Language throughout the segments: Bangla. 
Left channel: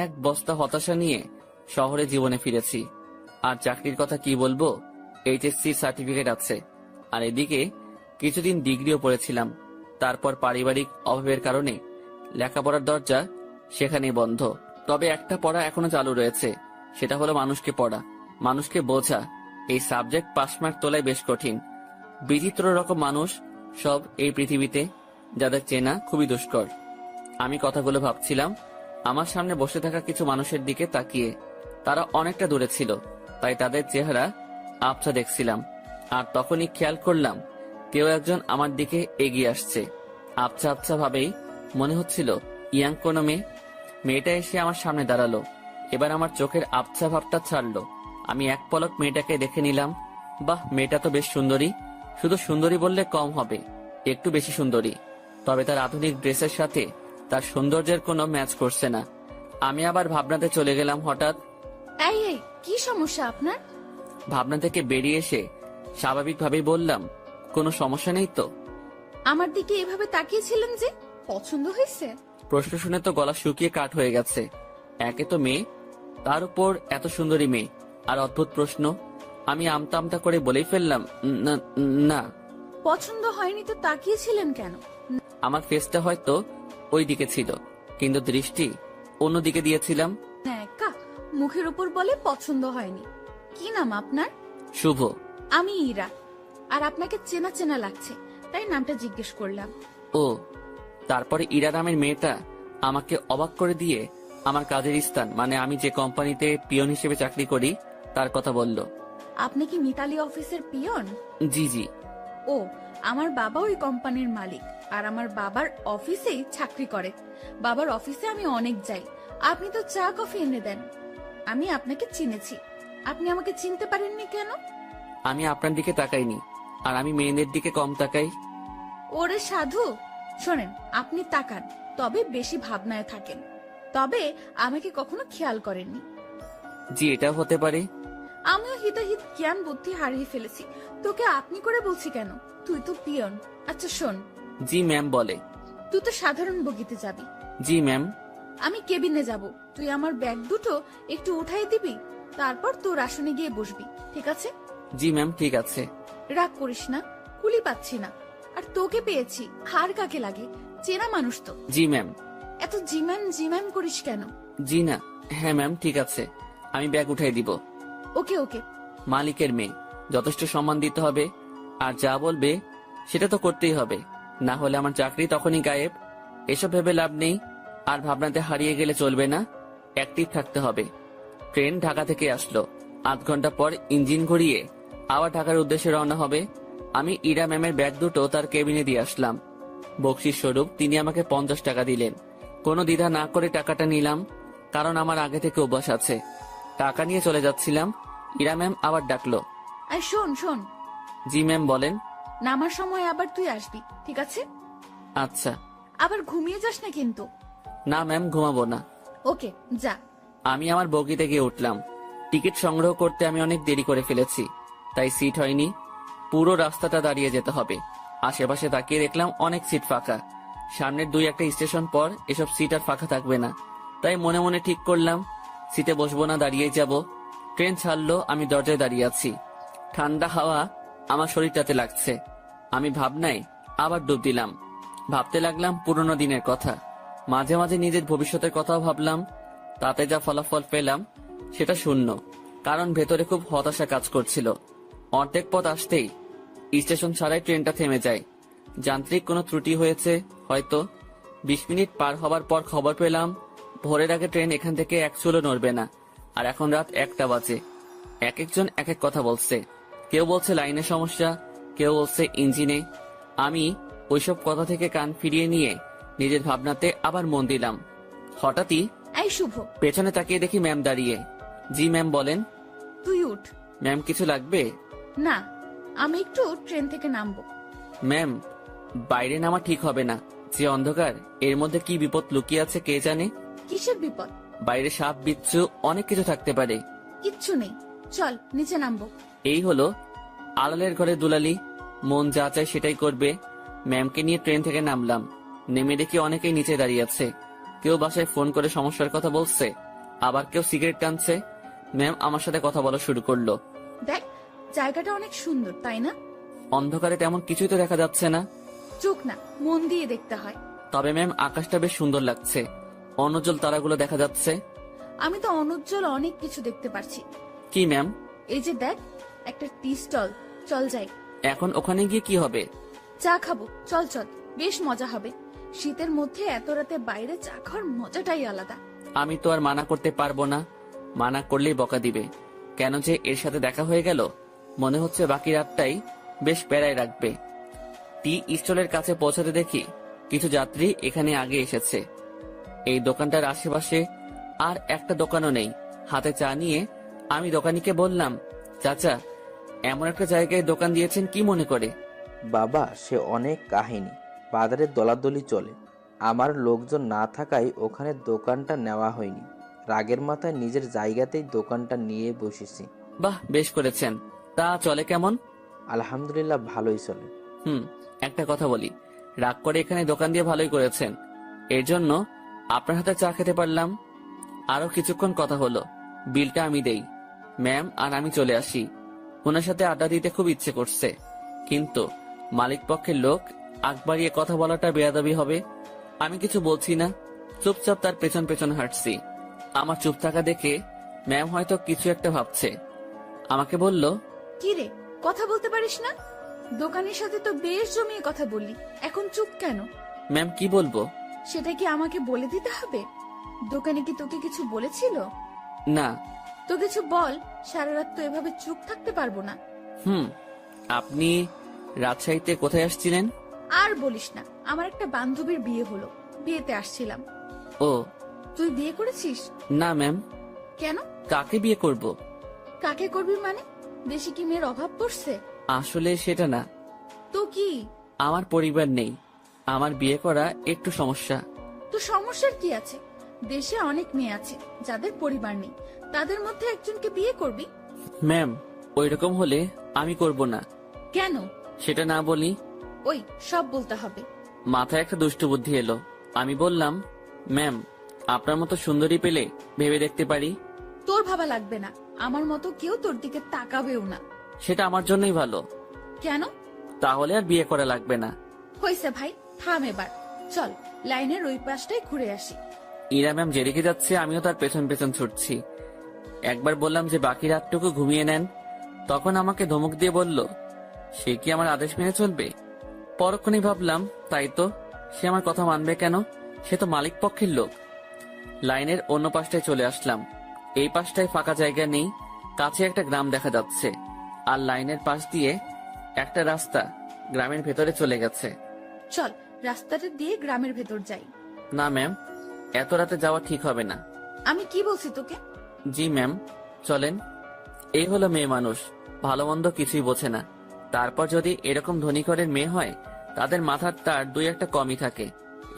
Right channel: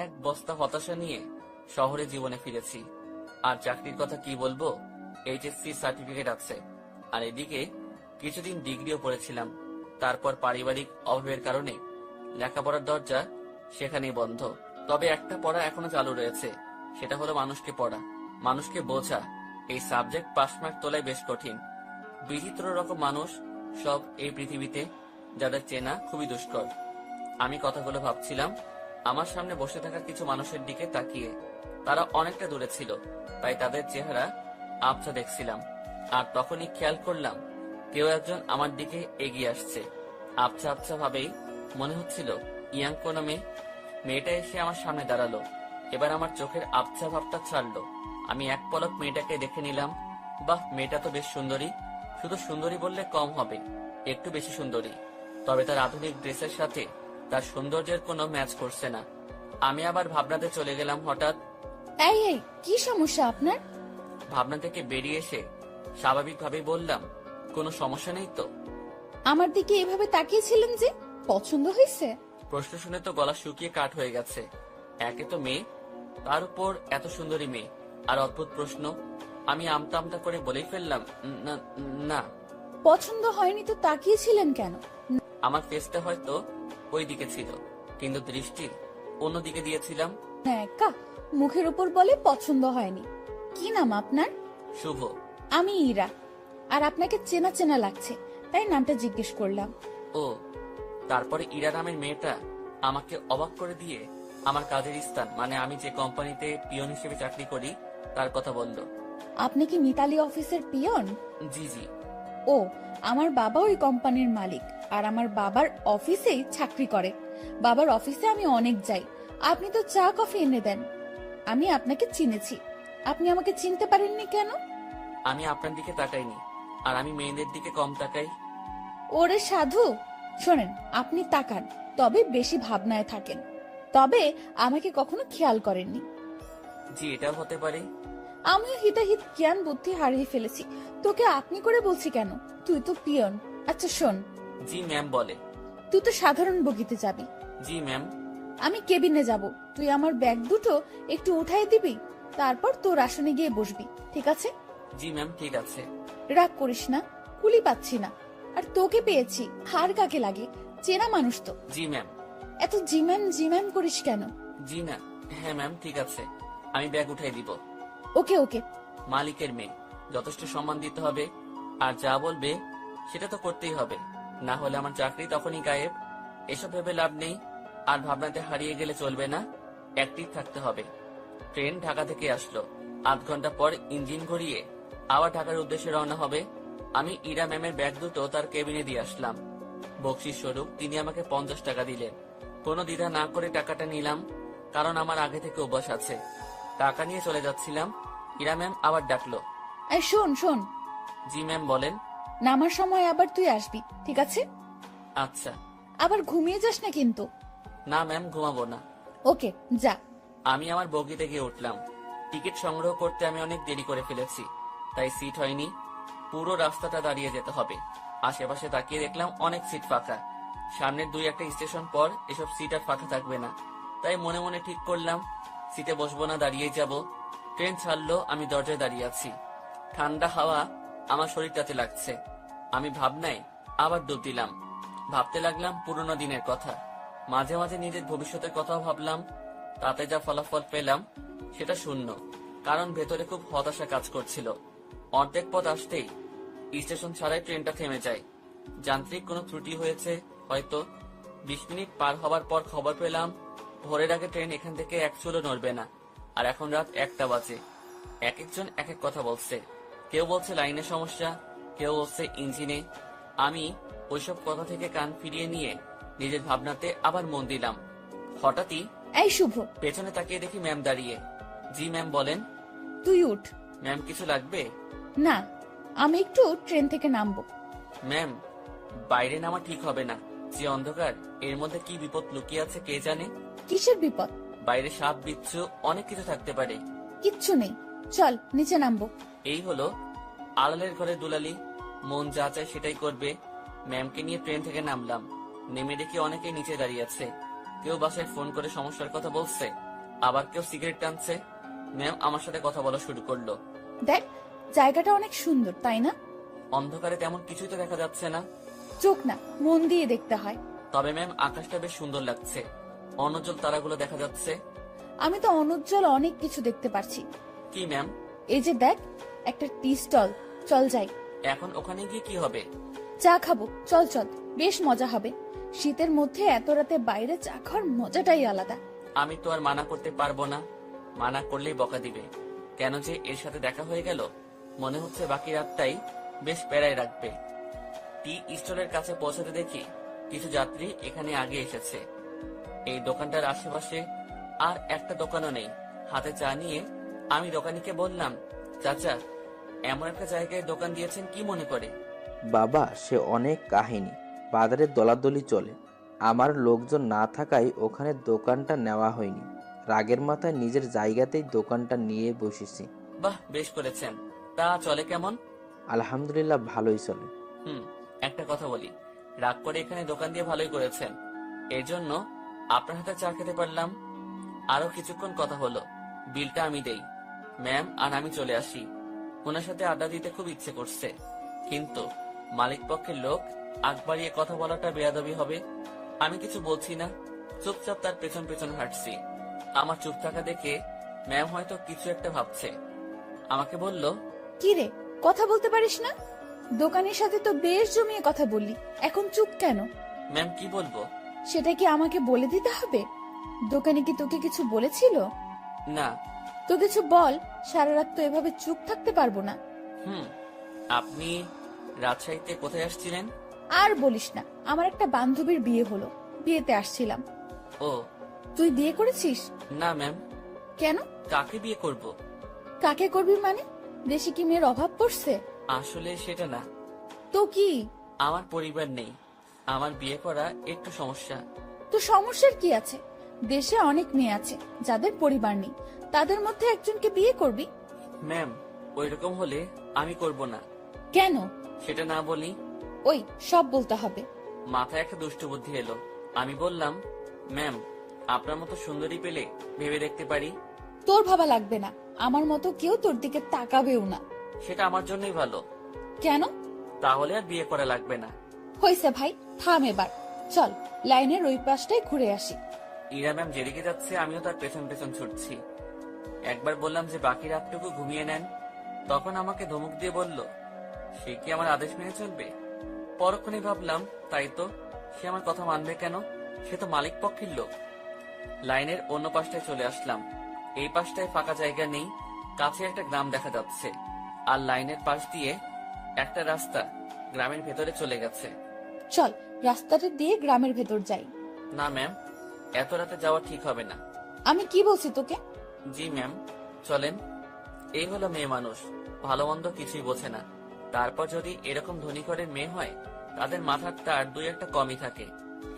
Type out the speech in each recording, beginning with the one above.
এক বস্তা হতাশা নিয়ে শহরে জীবনে ফিরেছি। আর চাকরির কথা কি বলবো, এইচএসসি সার্টিফিকেট আছে, আর এদিকে কিছুদিন ডিগ্রিও পড়েছিলাম। তারপর পারিবারিক অভাবের কারণে লেখাপড়ার দরজা সেখানেই বন্ধ। তবে একটা পড়া এখনো চালু রয়েছে, সেটা হলো মানুষকে পড়া, মানুষকে বোঝা। এই সাবজেক্ট পাস মার্ক তোলাই বেশ কঠিন। বিচিত্র রকম মানুষ সব এই পৃথিবীতে, যাদের চেনা খুবই দুষ্কর। আমি কথাগুলো ভাবছিলাম আমার সামনে বসে থাকা কিছু মানুষের দিকে তাকিয়ে। তারা অনেকটা দূরে ছিল, তাই তাদের চেহারা আবছা দেখছিলাম। আর তখনই খেয়াল করলাম কেউ একজন আমার দিকে এগিয়ে আসছে। আবছা আবছা ভাবেই মনে হচ্ছিল ইয়াং কোনো মেয়ে। মেয়েটা এসে আমার সামনে দাঁড়ালো। এবার আমার চোখের আবছা ভাবটা ছাড়লো। আমি এক পলক মেয়েটাকে দেখে নিলাম। বাহ, মেয়েটা তো বেশ সুন্দরী। শুধু সুন্দরী বললে কম হবে, একটু বেশি সুন্দরী। তবে তার আধুনিক ড্রেসের সাথে তার সৌন্দর্যের কোনো ম্যাচ করছে না। আমি আবার ভাবনাতে চলে গেলাম। হঠাৎ এই এই কি সমস্যা আপনার? ভাবনা থেকে বেরিয়ে এসে স্বাভাবিকভাবেই বললাম, কোনো সমস্যা নেই তো? আমার দিকে এভাবে তাকিয়েছিলেন যে, পছন্দ হয়েছে? প্রশ্ন শুনে তো গলা শুকিয়ে কাঠ হয়ে গেছে। একে তো মেয়ে, তার উপর এত সুন্দরী মেয়ে, আর অদ্ভুত প্রশ্ন। আমি আমতা আমতা করে বলেই ফেললাম, না না। পছন্দ হয়নি তো তাকিয়েছিলেন কেন? আমার ফেসটা হয়তো ওই দিকে ছিল, কিন্তু দৃষ্টি অন্যদিকে দিয়েছিলাম। একা মুখের উপর বলে পছন্দ হয়নি। কি নাম আপনার? শুভ। আমি ইরা। আর আপনাকে চেনা চেনা লাগছে, তাই নামটা জিজ্ঞেস করলাম। ও, তারপরে ইরা নামের মেয়েটা আমাকে অবাক করে দিয়ে আমার কাজের স্থান, মানে আমি যে কোম্পানিতে পিয়ন হিসেবে চাকরি করি, তার কথা বলল। আপনি কি মিতালি অফিসের পিয়ন? জি জি। ও, আমার বাবা ওই কোম্পানির মালিক, আর আমার বাবার অফিসেই চাকরি করে। বাবার অফিসে আমি অনেক যাই। আপনি তো চা কফি এনে দেন। আমি আপনাকে চিনেছি, আপনি আমাকে চিনতে পারেননি কেন? আমি আপনার দিকে তাকাইনি, আর আমি মেয়েদের দিকে কম তাকাই। ওরে সাধু, শোনেন, আপনি তাকান, তবে বেশি ভাবনায় থাকেন, তবে আমাকে কখনো খেয়াল করেননি। জি, এটাও হতে পারে। আমিও হিতাহিত জ্ঞান বুদ্ধি হারিয়ে ফেলেছি। তোকে আপনি করে বলছি কেন? তুই তো পিয়ন। আচ্ছা শোন, জি ম্যাম বলে। তুই তো সাধারণ বগিতে যাবি, জি ম্যাম। আমি কেবিনে যাব। তুই আমার ব্যাগ দুটো একটু উঠাই দিবি, তারপর তোর আসনে গিয়ে বসবি, ঠিক আছে? জি ম্যাম, ঠিক আছে। রাগ করিস না, কুলি পাচ্ছি না। আর তোকে পেয়েছি, হার কাকে লাগে, চেনা মানুষ তো। জি ম্যাম। এত জিম্যাম করিস কেন? জি না, হ্যাঁ ম্যাম, ঠিক আছে, আমি ব্যাগ উঠাই দিব। ওকে ওকে। মালিকের মেয়ে, যথেষ্ট সম্মান দিতে হবে, আর যা বলবে সেটা তো করতেই হবে, না হলে আমার চাকরি তখনই গায়েব। এসব ভেবে লাভ নেই, আর ভাবনাতে হারিয়ে গেলে চলবে না, অ্যাক্টিভ থাকতে হবে। ট্রেন ঢাকা থেকে আসলো, আধ ঘন্টা পর ইঞ্জিন ঘুরিয়ে আবার ঢাকার উদ্দেশ্যে রওনা হবে। আমি ইরা ম্যামের ব্যাগ দুটো তার কেবিনে দিয়ে আসলাম। বকশিস স্বরূপ তিনি আমাকে 50 টাকা দিলেন। কোনো দ্বিধা না করে টাকাটা নিলাম, কারণ আমার আগে থেকে অভ্যাস আছে। টাকা নিয়ে চলে যাচ্ছিলাম, ইরা ম্যাম আবার ডাকলো। আর শোন শোন, জি ম্যাম বলেন। নামার সময় আবার তুই আসবি, ঠিক আছে? আচ্ছা। আবার ঘুমিয়ে যাস না কিন্তু। না ম্যাম, ঘুমাবো না। ওকে, যা। আমি আমার বগিতে গিয়ে উঠলাম। টিকিট সংগ্রহ করতে আমি অনেক দেরি করে ফেলেছি, তাই সিট হয়নি। পুরো রাস্তাটা দাঁড়িয়ে যেতে হবে। আশেপাশে তাকিয়ে দেখলাম অনেক সিট ফাঁকা। সামনের 2-1 স্টেশন পর এসব সিট আর ফাঁকা থাকবে না, তাই মনে মনে ঠিক করলাম সিটে বসবো না, দাঁড়িয়েই যাব। ট্রেন ছাড়লো, আমি দরজায় দাঁড়িয়ে আছি। ঠান্ডা হাওয়া আমার শরীরটাতে লাগছে। আমি ভাবনায় আবার ডুব দিলাম। ভাবতে লাগলাম পুরোনো দিনের কথা, মাঝে মাঝে নিজের ভবিষ্যতের কথাও ভাবলাম। তাতে যা ফলাফল পেলাম সেটা শূন্য, কারণ ভেতরে খুব হতাশা কাজ করছিল। অর্ধেক পথ আসতেই স্টেশন ছাড়াই ট্রেনটা থেমে যায়। যান্ত্রিক কোনো ত্রুটি হয়েছে হয়তো। 20 মিনিট পার হবার পর খবর পেলাম ভোরের আগে ট্রেন এখান থেকে এক চুলও নড়বে না। আর এখন রাত 1টা বাজে। এক একজন এক এক কথা বলছে। কেউ বলছে লাইনের সমস্যা, কেউ বলছে ইঞ্জিনে। আমি ওইসব কথা থেকে কান ফিরিয়ে নিয়ে নিজের ভাবনাতে আবার মন দিলাম। হঠাৎই এই শুভ, পেছনে তাকিয়ে দেখি ম্যাম দাঁড়িয়ে। জি ম্যাম বলেন। তুই উঠ। ম্যাম কিছু লাগবে? না, আমি একটু ট্রেন থেকে নামবো। ম্যাম, বাইরে নামা ঠিক হবে না, যে অন্ধকার, এর মধ্যে কি বিপদ লুকিয়ে আছে কে জানে। কিসের বিপদ? বাইরে সাপ বিচ্ছু অনেক কিছু থাকতে পারে। কিচ্ছু নেই, চল নিচে নামবো। এই হলো আড়ালের ঘরে দুলালি, মন যা চায় সেটাই করবে। ম্যামকে নিয়ে ট্রেন থেকে নামলাম। নেমে দেখি অনেকেই নিচে দাঁড়িয়ে আছে। কেউ বাসায় ফোন করে সমস্যার কথা বলছে, আবার কেউ সিগারেট টানছে। ম্যাম আমার সাথে কথা বলা শুরু করলো। দেখ, জায়গাটা অনেক সুন্দর, তাই না? অন্ধকারে তেমন কিছুই তো দেখা যাচ্ছে না। চোখ না, মন দিয়ে দেখতে হয়। তবে ম্যাম আকাশটা বেশ সুন্দর লাগছে, অনুজ্জ্বল তারাগুলো দেখা যাচ্ছে। আমি তো অনুজ্জ্বল অনেক কিছু দেখতে পারছি। কি ম্যাম? এই যে দেখ, একটা টি স্টল, চল যাই। এখন ওখানে গিয়ে কি হবে? চা খাবো, চল চল, বেশ মজা হবে। শীতের মধ্যে এত রাতে বাইরে চা খাওয়ার মজাটাই আলাদা। আমি তো আর মানা করতে পারবো না, মানা করলেই বকা দিবে। কেন যে এর সাথে দেখা হয়ে গেল, মনে হচ্ছে বাকি রাতটাই বেশ প্যারায় রাখবে। টি স্টলের কাছে পৌঁছাতে দেখি কিছু যাত্রী এখানে আগে এসেছে। এই দোকানটার আশেপাশে আর একটা দোকানও নেই। হাতে চা নিয়ে আমি দোকানিকে বললাম, চাচা, এমন একটা জায়গায় দোকান দিয়েছেন কি মনে করে? বাবা, সে অনেক কাহিনী। বাজারে দলাদলি চলে, আমার লোকজন না থাকায় ওখানে দোকানটা নেওয়া হয়নি। রাগের মাথায় নিজের জায়গাতেই দোকানটা নিয়ে বসেছি। বাহ, বেশ করেছেন। তা চলে কেমন? আলহামদুলিল্লাহ, ভালোই চলে। একটা কথা বলি, রাগ করে এখানে দোকান দিয়ে ভালোই করেছেন, এর জন্য আপনার হাতে চা খেতে পারলাম। আরো কিছুক্ষণ কথা হলো, বিলটা আমি দেই। ম্যাম আর আমি চলে আসি। ওনার সাথে আড্ডা দিতে খুব ইচ্ছে করছে, কিন্তু মালিক পক্ষের লোক আগ বাড়িয়ে কথা বলাটা বেয়াদবি হবে। আমি কিছু বলছি না, চুপচাপ তার পেছন পেছন হাঁটছি। আমার চুপ থাকা দেখে ম্যাম হয়তো কিছু একটা ভাবছে। আমাকে বলল, কি রে, কথা বলতে পারিস না? দোকানের সাথে তো বেশ জমিয়ে কথা বললি, এখন চুপ কেন? ম্যাম কি বলবো? সেটা কি আমাকে বলে দিতে হবে? দোকানে কি তোকে কিছু বলেছিল? না। তো কিছু বল, সারা রাত তো এভাবে চুপ থাকতে পারবো না। আপনি রাজশাহীতে কোথায় আসছিলেন? আর বলিস না, আমার একটা বান্ধবীর বিয়ে হলো, বিয়েতে আসছিলাম। ও। তুই বিয়ে করেছিস? না ম্যাম। কেন? কাকে বিয়ে করব? কাকে করবি মানে? দেশে কি মেয়ের অভাব পড়ছে? আসলে সেটা না, তো কি? আমার পরিবার নেই, আমার বিয়ে করা একটু সমস্যা। তো সমস্যার কি আছে? দেশে অনেক মেয়ে আছে যাদের পরিবার নেই, তাদের মধ্যে একজনকে বিয়ে করবি। ম্যাম, ওইরকম হলে আমি করব না। কেন? সেটা না বলি। ওই সব বলতে হবে। মাথায় একটা দুষ্টু বুদ্ধি এলো। আমি বললাম, ম্যাম, আপনার মতো সুন্দরী পেলে ভেবে দেখতে পারি। তোর ভাবা লাগবে না, আমার মতো কেউ তোর দিকে তাকাবেও না। সেটা আমার জন্যই ভালো। কেন? তাহলে আর বিয়ে করা লাগবে না। হয়েছে ভাই, থাম এবার। চল লাইনের ওই পাশটাই ঘুরে আসি। ইরা ম্যাম যেদিকে যাচ্ছে আমিও তার পেছন পেছন ছুটছি। একবার বললাম যে বাকি রাতটুকু ঘুমিয়ে নেন, তখন আমাকে ধমক দিয়ে বলল, সে কি আমার আদেশ মেনে চলবে? পরক্ষণেই ভাবলাম, তাই তো, সে আমার কথা মানবে কেন? সে তো মালিক পক্ষের লোক। লাইনের অন্য পাশটায় চলে আসলাম। এই পাশটায় ফাঁকা জায়গা নেই, কাছে একটা গ্রাম দেখা যাচ্ছে, আর লাইনের পাশ দিয়ে একটা রাস্তা গ্রামের ভেতরে চলে গেছে। চল রাস্তাটা দিয়ে গ্রামের ভেতর যাই। না ম্যাম, এত রাতে যাওয়া ঠিক হবে না। আমি কি বলছি তোকে? জি ম্যাম, চলেন। এই হলো মেয়ে মানুষ, ভালো মন্দ কিছুই বোঝে না। তারপর যদি এরকম ধনী ঘরের মেয়ে হয়, তাদের মাথার তার দুই একটা কমই থাকে।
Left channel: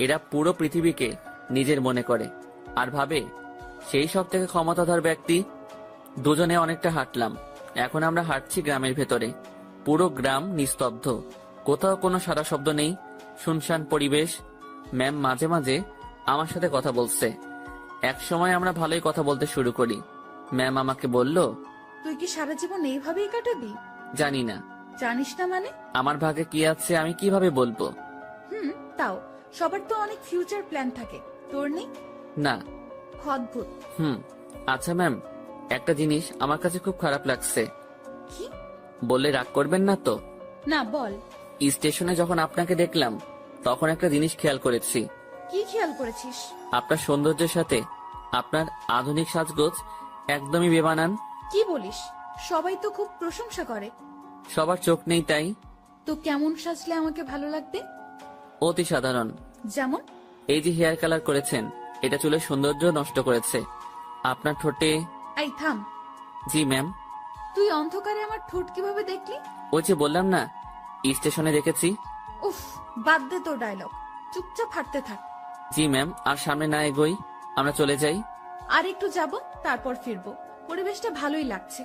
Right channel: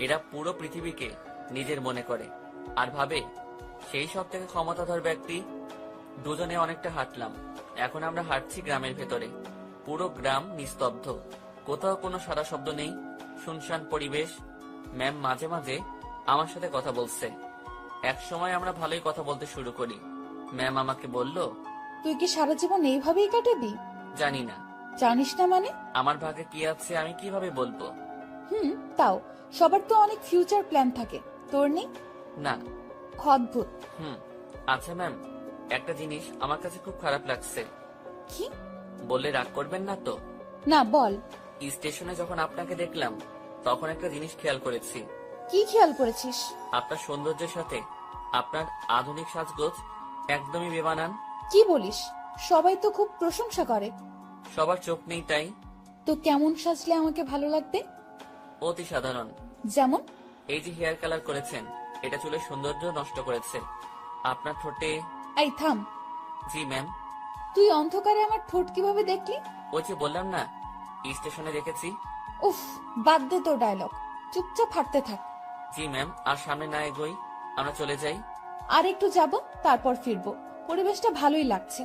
এরা পুরো পৃথিবীকে নিজের মনে করে আর ভাবে সেই সব থেকে ক্ষমতাধর ব্যক্তি। দুজনে অনেকটা হাঁটলাম, এখন আমরা হাঁটছি গ্রামের ভেতরে। পুরো গ্রাম নিস্তব্ধ, কোথাও কোনো সারা শব্দ নেই, শুনশান পরিবেশ। ম্যাম মাঝে মাঝে আমার সাথে কথা বলছে। এক সময় আমরা ভালোই কথা বলতে শুরু করি। ম্যাম আমাকে বলল, তুই কি সারা জীবন এইভাবেই কাটাবি? জানি না। জানিস না মানে? আমার ভাগে কি আছে আমি কিভাবে বলবো? তাও সবার তো অনেক ফিউচার প্ল্যান থাকে, তোর নেই? না। অদ্ভুত। আচ্ছা ম্যাম, একটা জিনিস আমার কাছে খুব খারাপ লাগছে। কি? বললে রাগ করবেন না তো? না, বল। স্টেশনে যখন আপনাকে দেখলাম, তখন একটা জিনিস খেয়াল করেছি। কি খেয়াল করেছিস? আপনার সৌন্দর্যের সাথে আপনার আধুনিক সাজগোজ একদমই বেমানান। কি বলিস? সবাই তো খুব প্রশংসা করে। সবার চোখ নেই তাই। তো কেমন সাজলে আমাকে ভালো লাগবে? অতি সাধারণ। যেমন? এই যে হেয়ার কালার করেছেন, এটা চুলের সৌন্দর্য নষ্ট করেছে। আপনার ঠোঁটে। এই থাম। জি ম্যাম। তুই অন্ধকারে আমার ঠোঁট কিভাবে দেখলি? ওই যে বললাম না, স্টেশনে দেখেছি। উফ, বাদ দে তোর ডায়লগ, চুপচাপ হাঁটতে থাক। জি ম্যাম, আর সামনে না এগোই, আমরা চলে যাই। আর একটু যাব, তারপর ফিরবো। পরিবেশটা ভালোই লাগছে,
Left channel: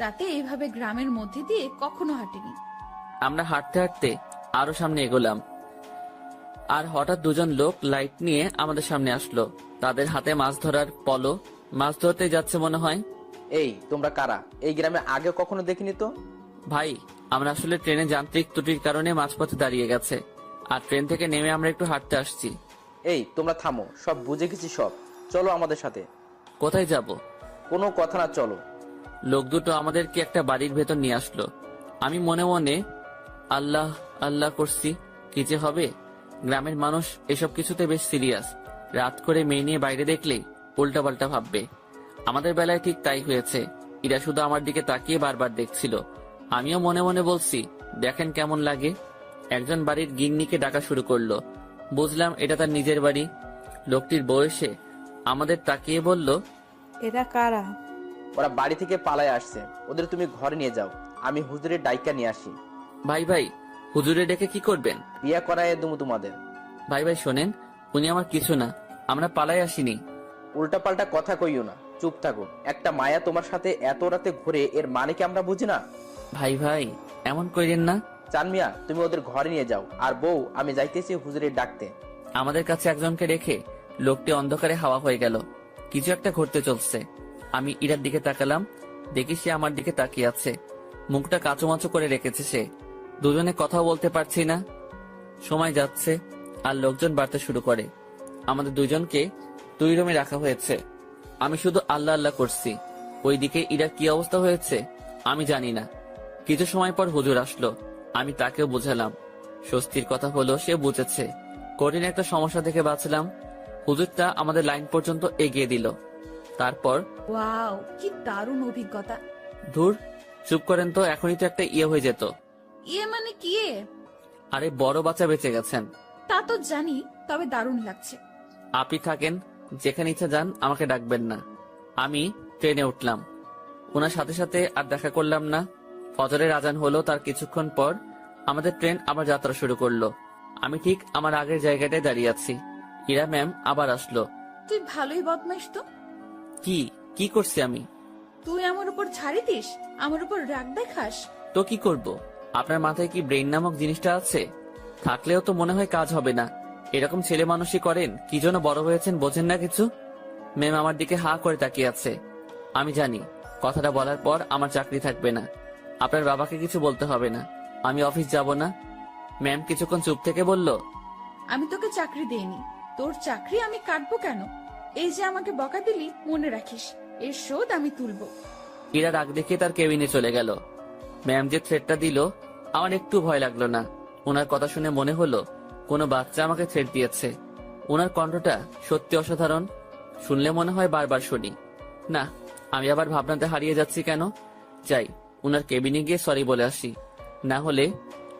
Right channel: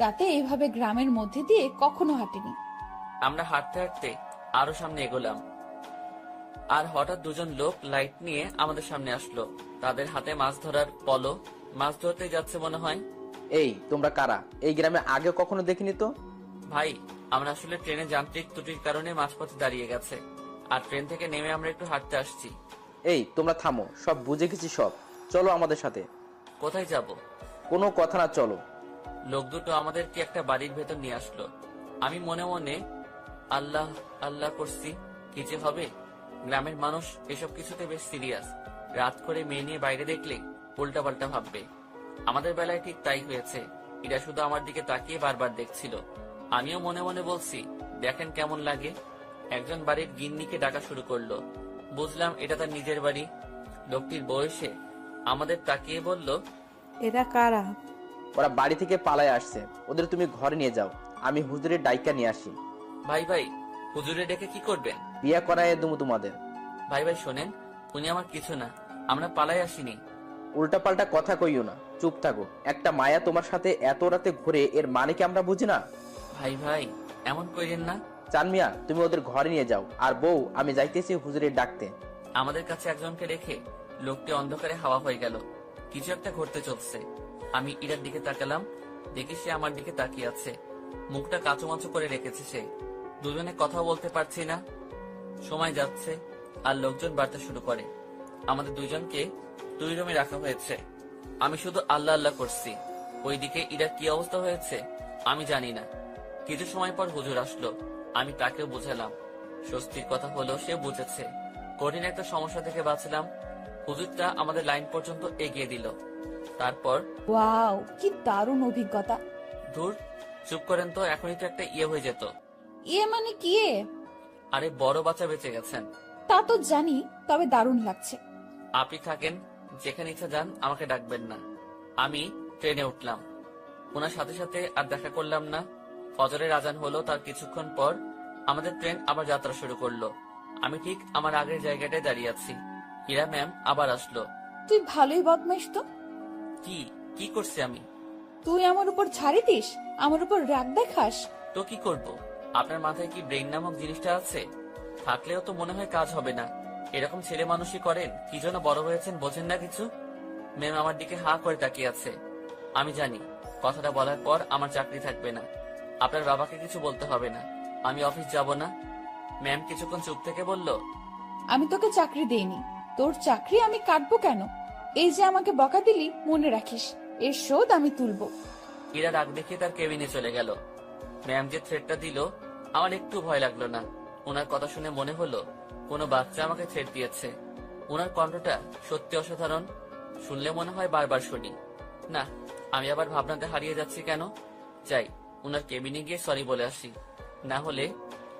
রাতে এইভাবে গ্রামের মধ্যে দিয়ে কখনো হাঁটিনি। আমরা হাঁটতে হাঁটতে আরো সামনে এগোলাম। আর হঠাৎ দুজন লোক লাইট নিয়ে আমাদের সামনে আসলো। তাদের হাতে মাছ ধরার পলো, মাছ ধরতে যাচ্ছে মনে হয়। এই তোমরা কারা? এই গ্রামে আগে কখনো দেখিনি তো। ভাই, আমরা আসলে ট্রেনে যান্ত্রিক ত্রুটির কারণে মাঝপথে দাঁড়িয়ে গেছে, আর ট্রেন থেকে নেমে আমরা একটু হাঁটতে আসছি। এই তোমরা থামো, সব বুঝে গেছি সব, চলো আমাদের সাথে। কোথায় যাব? কোনো কথা না, চলো। লোক দুটো আমাদেরকে একটা বাড়ির ভেতর নিয়ে আসলো। আমি মনে মনে আল্লাহ আল্লাহ করছি, কি যে হবে। গ্রামের মানুষ এসব কিছুতে বেশ সিরিয়াস। রাত করে মেয়ে নিয়ে বাইরে দেখলে উল্টাপাল্টা ভাববে। আমাদের বেলায় ঠিক তাই হয়েছে। এরা শুধু আমার দিকে তাকিয়ে বারবার দেখছিল। আমিও মনে মনে বলছি, দেখেন কেমন লাগে। একজন বাড়ির গিন্নিকে ডাকা শুরু করলো। বুঝলাম এটা তার নিজের বাড়ি। লোকটির বয়সে আমাদের তাকিয়ে বলল, এরা কারা? ওরা বাড়ি থেকে পালায় আসছে, ওদের তুমি ঘরে নিয়ে যাও, আমি হুজুরের ডাইকা নিয়ে আসি। ভাই ভাই, হুজুরে ডেকে কি করবেন? বিয়া করায় দুমু তোমাদের। ভাই ভাই শোনেন, উনি আমার কিছু না, আমরা পালাই আসিনি। উল্টাপাল্টা কথা কইও না, চুপ থাকো। একটা মায়া তোমার সাথে এত রাতে ঘুরে, এর মানে কি আমরা বুঝি না? ভাই ভাই এমন করেন না। চান মিয়া, তুমি ওদের ঘরে নিয়ে যাও, আর বউ আমি যাইতেছি হুজুরের ডাকতে। আমাদের কাছে একজনকে রেখে লোকটি অন্ধকারে হাওয়া হয়ে গেল। কিছু একটা ঘটতে চলছে। আমি ইরার দিকে তাকালাম, দেখি সে আমার দিকে তাকিয়ে আছে। মুখটা কাঁচুমাচু করে রেখেছে সে। দুজনে কথা বলতে পারছি না। সময় যাচ্ছে আর লোকজন বাড়তে শুরু করে। আমাদের দুজনকে 2 রুমে রাখা হয়েছে। আমি শুধু আল্লাহ আল্লাহ করছি। ওইদিকে ইরার কি অবস্থা হয়েছে আমি জানি না। কিছু সময় পর হুজুর আসলো। আমি তাকেও বুঝালাম। স্বস্তির কথা হলো সে বুঝেছে। কঠিন একটা সমস্যা থেকে বাঁচলাম। হুজুরটা আমাদের লাইন পর্যন্ত এগিয়ে দিল। তারপর ওয়াও, কি দারুণ অভিজ্ঞতা। ধুর, চুপ করেন তো, এখনই তো একটা ইয়ে হয়ে যেত। ইয়ে মানে কি? আরে বড় বাচ্চা বেঁচে গেছেন। তা তো জানি, তবে দারুণ লাগছে। আপনি থাকেন, যেখানে ইচ্ছা যান, আমাকে ডাকবেন না। আমি ট্রেনে উঠলাম। ওনার সাথে সাথে আর দেখা করলাম না। ফজরের আজান হলো, তার কিছুক্ষণ পর আমাদের ট্রেন আবার যাত্রা শুরু করলো। আমি ঠিক আমার আগের জায়গাটায় দাঁড়িয়ে আছি। ইরা ম্যাম আবার আসলো। তুই ভালোই বদমাইশ তো। কি কি করছি আমি? তুই আমার উপর ছাড়ি দিস, আমার উপর রাগ দেখাস। তো কি করব? আপনার মাথায় কি ব্রেন নামক জিনিসটা আছে? থাকলেও তো মনে হয় কাজ হবে না। এরকম ছেলে মানুষই করেন, কি জন্য বড় হয়েছেন বোঝেন না কিছু। ম্যাম আমার দিকে হা করে তাকিয়ে আছে। আমি জানি কথাটা বলার পর আমার চাকরি থাকবে না। আপনার বাবাকে কিছু বলতে হবে না, আমি অফিস যাব না। ম্যাম কিছুক্ষণ চুপ থেকে বলল, আমি তোকে চাকরি দেইনি, তোর চাকরি আমি কাটবো কেন? এই যে আমাকে বকা দিলি, মনে রাখিস, এর শোধ আমি তুলবো। ইরা রাগ দেখে তার কেবিনে চলে গেল। ম্যাম যে থ্রেটটা দিল, আমার একটু ভয় লাগলো না। ওনার কথা শুনে মনে হলো কোনো বাচ্চা আমাকে থ্রেট দিয়েছে। ওনার কণ্ঠটা সত্যি অসাধারণ। শুনলে মনে হয় বারবার শুনি। না, আমি আবার ভাবনাতে হারিয়ে যাচ্ছি কেন। যাই, ওনার কেবিনে গিয়ে সরি বলে আসি। না হলে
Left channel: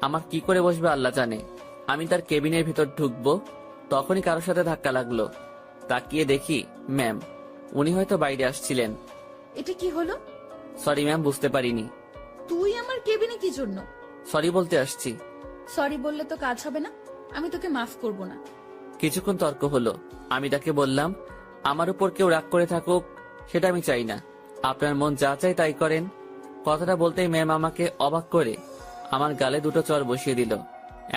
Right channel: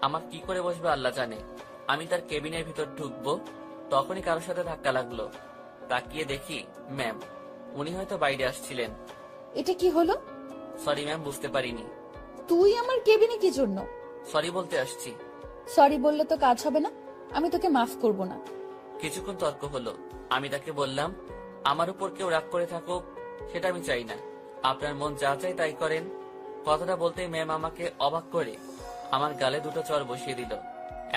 আমার কি করে বসবে আল্লাহ জানে। আমি তার কেবিনের ভিতর ঢুকবো, তখনই কারোর সাথে ধাক্কা লাগলো। তাকিয়ে দেখি ম্যাম। উনি হয়তো বাইরে আসছিলেন। এটা কি হলো? সরি ম্যাম, বুঝতে পারিনি। তুই আমার কেবিনে কি জন্য? সরি বলতে আসছি। সরি বললে তো কাজ হবে না, আমি তোকে মাফ করব না। কিছুক্ষণ তর্ক হলো। আমি তাকে বললাম, আমার উপর কেউ রাগ করে থাকুক সেটা আমি চাই না, আপনার মন যা চাই তাই করেন। কথাটা বলতেই ম্যাম আমাকে অবাক করে আমার গালে 2টো চড় বসিয়ে দিল।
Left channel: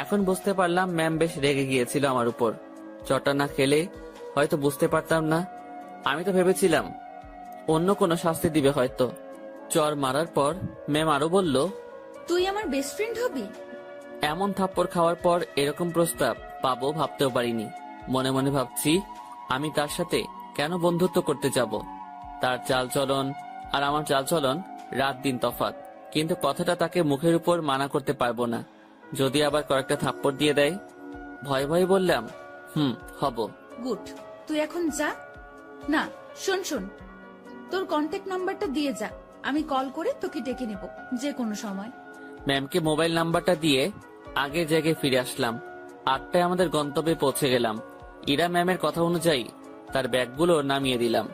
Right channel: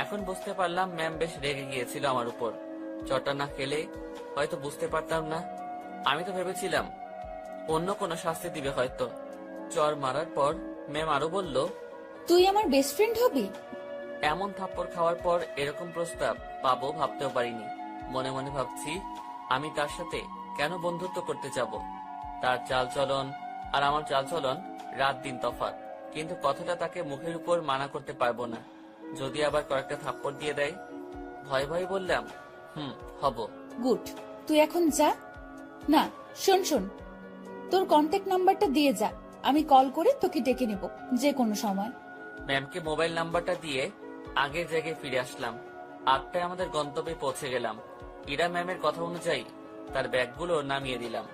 এখন বুঝতে পারলাম ম্যাম বেশ রেগে গিয়েছিল আমার উপর। চড়টা না খেলে হয়তো বুঝতে পারতাম না। আমি তো ভেবেছিলাম অন্য কোনো শাস্তি দিবে হয়তো। চড় মারার পর ম্যাম আরো বলল, তুই আমার বেস্ট ফ্রেন্ড হবি? এমন থাপ্পড় খাওয়ার পর এরকম প্রস্তাব পাবো ভাবতেও পারিনি। মনে মনে ভাবছি, আমি তার সাথে কেন বন্ধুত্ব করতে যাব? তার চালচলন আর আমার চালচলন রাত দিন তফাৎ। কিন্তু কথাটা তাকে মুখের উপর মানা করতে পারবো না, যদি আবার কয়েকটা থাপ্পড় দিয়ে দেয়। ভয় ভয় বললাম, হব। গুড, তুই এখন যা। না, শোন শোন, তোর কন্ট্যাক্ট নাম্বারটা দিয়ে যা, আমি কল করে তোকে ডেকে নেব যে কোনো সময়। ম্যামকে মোবাইল নাম্বারটা দিয়ে আগের জায়গায় ফিরে আসলাম। 8টায় আমাদের গন্তব্যে পৌঁছে গেলাম। ইরা ম্যামের কথা অনুযায়ী তার ব্যাগগুলো নামিয়ে দিলাম।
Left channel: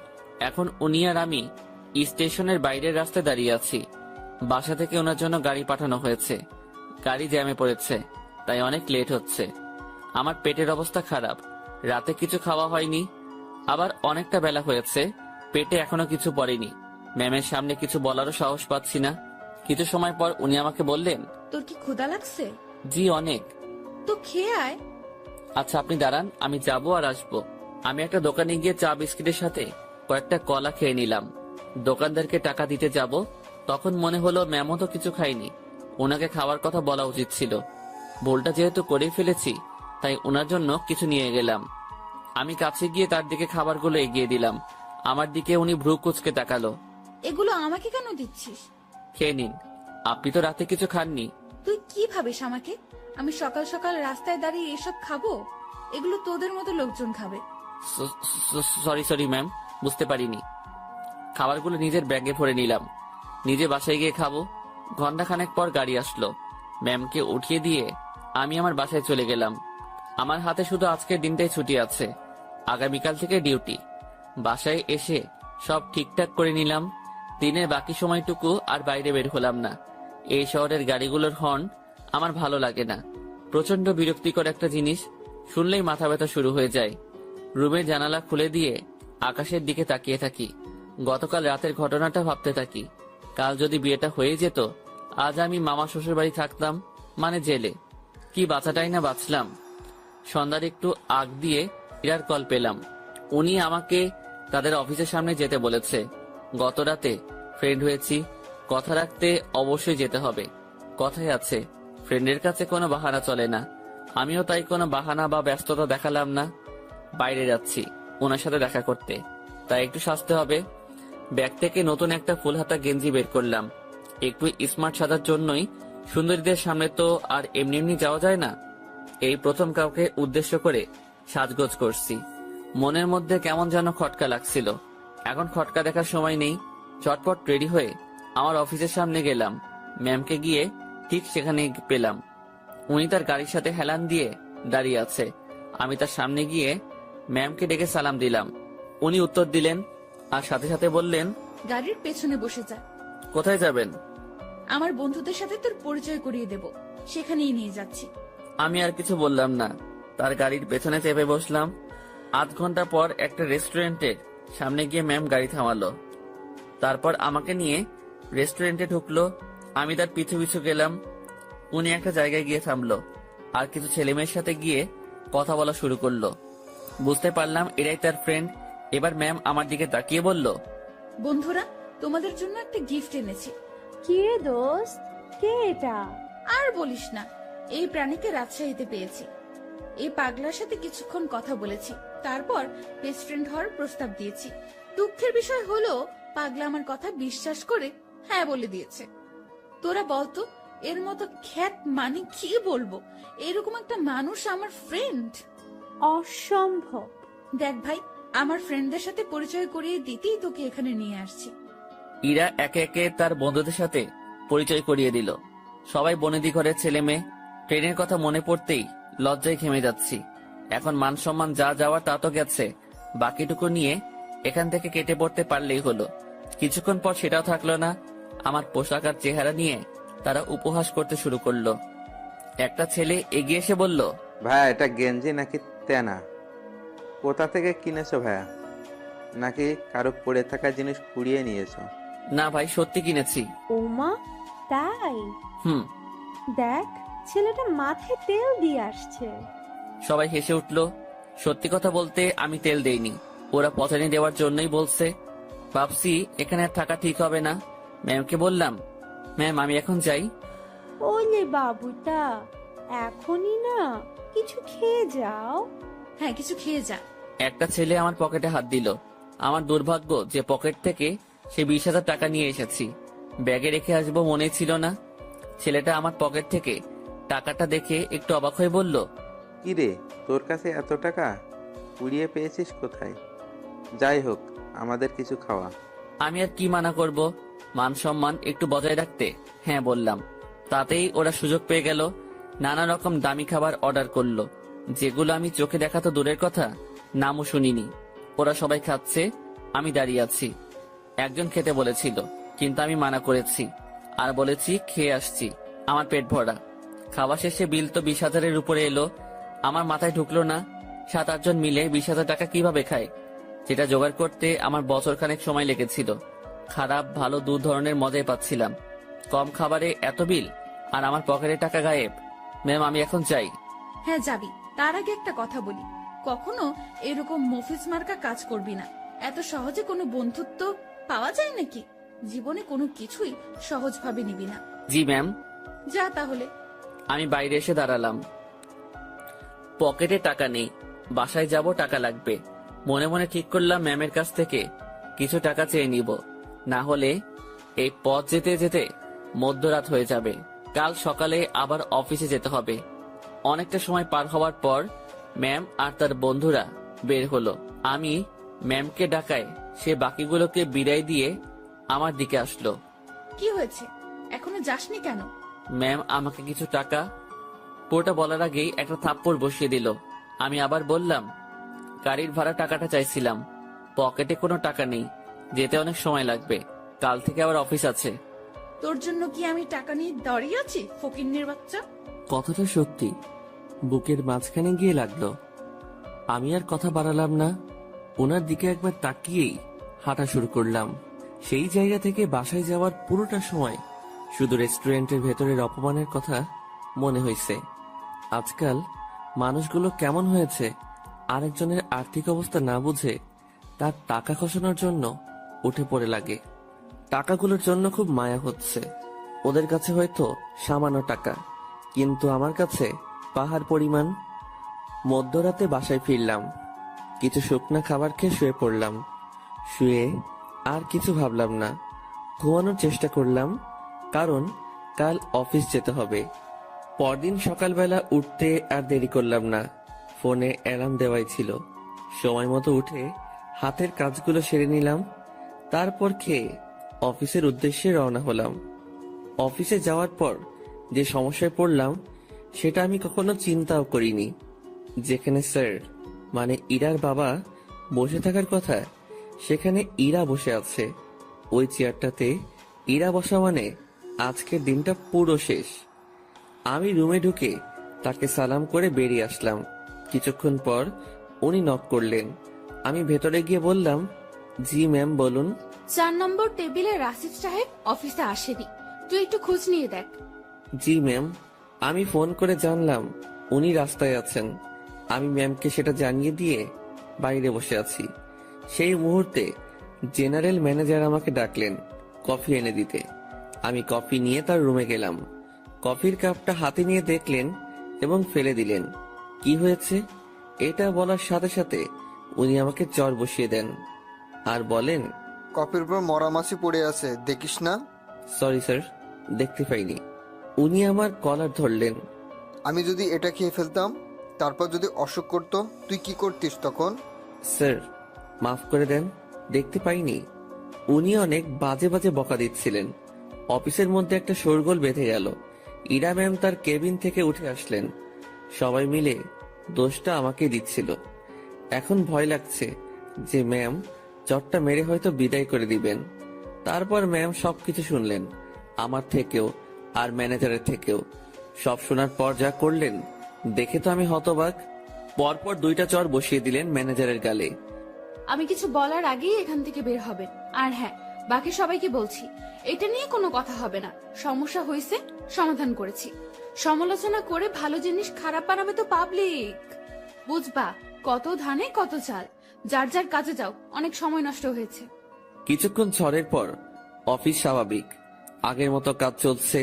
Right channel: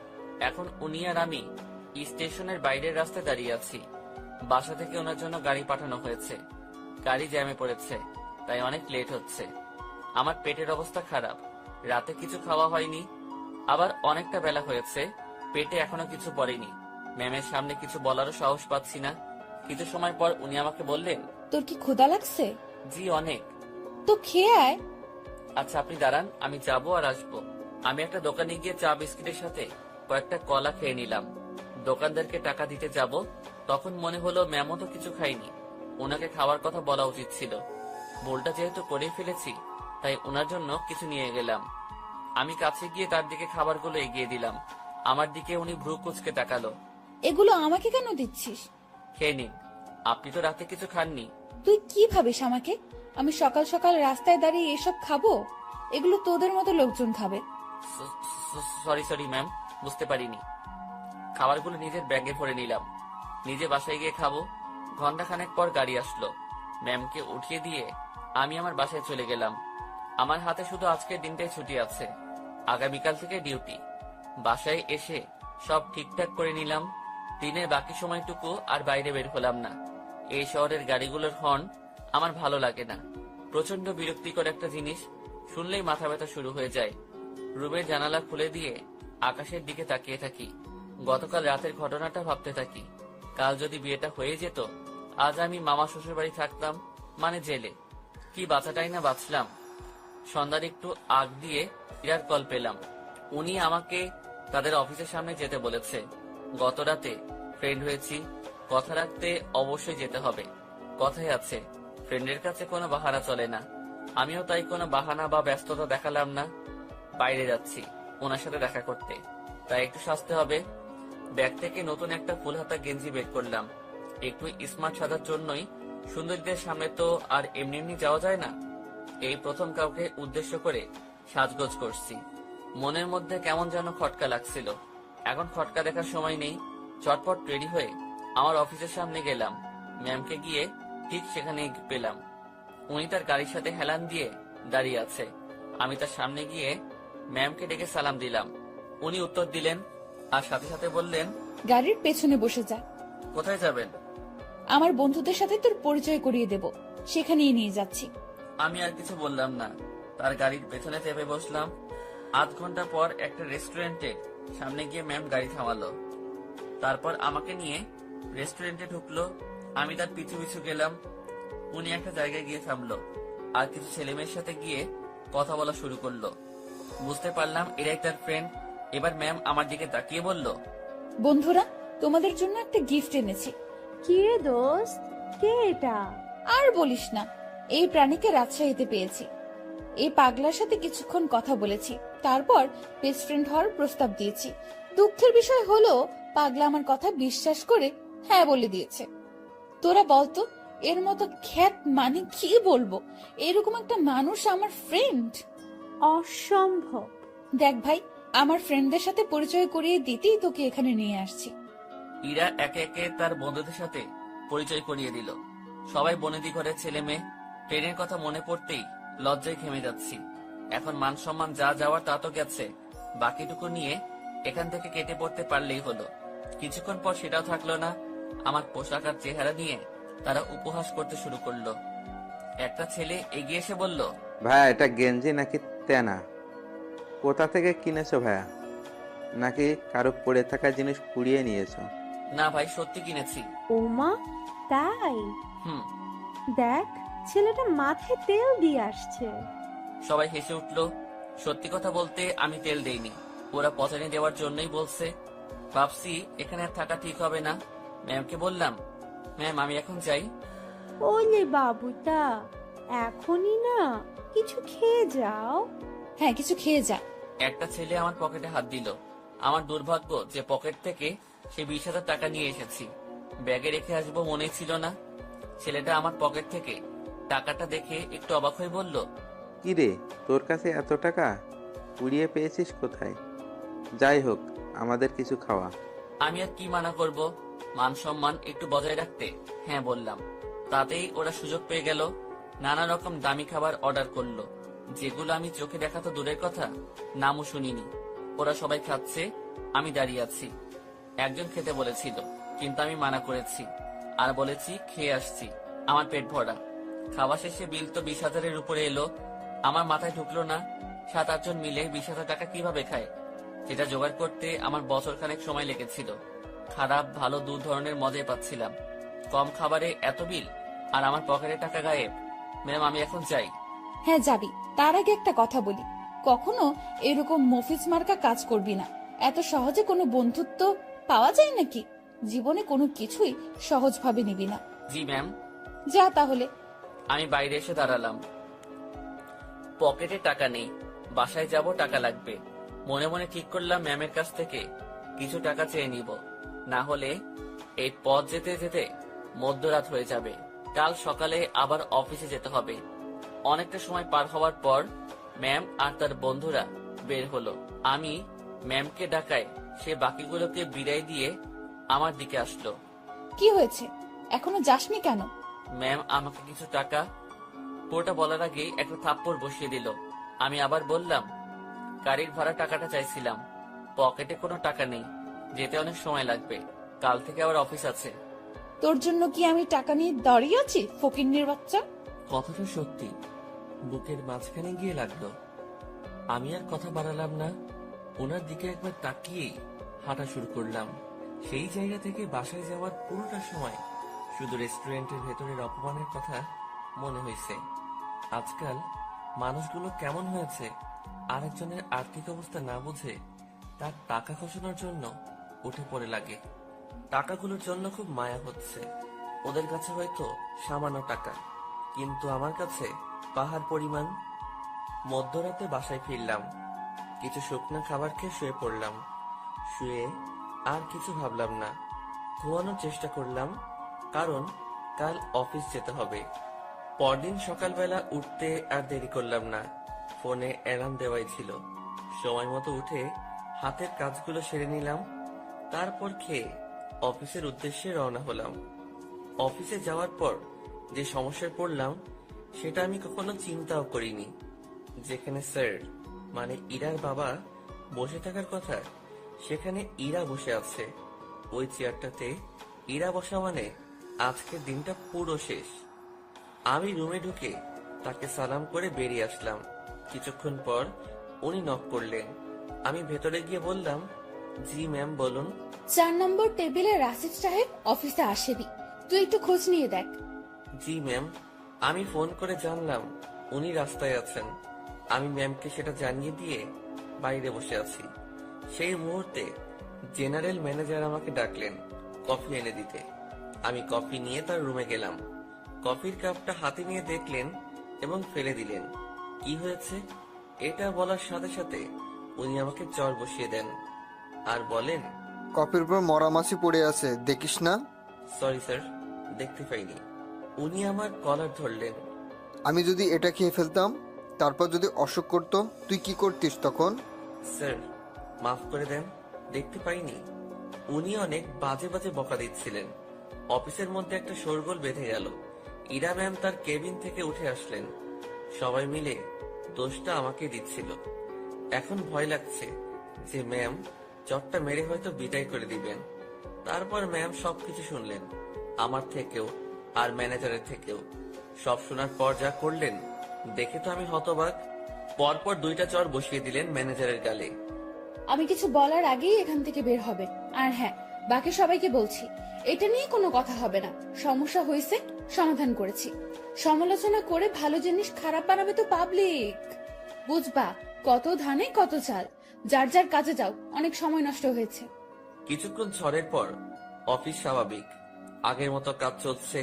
এখন উনি আর আমি স্টেশনের বাইরের রাস্তায় দাঁড়িয়ে আছি। বাসা থেকে ওনার জন্য গাড়ি পাঠানো হয়েছে। গাড়ি জ্যামে পড়েছে, তাই অনেক লেট হচ্ছে। আমার পেটের অবস্থা খারাপ, রাতে কিছু খাওয়া হয়নি, আবার অনেকটা বেলা হয়েছে, পেটে এখনো কিছু পড়েনি। ম্যামের সামনে কিছু বলারও সাহস পাচ্ছি না। কিছু সময় পর উনি আমাকে বললেন, তোর কি ক্ষুধা লাগছে? জি অনেক। তো খেয়ে আয়। আচ্ছা আপনি দাঁড়ান, আমি যাবো আর আসবো। আমি একটা দোকানে গিয়ে চা বিস্কিটের সাথে কয়েকটা কলা খেয়ে নিলাম। দোকানদারকে টাকা দিতে যাব, তখন মনে হলো ম্যামও তো কিছু খাইনি, ওনাকে খাওয়ার কথা বলা উচিত ছিল। ভুলটা যেহেতু করেই ফেলেছি, তাই ওনার জন্য কিছু নিয়ে গেলাম। আমি কাছে গিয়ে তার দিকে খাবারগুলো এগিয়ে দিলাম। আমার দিকে উনি ভ্রু কুঁচকে তাকালো। এগুলো আমাকে কেন দিচ্ছিস? খেয়ে নিন, আপনি তো রাতে কিছু খাননি। তুই কি ভাবিস আমাকে? আমি সকাল সকাল রাস্তায় দাঁড়িয়ে এসব খাবো? এগুলো তোদের মতো লোকজন খাবে। সরি ম্যাম, বুঝতে পারিনি। খাবারগুলো নিজের ব্যাগে ভরে নিলাম, নিজে বাসায় গিয়ে খাবো। ঘন্টাখানেক পর গাড়ি আসলো। ম্যামকে উঠিয়ে দিয়ে আমি আমার বাসায় চলে গেলাম। আমার হাতে শুধু আজকের দিনটাই ছুটি আছে, আগামীকাল থেকে ডিউটি। বাসায় এসে সব ঠিকঠাক করে নিলাম। দিনের বাকি সময়টুকু আর বাইরে বের হলাম না। এই শহরের গাড়িগুলোর হর্ন আমার ভালো লাগে না। প্রচন্ড বিরক্তিকর একটা জিনিস, শুনলেই মাথা ব্যথা শুরু হয়ে যায়। রুমের জানালা খুলে দিয়ে আকাশের দিকে তাকিয়ে থাকি। গতকাল রাতের ঘটনাটা ভাবতে থাকি। কাল যদি বিয়েটা হয়ে যেত, আজ আমি মামা শ্বশুর বাড়ি থাকতাম, মানে জেলে। কি বাঁচাটাই না বাঁচলাম। সন্ধ্যার একটু আগ দিয়ে ইরার কল পেলাম। উনি আমাকে তাদের অফিসের সামনে যেতে বলেছে। গত রাতে ফ্রেন্ড হয়েছি, কথা রাখতে অবশ্যই যেতে হবে। কথাই আছে, ফ্রেন্ডের কাছে কোনো বাহানা চলে না। আমিও তাই কোনো বাহানা বা ব্যস্ততা দেখালাম না। বাইরে যাচ্ছি ওনার সাথে দেখা করতে, তাই একটু সাজতে হবে। ব্যাগ থেকে নতুন একটা ফুল হাতা গেঞ্জি বের করলাম। একটু স্মার্ট সাজার জন্যই। সুন্দরীদের সামনে তো আর এমনি এমনি যাওয়া যায় না। এই প্রথম কাউকে উদ্দেশ্য করে সাজগোজ করছি। মনের মধ্যে কেমন যেন খটকা লাগছিল। এখন খটকা দেখার সময় নেই। চটপট রেডি হয়ে আমার অফিসের সামনে গেলাম। ম্যামকে গিয়ে ঠিক সেখানে পেলাম। উনি তার গাড়ির সাথে হেলান দিয়ে দাঁড়িয়ে আছে। আমি তার সামনে গিয়ে ম্যামকে ডেকে সালাম দিলাম। উনি উত্তর দিলেন আর সাথে সাথে বললেন, গাড়ির পেছনে বসে যা। কোথায় যাবেন? আমার বন্ধুদের সাথে তোর পরিচয় করিয়ে দেব, সেখানেই নিয়ে যাচ্ছি। আমি আর কিছু বললাম না, তার গাড়ির পেছনে চেপে বসলাম। আধ ঘন্টা পর একটা রেস্টুরেন্টের সামনে গিয়ে ম্যাম গাড়ি থামালো। তারপর আমাকে নিয়ে রেস্টুরেন্টে ঢুকলো। আমি তার পিছু পিছু গেলাম। উনি একটা জায়গায় গিয়ে থামলো আর কিছু ছেলেমেয়ের সাথে গিয়ে কথা বলা শুরু করলো। বুঝতে পারলাম এরাই তার ফ্রেন্ড। এবার ম্যাম আমার দিকে তাকিয়ে বলল, বন্ধুরা, তোমাদের জন্য একটা গিফট এনেছি। কি রে দোস্ত, কে এটা? আর বলিস না, এই প্রাণীকে রাজশাহীতে পেয়েছি। এই পাগলার সাথে কিছুক্ষণ কথা বলেছি, তারপর বেস্ট ফ্রেন্ড হওয়ার প্রস্তাব দিয়েছি। দুঃখের বিষয় হলো পাগলা আমার কথা বিশ্বাস করে হ্যাঁ বলে দিয়েছে। তোরা বলতো, এর মতো খ্যাত মানে কি বলবো, এরকম একটা মানুষ আমার ফ্রেন্ড। অসম্ভব। দেখ ভাই, আমার ফ্রেন্ডদের সাথে পরিচয় করিয়ে দিতেই তোকে এখানে নিয়ে আসছি। ইরা একে একে তার বন্ধুদের সাথে পরিচয় করিয়ে দিল। সবাই বনেদি ঘরের ছেলে মেয়ে। ট্রেনের কথা মনে পড়তেই লজ্জায় ঘেমে যাচ্ছি। এখন মান সম্মান যা যাওয়ার তা তো গেছে, বাকিটুকু নিয়ে এখান থেকে কেটে পড়তে পারলেই হলো। কিছুক্ষণ পর সেটাও থাকলো না। আমার পোশাক আর চেহারা নিয়ে তারা উপহাস করতে শুরু করলো। একটা ছেলে এগিয়ে এসে বলল, ভাইয়া এটা গেঞ্জি নাকি তেনা? কোথা থেকে কিনেছো ভাইয়া? নাকি কারো পড়ে থাকা জিনিস কুড়িয়ে নিয়েছো? না ভাই, সত্যি কিনেছি। ওমা, তাই? হুম। দেখ, ছেলেটা মাথায় তেল দিয়ে আসছে। সবাই হেসে উঠলো। সত্যি কথা বলতে আমি তেল দেইনি, ওরা পচানি দেওয়ার জন্যই বলছে। ভাবছি এখানে আর থাকা ঠিক হবে না। ম্যামকে বললাম, ম্যাম আমি এখন যাই। ওলে বাবুটা, এখনই না, কিছু খেয়ে যাও। হ্যাঁ, কিছু খেয়ে যা। একটা ছেলে আমার পকেটে হাত দিল। আমার দুর্ভাগ্য যে পকেট থেকে সে 20,000 টাকা নিয়ে এসেছি। ব্যাগে রেখে আসবো মনে ছিল না। ছেলেটা আমার পকেট থেকে টাকাটা দেখে একটু অবাক হয়ে বলল, কি রে, তোর কাছে এত টাকা কুড়িয়ে পেয়েছিস কোথায়? যাই হোক, আমাদের কিছু খাওয়া। আমি আর কি মানা করব, মান সম্মান একটু বজায় রাখতে হ্যাঁ বললাম। তাতেই ওরা সুযোগ পেয়ে গেল। নানা রকম দামি খাবার অর্ডার করলো, যেগুলো আমি চোখে দেখা তো দূরের কথা, নামও শুনিনি। ওরা সবাই খাচ্ছে, আমি দাঁড়িয়ে আছি। একজন খেতে বলেছিল, কিন্তু আমি মানা করেছি আর বলেছি খেয়ে আসছি, আমার পেট ভরা। খাওয়া শেষে বিল তো 20,000-এর উপরে এলো। আমার মাথায় ঢুকলো না 7-8 জন মিলে 20,000 টাকা কিভাবে খায়। যেটা জোগাড় করতে আমার বছরখানেক সময় লেগেছিল। খারাপ ভালো দু ধরনের মজাই পাচ্ছিলাম। কম খাবারে এত বিল আর আমার পকেটে টাকা গায়েব। ম্যাম আমি এখন চাই। হ্যাঁ যাবি, তার আগে একটা কথা বলি, কখনো এরকম মফিস মার্কা কাজ করবি না। এত সহজে কোনো বন্ধুত্ব পাওয়া যায় নাকি? জীবনে কোনো কিছুই সহজভাবে নিবি না। জি ম্যাম। যা তাহলে। আমি বাইরে এসে দাঁড়ালাম। পকেটে টাকা নেই, বাসায় যাব, টাকা লাগবে। মনে মনে ঠিক করলাম ম্যামের কাছ থেকে কিছু টাকা চেয়ে নিব, না হলে এই পথ যেতে যেতে মধ্যরাত হয়ে যাবে। কাল সকালে আবার অফিসে যেতে হবে। অনেকটা সময় পার হওয়ার পর ম্যাম আর তার বন্ধুরা বের হলো। আমি ম্যামকে ডাকায় সে বাকিগুলোকে বিদায় দিয়ে আমার দিকে আসলো। কি হয়েছে, এখনো যাসনি কেন? ম্যাম আমাকে কিছু টাকা, পুরোটা বলার আগেই একটা থাপ্পড় বসিয়ে দিল। আমি আবার বললাম, গাড়ির ভাড়া টাকাটা চাইছিলাম, পকেটে কোনো টাকা নেই, যেতে অনেক সময় লাগবে, কাল থেকে আবার অফিস আছে। তোর জন্য কি আমি টাকা নিয়ে দাঁড়িয়ে আছি, ফকিন্নির বাচ্চা? কথাটা সত্যি বুকের মাঝখানে গিয়ে লাগলো। আমি আর কথা বাড়ালাম না, ওনার দিকে একবার তাকিয়েই হাঁটা শুরু করলাম। সেই জায়গা থেকে বাসায় যাওয়ার পুরোটা সময় শুধু রেস্টুরেন্টের ভেতরের অপমানের কথা মনে হয়েছে। আজকাল মানুষগুলো কেমন হয়েছে, আরেকজনের আর্থিক অবস্থা না বুঝে তার টাকা খসানোর জন্য উঠে পড়ে লাগে। টাকাগুলোর জন্য খুব মায়া হচ্ছে। ওদের কাছে হয়তো সামান্য টাকা, কিন্তু আমার কাছে পাহাড় পরিমাণ। মধ্যরাতে বাসায় ফিরলাম, কিছু শুকনা খাবার খেয়ে শুয়ে পড়লাম। শুয়ে আর কিছু ভাবলাম না, ঘুমানোর চেষ্টা করলাম, কারণ কাল অফিস যেতে হবে। পরদিন সকালবেলা উঠতে আর দেরি করলাম না, ফোনে অ্যালার্ম দেওয়াই ছিল। সময় মতো উঠে হাতের কাজগুলো সেরে নিলাম, তারপর খেয়ে অফিসের উদ্দেশ্যে রওনা হলাম। অফিসে যাওয়ার পর যে সমস্যায় পড়লাম সেটা আমি কখনো চিন্তাও করিনি। যেখানে স্যার মানে ইরার বাবা বসে থাকার কথা, সেখানে ইরা বসে আছে। ওই চেয়ারটাতে ইরা বসা মানে আজকের দিনটা পুরো শেষ। আমি রুমে ঢুকে তাকে সালাম করে বেরিয়ে আসলাম। কিছুক্ষণ পর উনি নক করলেন। আমি ভেতরে গিয়ে বললাম, জি ম্যাম বলুন। 4 নম্বর টেবিলে রাশিদ সাহেব অফিসে আসেনি, তুই একটু খোঁজ নিয়ে দেখ। জি ম্যাম। আমি ফোন করে জানলাম উনি রাস্তায় আছেন। আমি ম্যামকে সেটা জানিয়ে দিয়ে বাইরে বসে আছি। সেই মুহূর্তে জেনারেল ম্যানেজার আমাকে ডাকলেন কফি এনে দিতে। আমি কফি নিয়ে তার রুমে গেলাম। কফির কাপটা হাতে নিয়ে দেখলেন এবং ফেলে দিলেন। কি হয়েছে এটা বলার সাথে সাথে উনি আমাকে চর বসিয়ে দেন আর বলেন, কফির উপর মরা মাছি পড়ে আছে, দেখিস না? সরি স্যার, দেখতে পাইনি। উনি আমার কলার ধরলেন। আমি যদি এটা খেয়ে ফেলতাম, তারপর যদি অসুখ করতো, তুই কি করতিস তখন? স্যার মাফ করে দেন, দেখতে পাইনি। উনি অনেক বাজে বাজে বকা দিচ্ছিলেন। অফিসের মধ্যে একটা শোরগোল বেঁধে গেল। ইরা ম্যাম তার কেবিন থেকে উঠে আসলেন। সবাই মিলে দোষটা আমাকে দিচ্ছিল। এখন ভয় লাগছে যে ম্যাম চটটা মেরে হয়তো বিদায় করে দিবেন। তারপর ম্যাম সবকিছু শুনলেন, আমার থেকেও আর ম্যানেজারের থেকেও। সব শোনার পর যা করলেন দেখে তো আমি হতবাক। পরপর 2টা চর বসিয়ে দিলেন ম্যানেজারের গালে। আমি কিছু বলার আগেই এখান থেকে বের হবে। আর হ্যাঁ, বাকি সবাইকে বলছি, এটা নিয়ে কোনো কথা হবে না। সমস্যা হয়েছে, সমাধান করেছি। সমালোচনা করে ভালো জিনিস খারাপ বানাবে তো পাবলিক, বুঝবা? কত ধানে কত চাল। যার যার কাজে যাও, অনেক সময় নষ্ট হয়েছে। কিছুক্ষণ ঝড়ের পর অফিস স্বাভাবিক, আগের মতো কাজ চলছে।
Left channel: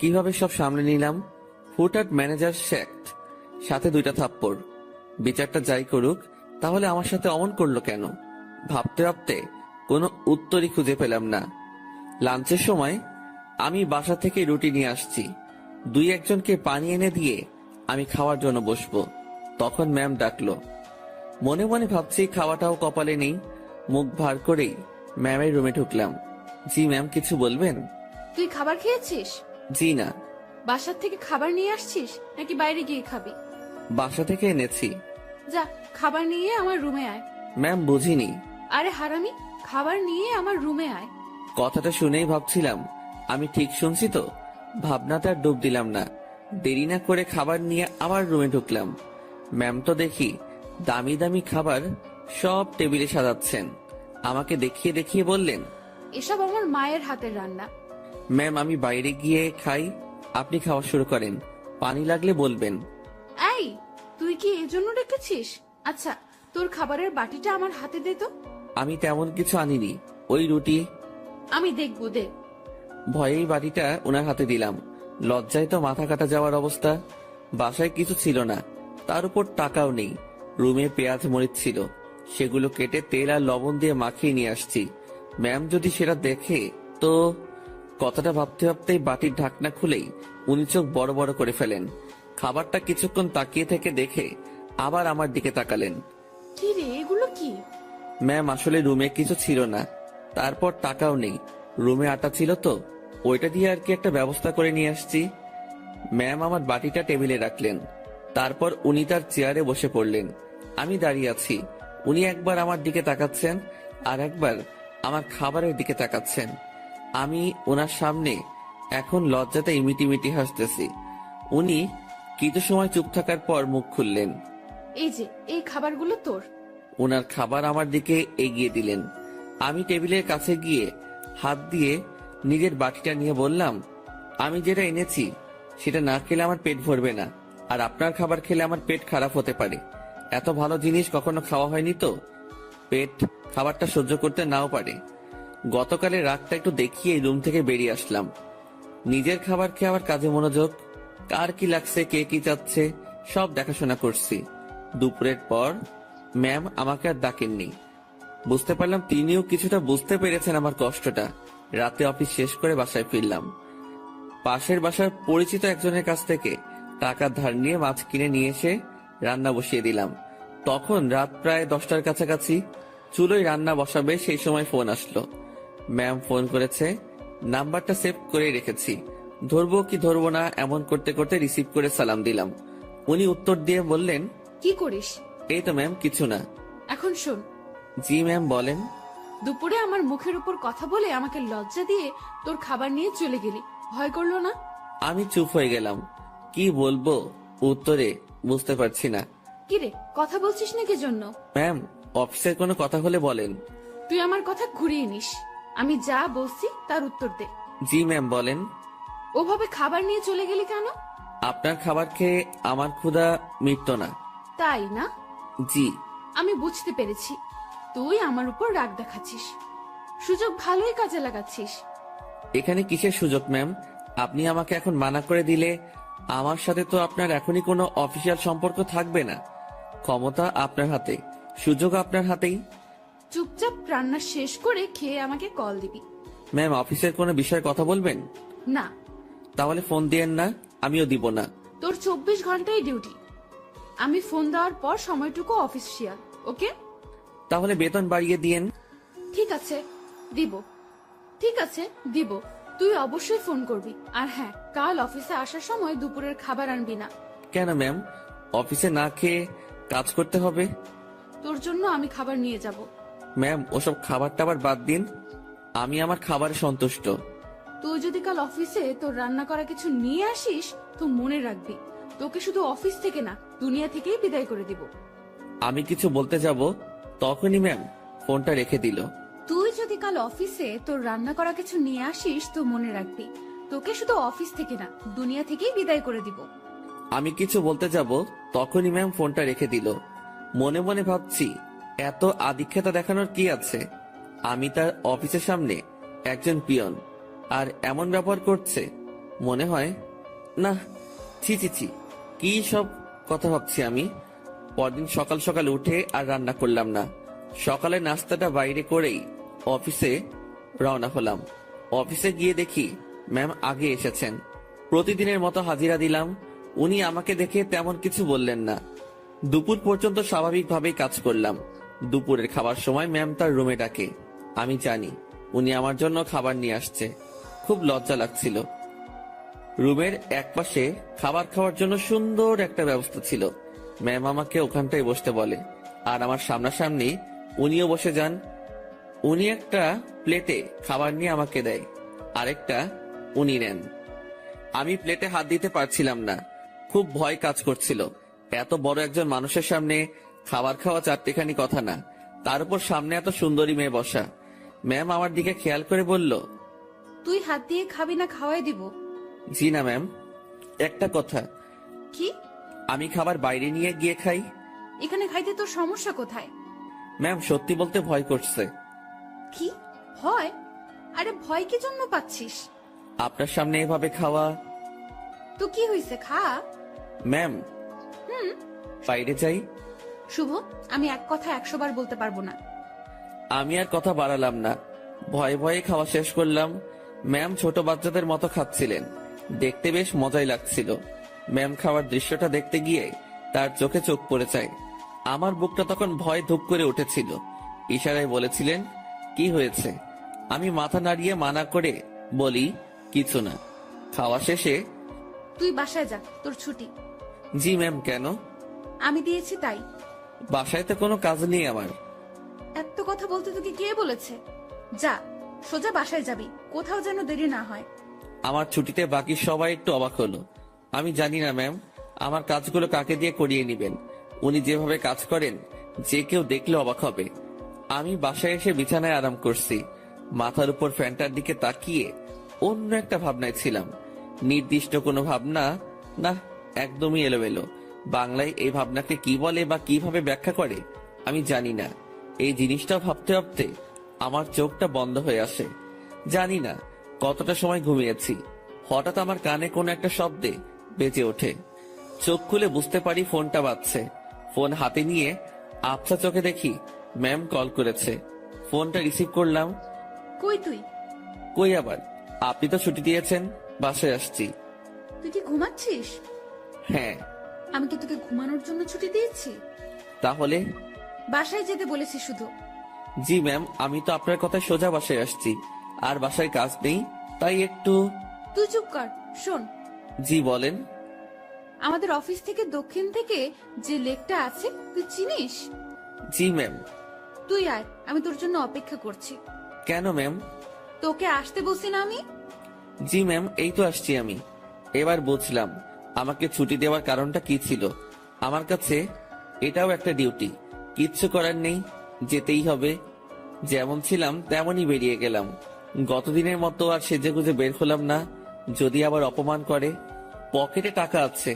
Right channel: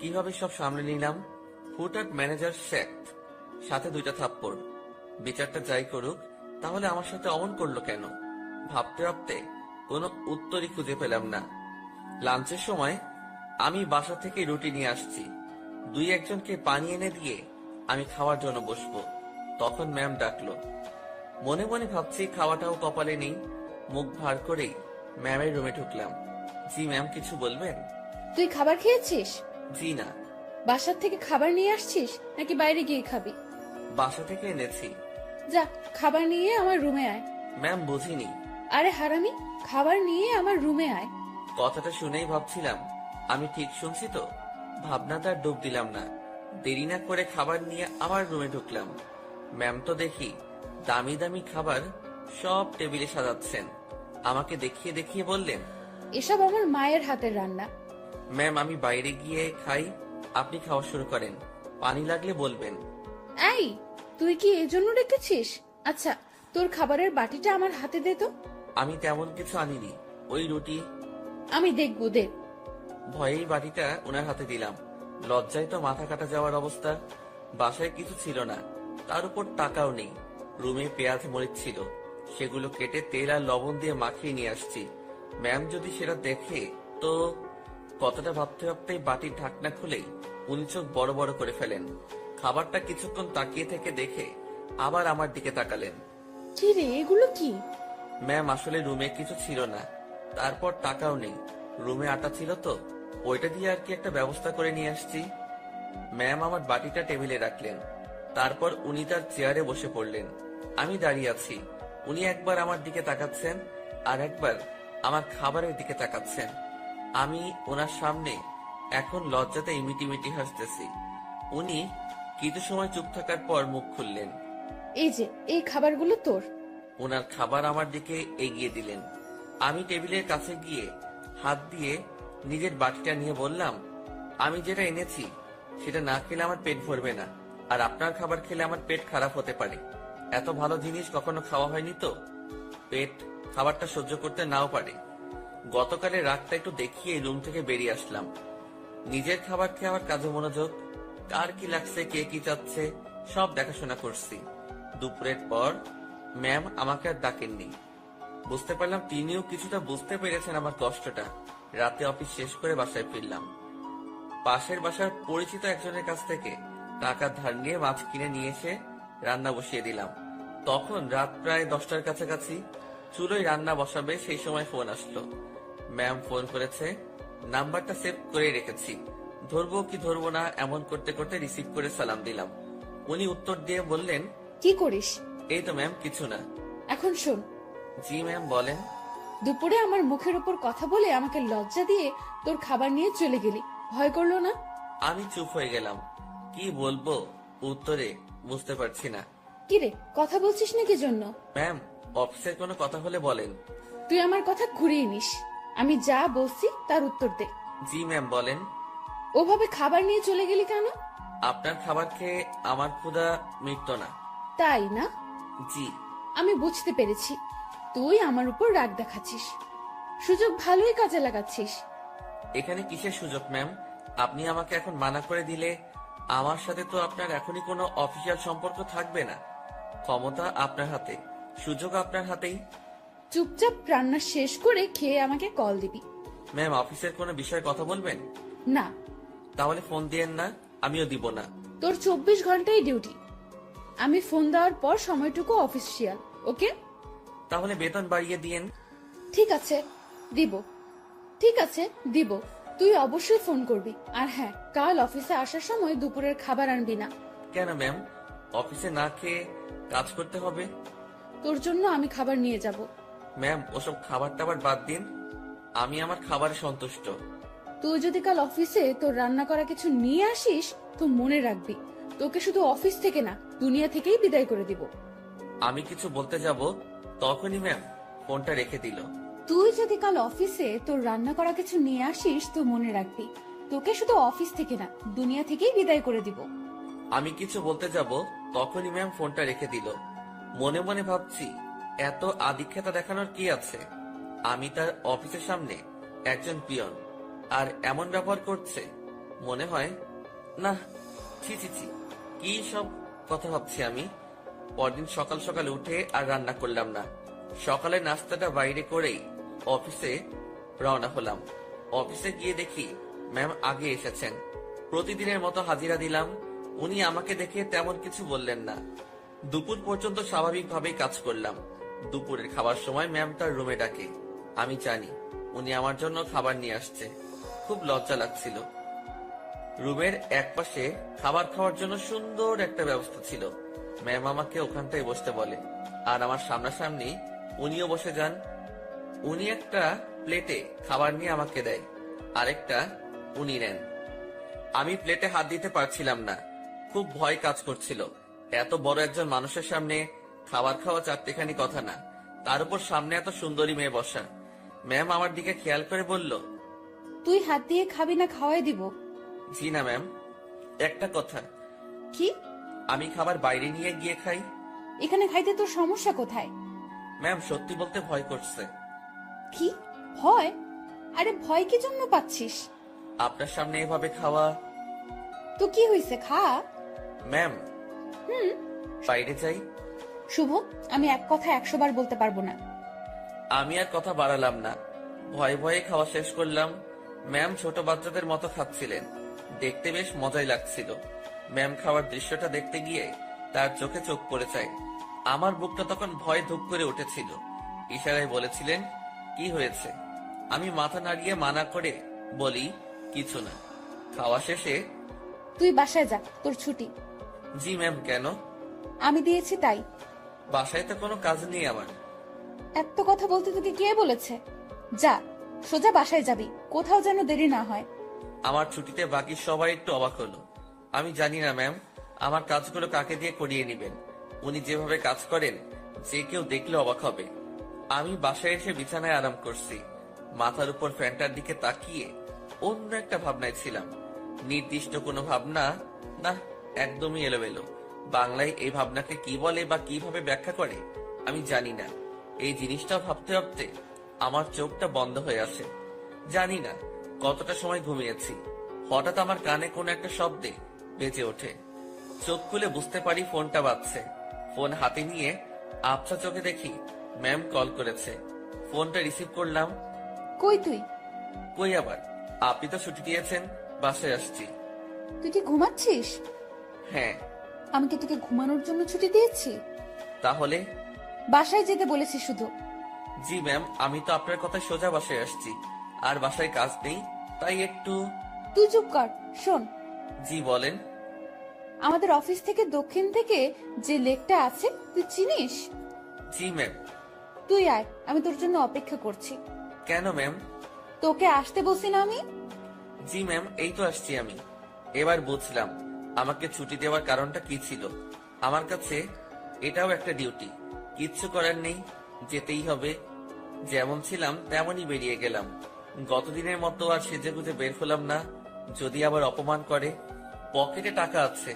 কিভাবে সব সামলে নিলাম। হুটহাট ম্যানেজার শ্যাক্ট, সাথে 2টা থাপ্পড়। বিচারটা যাই করুক, তাহলে আমার সাথে অমন করলো কেন? ভাবতে ভাবতে কোনো উত্তরই খুঁজে পেলাম না। লাঞ্চের সময় আমি বাসা থেকে রুটি নিয়ে আসছি। 2-1জনকে পানি এনে দিয়ে আমি খাওয়ার জন্য বসবো, তখন ম্যাম ডাকলো। মনে মনে ভাবছি খাওয়াটাও কপালে নেই। মুখ ভার করেই ম্যামের রুমে ঢুকলাম। জি ম্যাম, কিছু বলবেন? তুই খাবার খেয়েছিস? জি না। বাসার থেকে খাবার নিয়ে আসছিস নাকি বাইরে গিয়ে খাবি? বাসা থেকে এনেছি। যা, খাবার নিয়ে আমার রুমে আয়। ম্যাম বুঝিনি। আরে হারামি, খাবার নিয়ে আমার রুমে আয়। কথাটা শুনেই ভাবছিলাম আমি ঠিক শুনছি তো। ভাবনাতে আর ডুব দিলাম না। দেরি না করে খাবার নিয়ে আবার রুমে ঢুকলাম। ম্যাম তো দেখি দামি দামি খাবার সব টেবিলে সাজাচ্ছেন। আমাকে দেখিয়ে দেখিয়ে বললেন, এসব আমার মায়ের হাতের রান্না। ম্যাম আমি বাইরে গিয়ে খাই, আপনি খাওয়া শুরু করেন, পানি লাগলে বলবেন। এই, তুই কি এই জন্য ডেকেছিস? আচ্ছা, তোর খাবারের বাটিটা আমার হাতে দে তো। আমি তেমন কিছু আনিনি, ওই রুটি। আমি দেখবো, দে। ভয়েই বাটিটা ওনার হাতে দিলাম। লজ্জায় তো মাথা কাটা যাওয়ার অবস্থা। বাসায় কিছু ছিল না, তার উপর টাকাও নেই। রুমে পেঁয়াজ মরিচ ছিল, সেগুলো কেটে তেল আর লবণ দিয়ে মাখিয়ে নিয়ে আসছি। ম্যাম যদি সেটা দেখে তো। কথাটা ভাবতে ভাবতেই বাটির ঢাকনা খুলেই উনি চোখ বড় বড় করে ফেলেন। খাবারটা কিছুক্ষণ তাকিয়ে থেকে দেখে আবার আমার দিকে তাকালেন। কি রে, এগুলো কি? ম্যাম আসলে রুমে কিছু ছিল না, তারপর টাকাও নেই। রুমে আটা ছিল তো, ওইটা দিয়ে আর কি একটা ব্যবস্থা করে নিয়ে আসছি। ম্যাম আমার বাটিটা টেবিলে রাখলেন, তারপর উনি তার চেয়ারে বসে পড়লেন। আমি দাঁড়িয়ে আছি, উনি একবার আমার দিকে তাকাচ্ছেন আর একবার আমার খাবারের দিকে তাকাচ্ছেন। আমি ওনার সামনে এখন লজ্জাতে ইমিটিমিটি হাসতেছি। উনি কিছু সময় চুপ থাকার পর মুখ খুললেন। এই যে, এই খাবারগুলো তোর। ওনার খাবার আমার দিকে এগিয়ে দিলেন। আমি টেবিলের কাছে গিয়ে হাত দিয়ে নিজের বাটিটা নিয়ে বললাম, আমি যেটা এনেছি সেটা না খেলে আমার পেট ভরবে না, আর আপনার খাবার খেলে আমার পেট খারাপ হতে পারে। এত ভালো জিনিস কখনো খাওয়া হয়নি তো, পেট খাবারটা সহ্য করতে নাও পারে। গতকালের রাতটা একটু দেখিয়ে রুম থেকে বেরিয়ে আসলাম। নিজের খাবার খেয়ে আবার কাজে মনোযোগ। কার কি লাগছে, কে কি চাচ্ছে, সব দেখাশোনা করছি। দুপুরের পর ম্যাম আমাকে আর ডাকেননি। বুঝতে পারলাম তিনিও কিছুটা বুঝতে পেরেছেন আমার কষ্টটা। রাতে অফিস শেষ করে বাসায় ফিরলাম। পাশের বাসার পরিচিত একজনের কাছ থেকে টাকা ধার নিয়ে মাছ কিনে নিয়ে এসে রান্না বসিয়ে দিলাম। তখন রাত প্রায় 10টার কাছাকাছি। চুলোয় রান্না বসাবে সেই সময় ফোন আসলো। ম্যাম ফোন করেছে, নাম্বারটা সেভ করে রেখেছি। ধরবো কি ধরবো না এমন করতে করতে রিসিভ করে সালাম দিলাম। উনি উত্তর দিয়ে বললেন, কি করিস? এই তো ম্যাম, কিছু না। এখন শোন, জি ম্যাম বলেন। দুপুরে আমার মুখের উপর কথা বলে আমাকে লজ্জা দিয়ে তোর খাবার নিয়ে চলে গেলি, ভয় করলো না? আমি চুপ হয়ে গেলাম। কি বলবো উত্তরে বুঝতে পারছি না। কি রে, কথা বলছিস না কি জন্য? ম্যাম, অফিসের কোনো কথা হলে বলেন। তুই আমার কথা ঘুরিয়ে নিস। আমি যা বলছি তার উত্তর দে। জি ম্যাম বলেন। ওভাবে খাবার নিয়ে চলে গেলি কেন? আপনার খাবার খেয়ে আমার ক্ষুধা মিটতো না। তাই না? জি। আমি বুঝতে পেরেছি, তুই আমার উপর রাগ দেখাচ্ছিস। সুযোগ ভালোই কাজে লাগাচ্ছিস। এখানে কিসের সুযোগ ম্যাম? আপনি আমাকে এখন মানা করে দিলে আমার সাথে তো আপনার এখনই কোনো অফিসিয়াল সম্পর্ক থাকবে না। ক্ষমতা আপনার হাতে, সুযোগ আপনার হাতেই। চুপচাপ রান্না শেষ করে খেয়ে আমাকে কল দিবি। ম্যাম, অফিসের কোনো বিষয়ে কথা বলবেন? না। তাহলে ফোন দিয়েন না, আমিও দিব না। তোর 24 ঘন্টাই ডিউটি। আমি ফোন দেওয়ার পর সময়টুকু অফিসিয়াল, ওকে? তাহলে বেতন বাড়িয়ে দিয়েন। ঠিক আছে, দিব। ঠিক আছে, দিব। তুই অবশ্যই ফোন করবি। আর হ্যাঁ, কাল অফিসে আসার সময় দুপুরের খাবার আনবি না। কেন ম্যাম? অফিসে না খেয়ে কাজ করতে হবে? তোর জন্য আমি খাবার নিয়ে যাব। ম্যাম, ওসব খাবার টাবার বাদ দিন, আমি আমার খাবারে সন্তুষ্ট। তুই যদি কাল অফিসে তোর রান্না করা কিছু নিয়ে আসিস তো মনে রাখবি, তোকে শুধু অফিস থেকে না, দুনিয়া থেকেই বিদায় করে দিব। আমি কিছু বলতে যাব তখনই ম্যাম ফোনটা রেখে দিল। তুই যদি কাল অফিসে তোর রান্না করা কিছু নিয়ে আসিস তো মনে রাখবি, তোকে শুধু অফিস থেকে না, দুনিয়া থেকেই বিদায় করে দিব। আমি কিছু বলতে যাব তখনই ম্যাম ফোনটা রেখে দিল। মনে মনে ভাবছি, এত আদিক্ষেতা দেখানোর কি আছে? আমি তার অফিসের সামনে একজন পিয়ন, আর এমন ব্যবহার করছে। মনে হয় না, ছি ছি ছি, কি সব কথা ভাবছি আমি। পরদিন সকাল সকাল উঠে আর রান্না করলাম না। সকালে নাস্তাটা বাইরে করেই অফিসে রওনা হলাম। অফিসে গিয়ে দেখি ম্যাম আগে এসেছেন। প্রতিদিনের মতো হাজিরা দিলাম। উনি আমাকে দেখে তেমন কিছু বললেন না। দুপুর পর্যন্ত স্বাভাবিকভাবেই কাজ করলাম। দুপুরের খাবার সময় ম্যাম তার রুমে ডাকে। আমি জানি উনি আমার জন্য খাবার নিয়ে আসছে। খুব লজ্জা লাগছিল। রুমের একপাশে খাবার খাওয়ার জন্য সুন্দর একটা ব্যবস্থা ছিল। ম্যাম আমাকে ওখানটায় বসতে বলে, আর আমার সামনাসামনি উনিও বসে যান। উনি একটা প্লেটে খাবার নিয়ে আমাকে দেয়, আরেকটা উনি নেন। আমি প্লেটে হাত দিতে পারছিলাম না, খুব ভয় কাজ করছিল। এত বড় একজন মানুষের সামনে খাবার খাওয়া চারটেখানি কথা না, তার উপর সামনে এত সুন্দরী মেয়ে বসা। ম্যাম আমার দিকে খেয়াল করে বলল, তুই হাত দিয়ে খাবি না খাওয়াই দিব? জি না ম্যাম। একটা কথা, কি? আমি খাবার বাইরে নিয়ে গিয়ে খাই। এখানে খাইতে তোর সমস্যা কোথায়? ম্যাম সত্যি বলতে ভয় করছে। কি ভয়? আরে ভয় কি জন্য পাচ্ছিস? আপনার সামনে এভাবে খাওয়া। তো কি হয়েছে, খা। ম্যাম বাইরে যাই। শুভ, আমি এক কথা 100 বার বলতে পারবো না। আমি আর কথা বাড়ালাম না, ভয়ে ভয়ে খাওয়া শেষ করলাম। ম্যাম ছোট বাচ্চাদের মতো খাচ্ছিলেন, দেখতে বেশ মজাই লাগছিল। ম্যাম খাওয়ার দৃশ্যটা দেখতে গিয়ে তার চোখে চোখ পড়ে যায়। আমার বুকটা তখন ভয়ে ধুপ করে উঠেছিল। ইশারায় বলেছিলেন, কি হয়েছে? আমি মাথা নাড়িয়ে মানা করে বলি, কিছু না। খাওয়া শেষে, তুই বাসায় যা, তোর ছুটি। জি ম্যাম। কেন? আমি দিয়েছি তাই। বাসায় তো কোনো কাজ নেই আমার। এত কথা বলতে তোকে কে বলেছে? যা, সোজা বাসায় যাবি, কোথাও যেন দেরি না হয়। আমার ছুটিতে বাকি সবাই একটু অবাক হলো। আমি জানি না ম্যাম, আমার কাজগুলো কাকে দিয়ে করিয়ে নেবেন। উনি যেভাবে কাজ করেন, যে কেউ দেখলে অবাক হবে। আমি বাসায় এসে বিছানায় আরাম করছি, মাথার উপর ফ্যানটার দিকে তাকিয়ে অন্য একটা ভাবনায় ছিলাম। নির্দিষ্ট কোনো ভাবনা না, একদমই এলোমেলো। বাংলায় এই ভাবনাকে কি বলে বা কিভাবে ব্যাখ্যা করে আমি জানি না। এই জিনিসটা ভাবতে ভাবতে আমার চোখটা বন্ধ হয়ে আসে। জানি না কতটা সময় ঘুমিয়েছি, হঠাৎ আমার কানে কোনো একটা শব্দে বেজে ওঠে। চোখ খুলে বুঝতে পারি ফোনটা বাজছে। ফোন হাতে নিয়ে আবছা চোখে দেখি ম্যাম কল করেছে। ফোনটা রিসিভ করলাম। কই তুই? কই আবার, আপনি তো ছুটি দিয়েছেন, বাসায় আসছি। তুই কি ঘুমাচ্ছিস? হ্যাঁ। আমি কি তোকে ঘুমানোর জন্য ছুটি দিয়েছি? তাহলে? বাসায় যেতে বলেছি শুধু। জি ম্যাম, আমি তো আপনার কথা সোজা বাসায় আসছি, আর বাসায় কাজ নেই, তাই একটু। তুই চুপ কর, শোন। জি বলেন। আমাদের অফিস থেকে দক্ষিণ থেকে যে লেকটা আছে, তুই চিনিস? জি ম্যাম। তুই আয়, আমি তোর জন্য অপেক্ষা করছি। কেন ম্যাম? তোকে আসতে বলছি না আমি? জি ম্যাম, এই তো আসছি আমি। এবার বুঝলাম আমাকে ছুটি দেওয়ার কারণটা কি ছিল। আমার কাছে এটাও একটা ডিউটি, কিচ্ছু করার নেই, যেতেই হবে। যেমন ছিলাম তেমনই বেরিয়ে গেলাম। গতদিনের মতো আর সেজেগুজে বের হলাম না, যদি আবার অপমান করে। পকেটে টাকা আছে,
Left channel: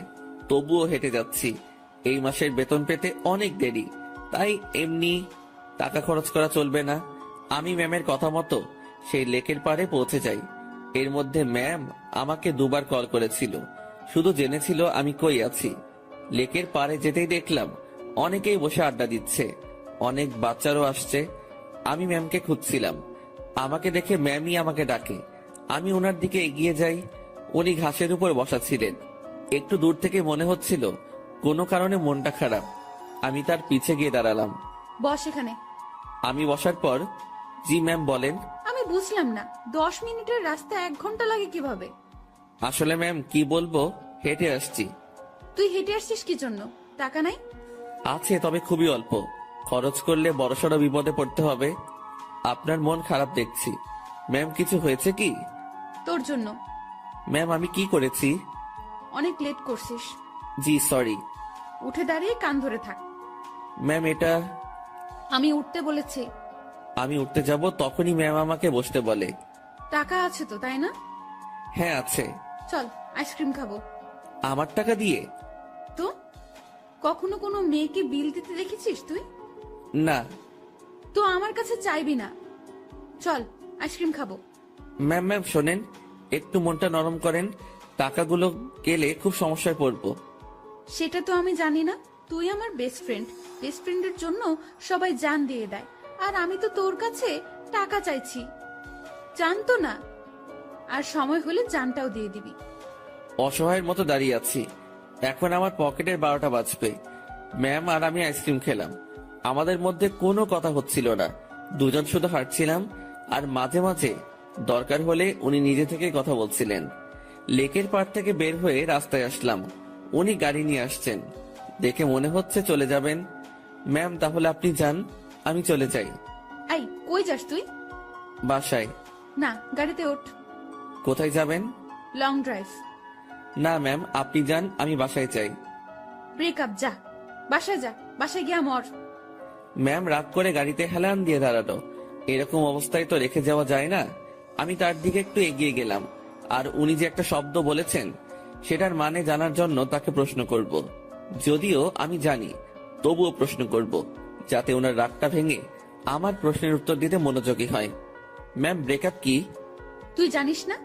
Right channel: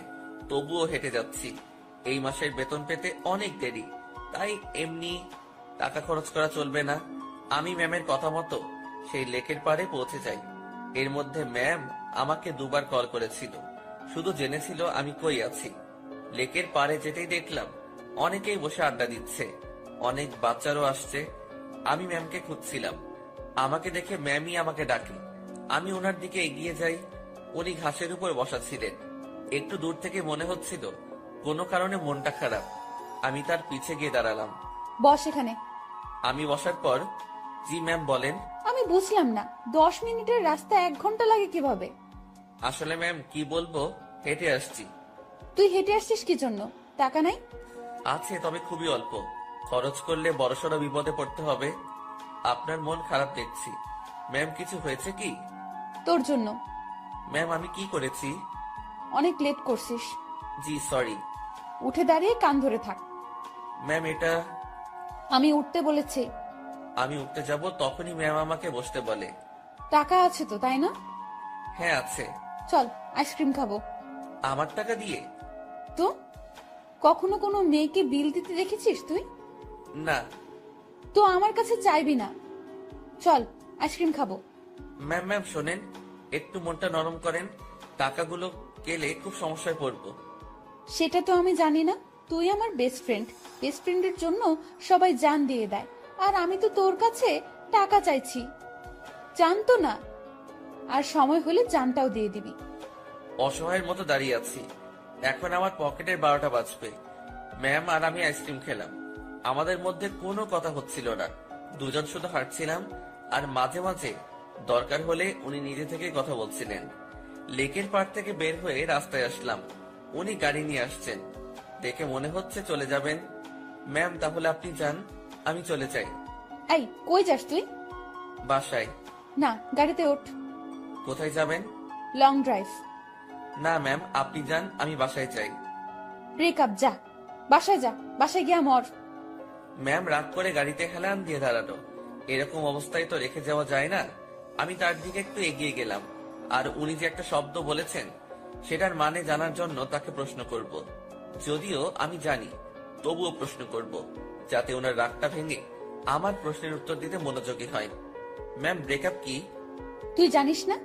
তবুও হেঁটে যাচ্ছি। এই মাসের বেতন পেতে অনেক দেরি, তাই এমনি টাকা খরচ করা চলবে না। আমি ম্যামের কথা মতো সেই লেকের পাড়ে পৌঁছে যাই। এর মধ্যে ম্যাম আমাকে 2 বার কল করেছিল, শুধু জেনেছিল আমি কই আছি। লেকের পাড়ে যেতেই দেখলাম অনেকেই বসে আড্ডা দিচ্ছে, অনেক বাচ্চারও আসছে। আমি ম্যামকে খুঁজছিলাম, আমাকে দেখে ম্যামই আমাকে ডাকে। আমি ওনার দিকে এগিয়ে যাই। উনি ঘাসের উপর বসা ছিলেন। একটু দূর থেকে মনে হচ্ছিল কোনো কারণে মনটা খারাপ। আমি তার পিছে গিয়ে দাঁড়ালাম। বস এখানে। আমি বসার পর, জি ম্যাম বলেন। আমি বুঝলাম না, 10 মিনিটের রাস্তা 1 ঘন্টা লাগে কিভাবে? আসলে ম্যাম কি বলবো, হেঁটে আসছি। তুই হেঁটে আসছিস কি জন্য? টাকা নাই? আছে, তবে খুবই অল্প। খরচ করলে বড়সড় বিপদে পড়তে হবে। আপনার মন খারাপ দেখছি। ম্যাম কিছু হয়েছে কি? তোর জন্য। ম্যাম আমি কি করেছি? অনেক লেট করছিস। জি সরি। উঠে দাঁড়িয়ে কান ধরে থাক। ম্যাম এটা। আমি উঠতে বলেছি। আমি উঠতে যাব তখনই ম্যাম আমাকে বসতে বলে। টাকা আছে তো, তাই না? হ্যাঁ আছে। চল আইসক্রিম খাবো। আমার টাকা দিয়ে? তো কখনো কোনো মেয়েকে বিল দিতে দেখেছিস তুই? না। তো আমার কাছে চাইবি না। চল আইসক্রিম খাবো। ম্যাম ম্যাম শোনেন, একটু মনটা নরম করেন। টাকাগুলো গেলে খুব সমস্যায় পড়বো। সেটা তো আমি জানি না। তুই আমার বেস্ট ফ্রেন্ড, বেস্ট ফ্রেন্ডের জন্য সবাই জান দিয়ে দেয়, আর আমি তো তোর কাছে টাকা চাইছি। জানতো না, আর সময় হলে জানটাও দিয়ে দিবি। অসহায়ের মতো দাঁড়িয়ে আছি। এখন আমার পকেটের 12টা বাজবে। ম্যাম আর আমি আইসক্রিম খেলাম, আমাদের মধ্যে কোনো কথা হচ্ছিল না। দুজন শুধু হাঁটছিলাম, আর মাঝে মাঝে দরকার হলে উনি নিজে থেকে কথা বলছিলেন। লেকের পাড় থেকে বের হয়ে রাস্তায় আসলাম। উনি গাড়ি নিয়ে আসছেন, দেখে মনে হচ্ছে চলে যাবেন। ম্যাম তাহলে আপনি যান, আমি চলে যাই। এই কই যাস তুই? বাসায়। না, গাড়িতে ওঠ। কোথায় যাবেন? Long drive. না ম্যাম আপনি যান, আমি বাসায় চাই। ব্রেকআপ, যা বাসায় যা, বাসায় গিয়া মর। ম্যাম রাগ করে গাড়িতে হেলান দিয়ে দাঁড়ালো। এরকম অবস্থায় তো রেখে যাওয়া যায় না। আমি তার দিকে একটু এগিয়ে গেলাম, আর উনি যে একটা শব্দ বলেছেন সেটার মানে জানার জন্য তাকে প্রশ্ন করব। যদিও আমি জানি, তবুও প্রশ্ন করব, যাতে ওনার রাগটা ভেঙে আমার প্রশ্নের উত্তর দিতে মনোযোগী হয়। ম্যাম, ব্রেকআপ কি? তুই জানিস না?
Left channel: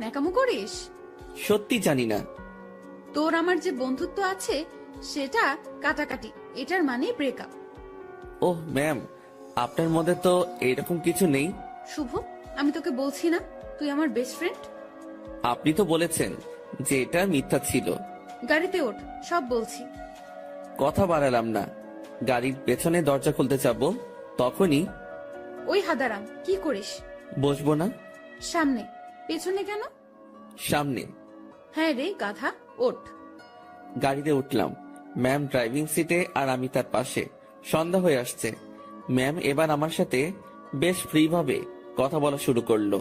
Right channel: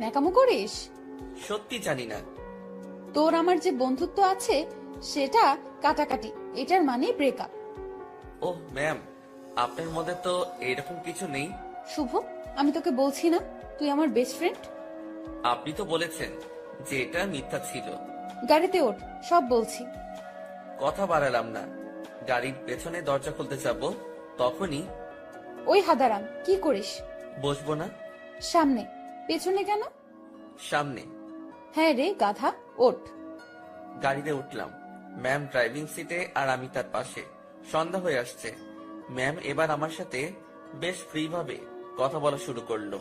ন্যাকামো করিস? সত্যি জানি না। তোর আমার যে বন্ধুত্ব আছে সেটা কাটাকাটি, এটার মানে ব্রেকআপ। ওহ ম্যাম, আপনার মধ্যে তো এরকম কিছু নেই। শুভ, আমি তোকে বলছি না তুই আমার বেস্ট ফ্রেন্ড? আপনি তো বলেছেন যে এটা মিথ্যা ছিল। গাড়িতে ওঠ, সব বলছি। কথা বাড়ালাম না। গাড়ির পেছনে দরজা খুলতে যাব, তখনই ওই হাদারাম, কি করিস? বসবো না। সামনে। পেছনে কেন? সামনে। হ্যাঁ রে গাধা, ওঠ। গাড়িতে উঠলাম। ম্যাম ড্রাইভিং সিটে আর আমি তার পাশে। সন্ধ্যা হয়ে আসছে। ম্যাম এবার আমার সাথে বেশ ফ্রি ভাবে কথা বলা শুরু করলো।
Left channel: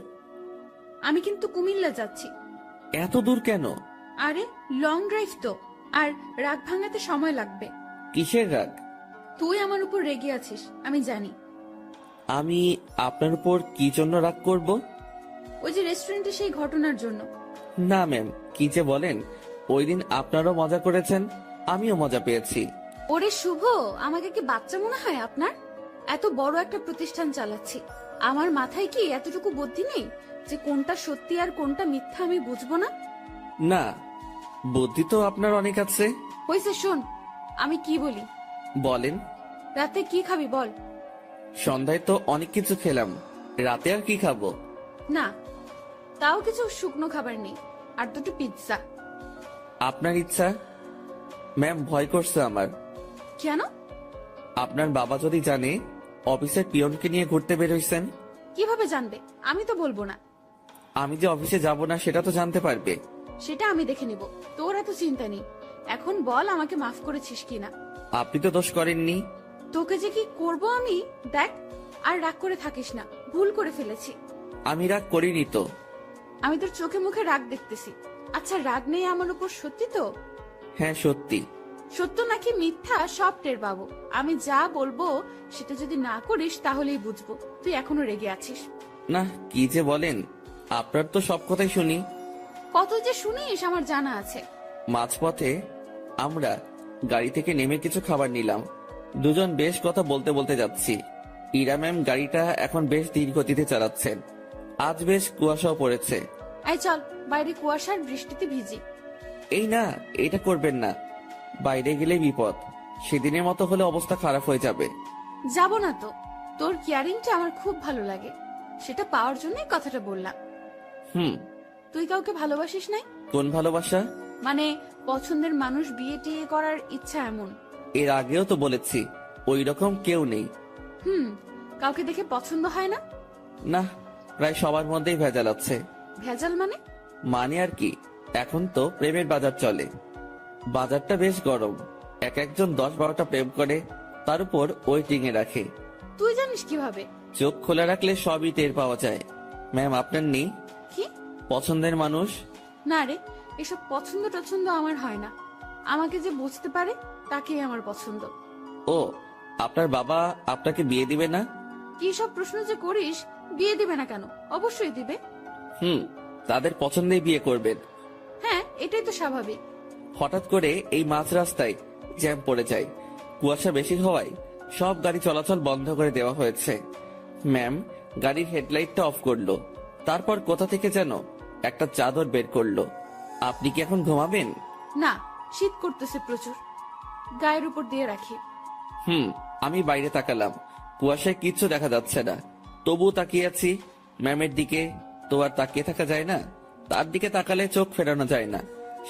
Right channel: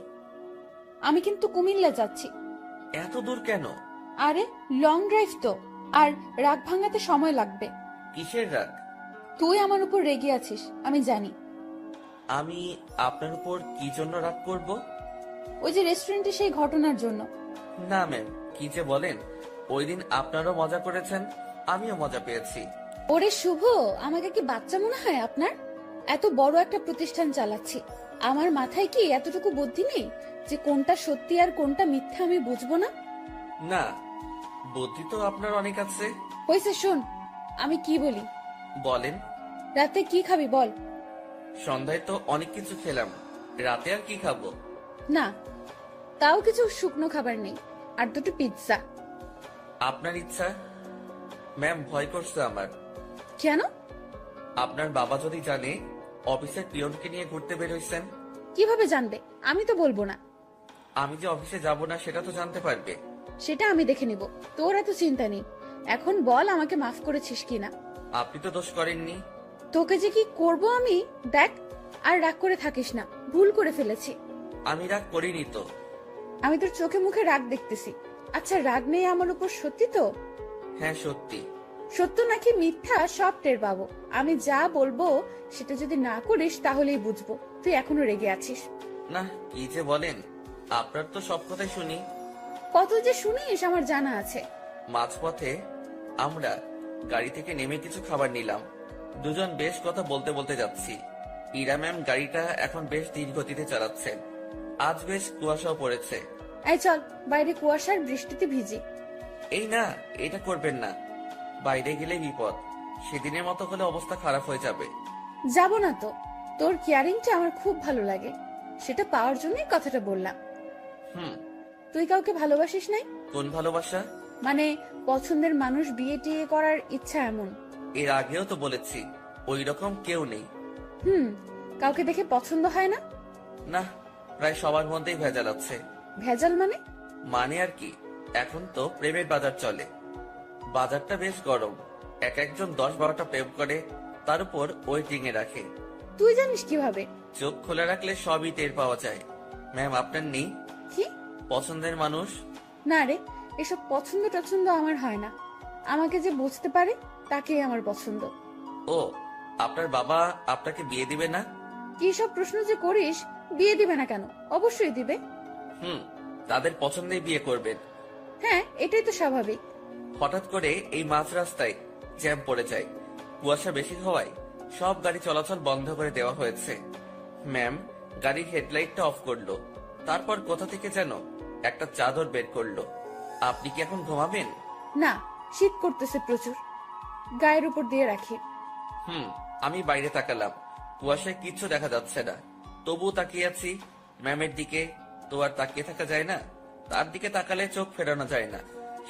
আমি কিন্তু কুমিল্লা যাচ্ছি। এত দূর কেন? আরে লং ড্রাইভ তো, আর রাগ ভাঙাতে সময় লাগবে। কিসের রাগ? তুই আমার উপর রেগে আছিস, আমি জানি। আমি আপনার উপর কি জন্য রাগ করব? ওই যে রেস্টুরেন্টে সেই ঘটনার জন্য। না ম্যাম, কি যে বলেন। ওই দিন আপনারও মজা করেছেন, আমিও মজা পেয়েছি। ওরে শুভ, আমাকে কি বাচ্চা মনে হয় আপনার? এত বড় একটা প্রতিষ্ঠান চালাচ্ছি, আমার মাথায় কি এতটুকু বুদ্ধি নেই যে কোনটা সত্যি আর কোনটা মিথ্যা আমি বুঝবো না? না, বুদ্ধি তো আপনার অনেক আছে। হয়েছে, শোন আমি কি বলি। বলেন। রাতে কি খাবি বল? সন্ধ্যায় তো অনেক কিছু খেলাম, রাতে আর কি খাবো? না, তাও কিছু শুকনো খাবার নেই, আর দুটো পিৎজা। আপনার ইচ্ছা। ম্যাম, ভয় করছে আমার। কেন? আপনার বাবা যদি জানে অফিসের পিয়নকে নিয়ে ঘুরতে বেরোইছেন। কিভাবে জানবে? আমি তো বলবো না। আমি যে অফিসে যাব না সেটা তো জানতে পারবে। সেটা আমি দেখে নিব, তোর এত চিন্তা নেই। এখন বল আমাকে মাফ করেছিস কিনা। আপনি তো দোষ করেননি। তোকে যে কি করব আমি, দেখ। আর রাগ করে থাকিস না, ভুল করে ফেলেছি। আমি রাগ করিনি তো। আমি তোর চোখে মুখে রাগ দেখতেছি। আচ্ছা, রাগ নেই আমার উপর, সত্যি তো? হ্যাঁ সত্যি। সত্য নাকি মিথ্যা সব টের পাবো। আমি যা বলবো সেটা যদি না করিস তাহলেই বুঝবো তুই এখনো রেগে আছিস। না, কি যে বলেন, আপনার তো সব কথাই শুনি। কত যে শুনিস আমার জানা আছে। মাঝপথে আমরা গাড়ি থেকে নেমে কিছু খাবার নিলাম। দুজন বেশ কথা বলতে বলতে যাচ্ছি। ইরা ম্যাম গাড়িটা এখন বেশ ধীর গতিতে চালাচ্ছেন। আজ বেশ কুয়াশাও পড়েছে। এই চল, বাইরে কুয়াশার বৃষ্টিতে ভিজি। এই না, এটা করবেন না। বাইরে গেলে বিপদ। সেদিনের মতো হলে অবস্থা খারাপ হয়ে যাবে। যাব না তো, তোর কেয়ারিংটা আমার খুব ভালো লাগে, সেটা পাওয়ার জন্যই কথাটা বললাম। হুম। তুই কাউকে ভালোবাসিস নাই? কোন ভালোবাসা? মানে পছন্দের মানুষ বিয়ে টিয়ে করার ইচ্ছা এমন? এর আগেও তো বলেছি ওই রকম কেউ নেই। কাউকে দেখে পছন্দ হয় না? না, প্রায় সবার মধ্যেই ভেজাল আছে। ভেজাল মানে? মানে আর কি, এখন তো প্রেমের বাজার চলে। বাজারটা বেশ গরম। এক একজন 10-12টা প্রেম করে, তার উপর ওয়েটিং এ রাখে। তুই জানিস কিভাবে? চোখ খোলা রাখলে সবই টের পাওয়া যায়। ম্যাম, আপনার নেই কি পছন্দের মানুষ? না রে, এসব পছন্দ টছন্দ আমার হয় না। আমাকে যে বুঝতে পারে তাকেই আমার পছন্দ। ও, আপনার বাবা আপনাকে বিয়ে দিবে না? কি সব প্রশ্ন যে করিস! বিয়ে দিবে না কেন? অবশ্যই দিবে। তাদের পছন্দেই বিয়ে করবেন। হ্যাঁ, এটাই তো স্বাভাবিক। হঠাৎ করে এই মাঝ রাস্তায় জ্যাম পড়ে যায়। কুয়াশা বেশি হওয়ায় সব গাড়ি চলাচল বন্ধ করে দেওয়া হয়েছে। ম্যাম গাড়ির হেডলাইটটা অফ করলো। তারপর কোথা থেকে যেন একটা চাদর বের করলো। আপনি কি এখন ঘুমাবেন? না, শীত করতেছে প্রচুর, গায়ের উপর দিয়ে রাখি। আমি বাইরে তাকালাম। কুয়াশায় কিচ্ছু দেখা যাচ্ছে না, তবুও তাকিয়ে আছি ম্যামের দিকে। তো আর তাকিয়ে থাকা যায় না, তার দিকে তাকালে চোখ ফেরানো যায় না,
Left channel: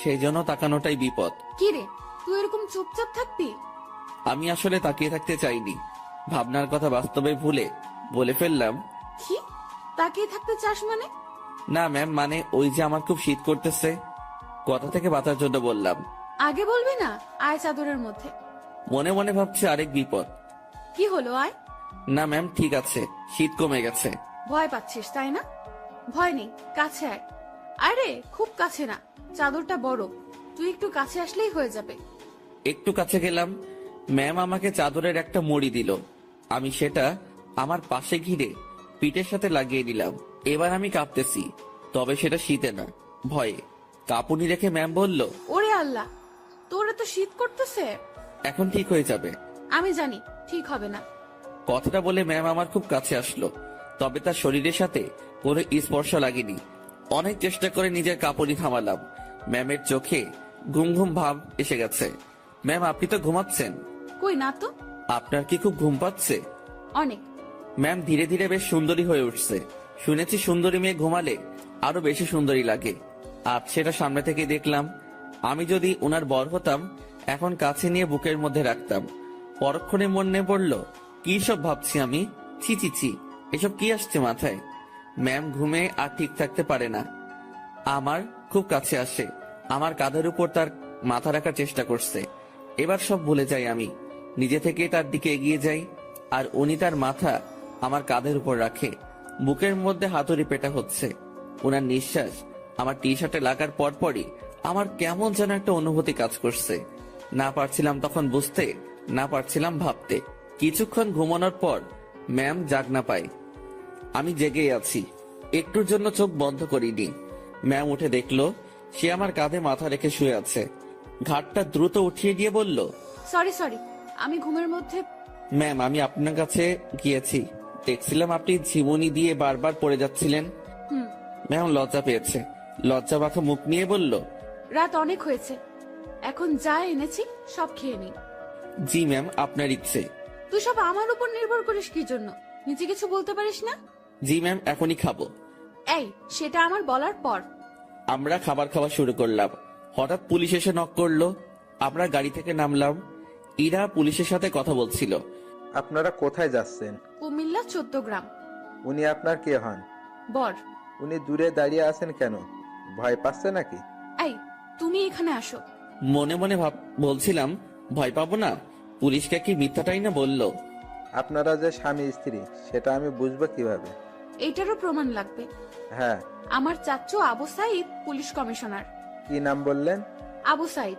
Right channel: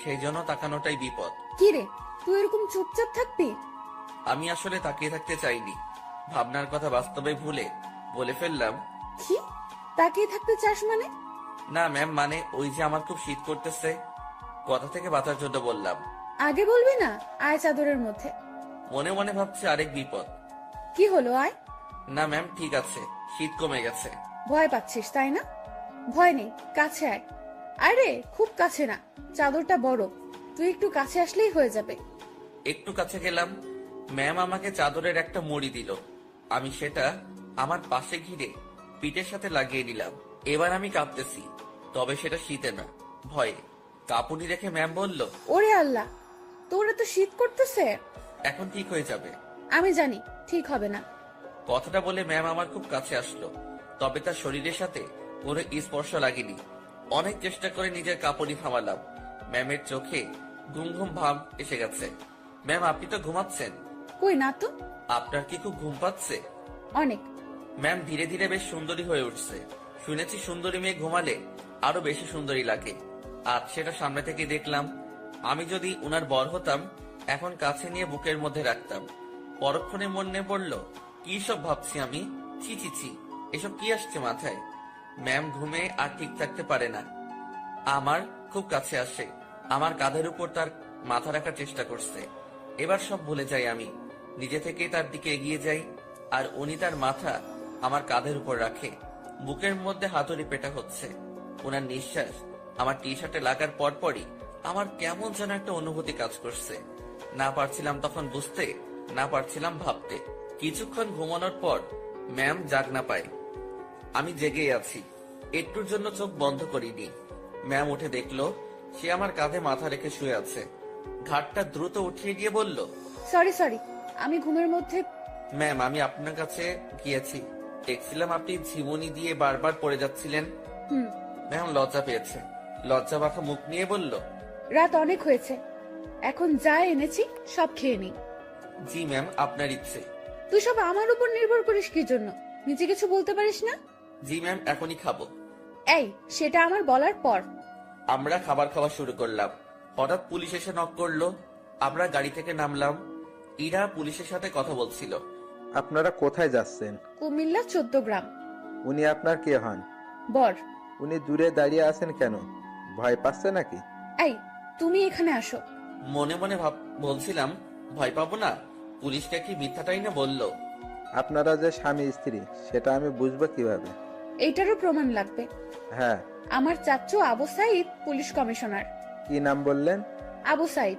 সেই জন্য তাকানোটাই বিপদ। কি রে, তুই এরকম চুপচাপ থাকবি? আমি আসলে তাকিয়ে থাকতে চাইনি, ভাবনার কথা বাস্তবে ভুলে বলে ফেললাম। কি তাকিয়ে থাকতে চাস মানে? না ম্যাম, মানে ওই যে আমার খুব শীত করতেছে, কথা থেকে বাঁচার জন্য বললাম। আগে বলবি না? আয় চাদরের মধ্যে। মনে মনে ভাবছি আরেক বিপদ। কি হলো, আয়। না ম্যাম, ঠিক আছে, শীত কমে গেছে। ভয় পাচ্ছিস তাই না? ভয় নেই, কাছে আয়। আরে খুব কাছে না, চাদরটা বড়, তুই একটু কাছে আসলেই হয়ে যাবে। একটু কাছে গেলাম। ম্যাম আমাকে চাদরের একটা মুড়ি দিল। আমি সেটা আমার পাশে ঘিরে পিঠের সাথে লাগিয়ে নিলাম। এবার আমি কাঁপতেছি, তবে সেটা শীতে না, ভয়ে। কাঁপুনি রেখে ম্যাম বলল, ওরে আল্লাহ, তোর এত শীত করতেছে। এখন ঠিক হয়ে যাবে। আমি জানি ঠিক হবে না। কথাটা বলে ম্যাম আমার খুব কাছে আসলো, তবে তার শরীরের সাথে কোনো স্পর্শ লাগেনি। অনেক চেষ্টা করে নিজের কাপড়ই থামালাম। ম্যামের চোখে ঘুম ঘুম ভাব এসে গেছে। ম্যাম, আপনি তো ঘুমাচ্ছেন। কই না তো। আপনার কি খুব ঘুম পাচ্ছে? অনেক। ম্যাম ধীরে ধীরে বেশ সুন্দরী হয়ে উঠছে। শুনেছি সুন্দরী মেয়ে ঘুমালে আরো বেশি সুন্দরী লাগে। আজ সেটা সামনে থেকে দেখলাম। আমি যদি ওনার বর হতাম, এখন কাছে নিয়ে বুকের মধ্যে রাখতাম। পরক্ষণে মনে পড়ল, কি সব ভাবছি আমি। ছি ছি ছি, এসব কি আসছে মাথায়। ম্যাম ঘুমে আর ঠিক থাকতে পারে না। আমার খুব কাছে আসে, আমার কাঁধের উপর তার মাথা রাখার চেষ্টা করছে। এবার সব ভুলে যাই আমি, নিজে থেকে তার দিকে এগিয়ে যাই, আর উনি তার মাথা আমার কাঁধের উপর রাখে। বুকের মধ্যে হাতুড়ি পেটা হচ্ছে। ওনার নিঃশ্বাস আমার টি শার্টে লাগার পরপরই আমার কেমন যেন একটা অনুভূতি কাজ করছে। না পারছিলাম তখন বুঝতে, না পারছিলাম ভাবতে। কিছুক্ষণ ঘুমানোর পর ম্যাম জাগ না পায়, আমি জেগেই আছি। একটুর জন্য চোখ বন্ধ করিনি। ম্যাম উঠে দেখলো সে আমার কাঁধে মাথা রেখে শুয়ে আছে। ঘাটটা দ্রুত উঠিয়ে দিয়ে বলল, সরি আমি ঘুমের মধ্যে। ম্যাম, আমি আপনার কাছে গিয়েছি, দেখছিলাম আপনি ঝিমুনি দিয়ে বারবার পড়ে যাচ্ছিলেন। হুম। ম্যাম লজ্জা পেয়েছে, লজ্জা মাখা মুখ নিয়ে বলল, রাত অনেক হয়েছে, এখন যা এনেছি সব খেয়ে নি। জি ম্যাম, আপনার ইচ্ছে। তুই সব আমার উপর নির্ভর করিস কি জন্য? নিজে কিছু বলতে পারিস না? জি ম্যাম, এখনই খাবো। এই, সেটা আমার বলার পর। আমরা খাবার খাওয়া শুরু করলাম। হঠাৎ পুলিশ এসে নক করলো। আমরা গাড়ি থেকে নামলাম। ইরা পুলিশের সাথে কথা বলছিল। আপনারা কোথায় যাচ্ছেন? কুমিল্লা 14 গ্রাম। উনি আপনার কে হন? বর। উনি দূরে দাঁড়িয়ে আছেন কেন? ভয় পাচ্ছে নাকি? এই, তুমি এখানে আসো। মনে মনে বলছিলাম, ভয় পাবো না? পুলিশকে কি মিথ্যাটাই না বললো? আপনারা যে স্বামী স্ত্রী সেটা আমি বুঝবো কিভাবে? এইটারও প্রমাণ লাগবে। হ্যাঁ। আমার চাচু আবু সাইদ পুলিশ কমিশনার। কি নাম বললেন? আবু সাইদ।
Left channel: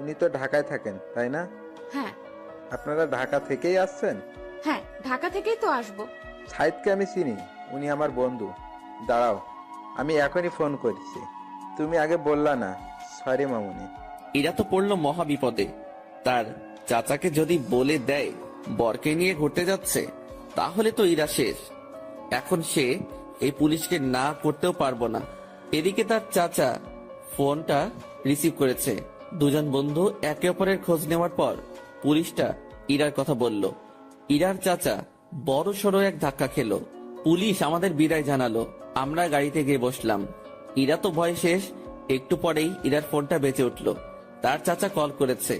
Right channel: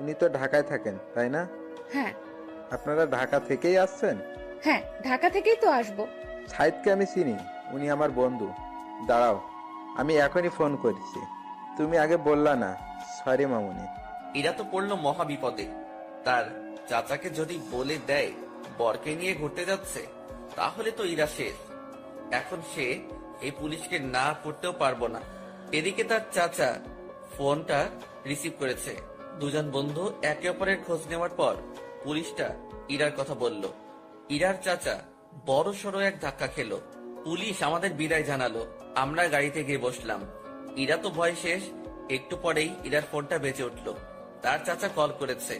উনি তো ঢাকায় থাকেন, তাই না? হ্যাঁ। আপনারা ঢাকা থেকেই আসছেন? হ্যাঁ, ঢাকা থেকেই তো আসবো। সাইদকে আমি চিনি, উনি আমার বন্ধু। দাঁড়াও, আমি এখনই ফোন করছি। তুমি আগে বললা না। সরি মামুনি। ইরা তো পড়লো মহা বিপদে। তার চাচাকে যদি বলে দেয় বরকে নিয়ে ঘুরতে যাচ্ছে, তাহলে তো ইরা শেষ। এখন সে এই পুলিশকে না করতেও পারবো না। এদিকে তার চাচা ফোনটা রিসিভ করেছে। দুজন বন্ধু একে অপরের খোঁজ নেওয়ার পর পুলিশটা ইরার কথা বলল। ইরার চাচা বড় সড়ো এক ধাক্কা খেলো। পুলিশ আমাদের বিদায় জানালো। আমরা গাড়িতে গিয়ে বসলাম। ইরা তো ভয় শেষ। একটু পরেই ইরার ফোনটা বেজে উঠলো। তার চাচা কল করেছে।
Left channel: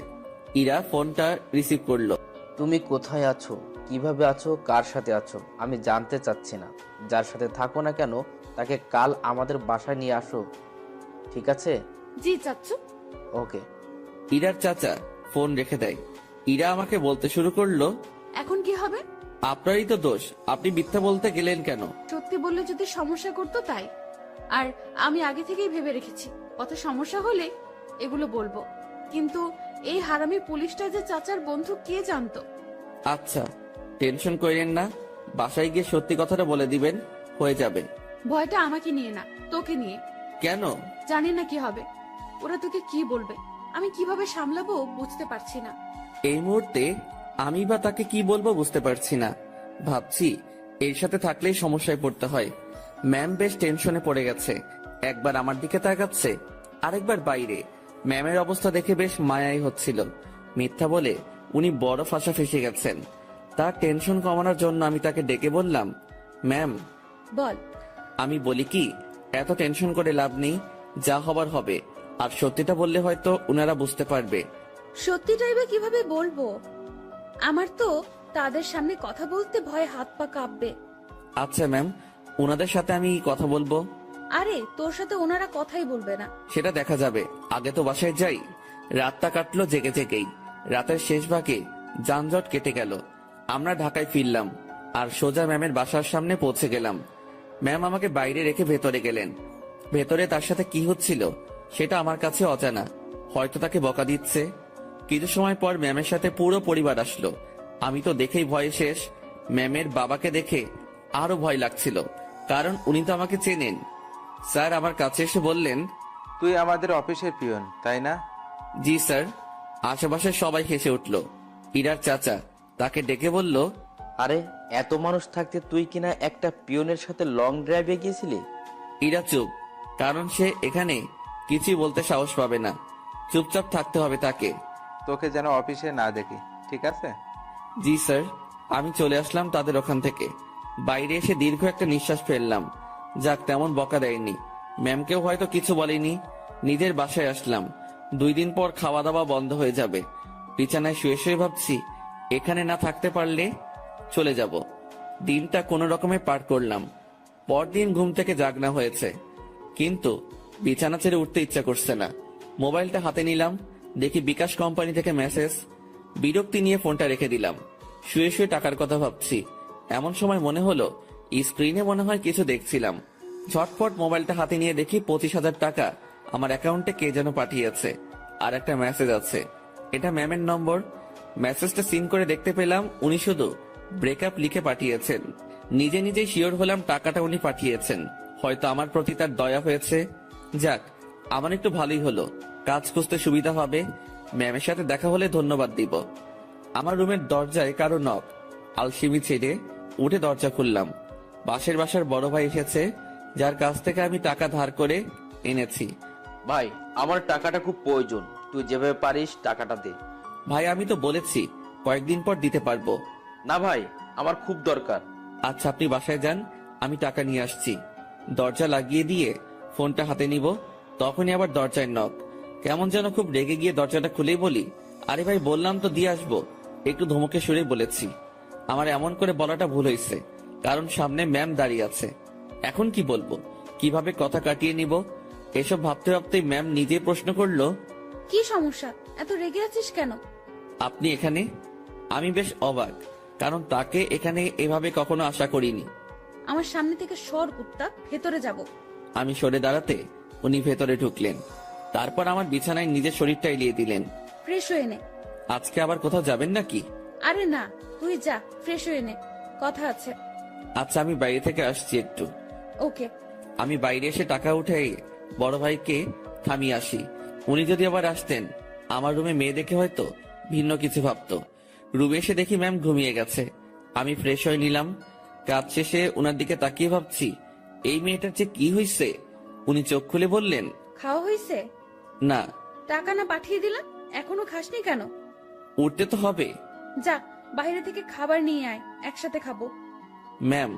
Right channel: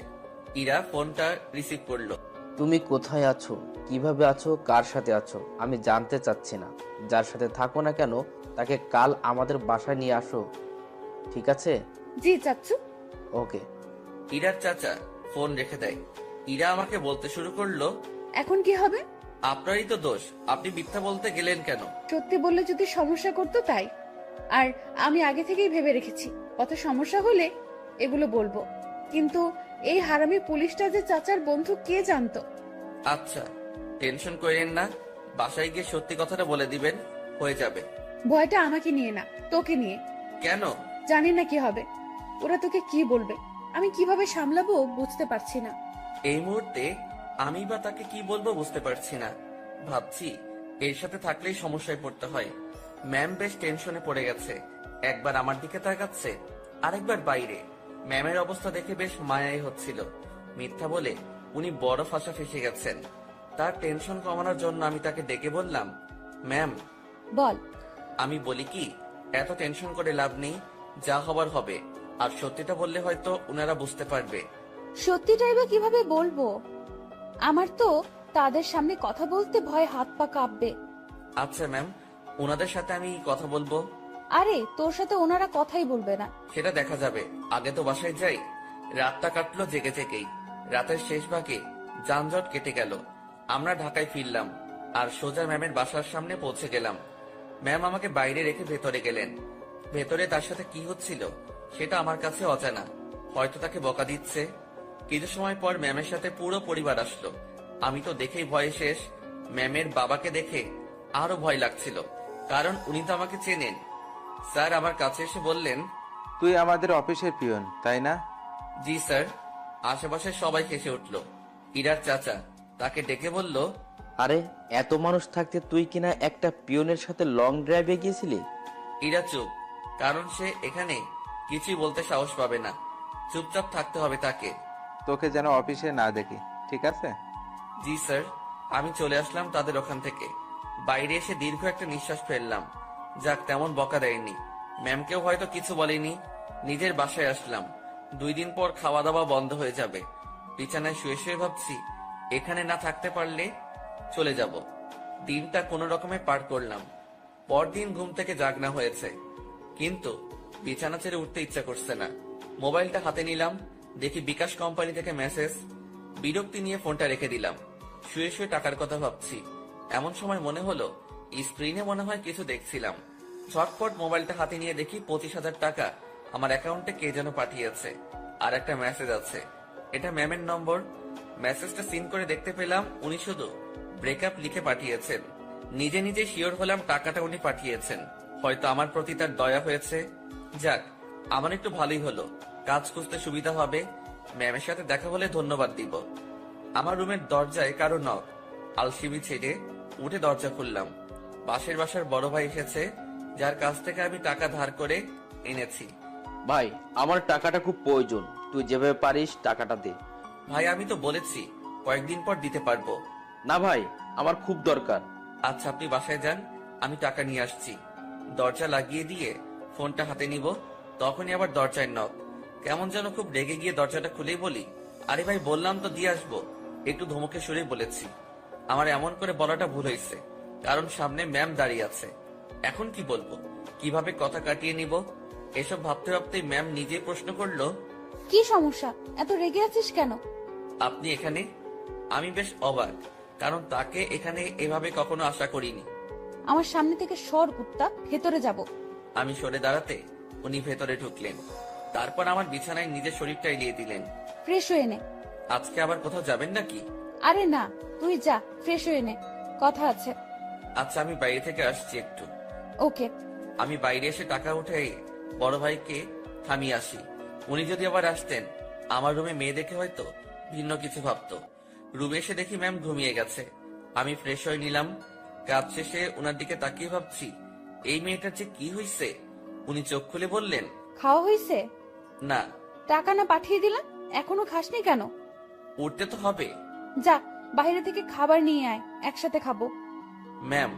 ইরা ফোনটা রিসিভ করলো। তুমি কোথায় আছো, কিভাবে আছো, কার সাথে আছো আমি জানতে চাচ্ছি না। যার সাথে থাকো না কেন তাকে কাল আমাদের বাসায় নিয়ে আসো, ঠিক আছে? জি চাচু। ওকে। ইরার চাচা ফোন রেখে দেয়। ইরা আমাকে বলতে শুরু করলো, এখন কি হবে? আপনারই তো দোষ, আপনি মিথ্যা বলতে গেলেন কেন? সত্যি বললে যদি সমস্যা করতো তাই। আর আমি আগে থেকেই ভেবে রেখেছি কত সমস্যা হলে এগুলো বলবো। কিন্তু এই হারামি পুলিশটা যে চাচার বন্ধু কে জানতো? আচ্ছা, টেনশন করেন না, বাসায় গিয়ে সত্যি কথাটা বলে দিবেন, হয়ে যাবে। ভয়টা আমাকে নিয়ে না, তোকে নিয়ে। কেন? জানি না কি হবে। ওরা তোকে কি বলবে, আমি কিভাবে সামলাবো বুঝতে পারছি না। এই মুহূর্তে আমি বা তাকে কি বলবো বুঝতে পারছি না। ভাবছি এর সাথে থাকলেই সমস্যায় পড়তে হয়। ম্যাম বেশ টেনশনে পড়ে গেছে। একবার আমার দিকে তাকাচ্ছে, আরেকবার বাইরে। ম্যামের অবস্থা দেখে বেশ মায়াই হচ্ছিল। মিথ্যা বলে উনি বড় ফাঁসা ফেসে গেছেন। তার টেনশন কমানোর জন্য আমি তাকে ডেকে বললাম, ম্যাম। বল। আমি বলি কি, এত টেনশন করে লাভ নেই, যা হবার হবে। আর সত্যিটা বললে হয়তো উনারা বুঝতে পারবে। সত্যিটাই বা কিভাবে বলবো? আমার তো তাদের সামনে কথা বলতে ভয় হাত পা কাঁপবে। আচ্ছা ম্যাম, ওনাদের সাথে আমি কথা বলবো। আরে তোর সাথে ওনারা কথাই বলবে না। সেটা দেখা যাবে, আগে তো বাসায় যাই। রাতটা কাটলো জেগে জেগেই। রাতের শেষ ভাগে যানজট কেটে গেল। আমরা ঢাকায় ফিরলাম আর সোজা ম্যামের বাসার সামনে পৌঁছে গেলাম। ম্যাম আমাকে বাইরে রেখে ভেতরে গেলেন। ভেতরে তার সাথে কি হচ্ছিল সেটা আমার কাছে অজানা। হয়তো তাকে বকা দিচ্ছে। কিছু সময় পর ম্যামের সাথে পুরো পরিবার আসলো। আমি তো দেখেই ভয়ে শেষ। ম্যামের বাবাকে দেখে আরো ভয় লাগছিল, কারণ উনি তো আমাকে চেনেন। স্যার আমার কাছে এসে বললেন, তুই আমাদের অফিসের পিয়ন, তাই না? জি স্যার। আশেপাশে সবাই হেসে উঠল। ইরার চাচা তাকে ডেকে বলল, আরে এত মানুষ থাকতে তুই কিনা একটা পিয়নের সাথে লং ড্রাইভে গিয়েছিলি? ইরা চুপ, কারণ সে এখানে কিছুই বলতে সাহস পাবে না। চুপচাপ থাকতে হবে তাকে। তোকে যেন অফিসে না দেখি, ঠিক আছে? জি স্যার। আমি চলে আসলাম তাদের ওখান থেকে। বাইরে এসে দীর্ঘ একটা নিঃশ্বাস ফেললাম। যাক, তেমন বকা দেয়নি, ম্যামকেও হয়তো কিছু বলেনি। নিজের বাসায় আসলাম। 2 দিন পর খাওয়া দাওয়া বন্ধ হয়ে যাবে। বিছানায় শুয়ে শুয়ে ভাবছি, এখানে না থাকতে পারলে চলে যাব। দিনটা কোনো রকমে পার করলাম। পরদিন ঘুম থেকে জাগনা হয়েছে, কিন্তু বিছানা ছেড়ে উঠতে ইচ্ছা করছে না। মোবাইলটা হাতে নিলাম, দেখি বিকাশ কোম্পানি থেকে মেসেজ। বিরক্তি নিয়ে ফোনটা রেখে দিলাম। শুয়ে শুয়ে টাকার কথা ভাবছি, এমন সময় মনে হলো স্ক্রিনে মনে হয় কিছু দেখছিলাম। ঝটপট মোবাইলটা হাতে নিয়ে দেখি 25,000 টাকা আমার অ্যাকাউন্টে কে যেন পাঠিয়েছে। আর একটা মেসেজ আছে, এটা ম্যামের নম্বর। মেসেজটা সিন করে দেখতে পেলাম উনি শুধু ব্রেকআপ লিখে পাঠিয়েছেন। নিজে নিজে শিওর হলাম টাকাটা উনি পাঠিয়েছেন। হয়তো আমার প্রতি তার দয়া হয়েছে। যাক, আমার একটু ভালোই হলো, কাজ খুঁজতে সুবিধা হবে। ম্যামের সাথে দেখা হলে ধন্যবাদ দিব। আমার রুমের দরজায় কারো নক। আলসিমি ছেড়ে উঠে দরজা খুললাম। পাশের বাসার বড় ভাই এসেছে, যার কাছ থেকে আমি টাকা ধার করে এনেছি। ভাই, আমার টাকাটা খুব প্রয়োজন, তুই যেভাবে পারিস টাকাটা দে। ভাই, আমি তো বলেছি কয়েকদিন পর দিতে পারবো। না ভাই, আমার খুব দরকার। আচ্ছা, আপনি বাসায় যান, আমি টাকা নিয়ে আসছি। দরজা লাগিয়ে দিয়ে ফোনটা হাতে নিব, তখনই আবার দরজায় নক। কেমন যেন খুব রেগে গিয়ে দরজাটা খুলেই বলি, আরে ভাই, বললাম তো দিয়ে আসবো। একটু ধমকে সুরে বলেছি। আমার এমন করে বলাটা ভুল হয়েছে, কারণ সামনে ম্যাম দাঁড়িয়ে আছে। এখন কি বলবো, কিভাবে কথা কাটিয়ে নিব, এসব ভাবতে ভাবতে ম্যাম নিজে প্রশ্ন করলো, কি সমস্যা, এত রেগে আছিস কেন? আপনি এখানে? আমি বেশ অবাক, কারণ তাকে এখানে এভাবে কখনো আশা করিনি। আমার সামনে থেকে সর কুত্তা, ভেতরে যাব। আমি সরে দাঁড়াতে উনি ভেতরে ঢুকলেন। তারপর আমার বিছানায় নিজের শরীরটা এলিয়ে দিলেন। ফ্রেশ হয়ে নে। আজকে আবার কোথাও যাবেন নাকি? আরে না, তুই যা, ফ্রেশ হয়ে নে, কথা আছে। আচ্ছা, আমি বাইরে থেকে আসছি একটু। ওকে। আমি বাইরে এসে টাকা উঠে বড় ভাইকে থামিয়ে আসি। উনি যদি আবার আসতেন, আমার রুমে মেয়ে দেখে হয়তো ভিন্ন কিছু ভাবতো। রুমে এসে দেখি ম্যাম ঘুমিয়ে গেছে। আমি ফ্রেশ হয়ে নিলাম। কাজ শেষে উনার দিকে তাকিয়ে ভাবছি, এই মেয়েটার যে কি হয়েছে। উনি চোখ খুলে বললেন, খাওয়া হয়েছে? না। টাকা না পাঠিয়ে দিলাম, এখনো খাসনি কেন? উঠতে তো হবে। যা, বাইরে থেকে খাবার নিয়ে আয়, একসাথে খাবো। ম্যাম,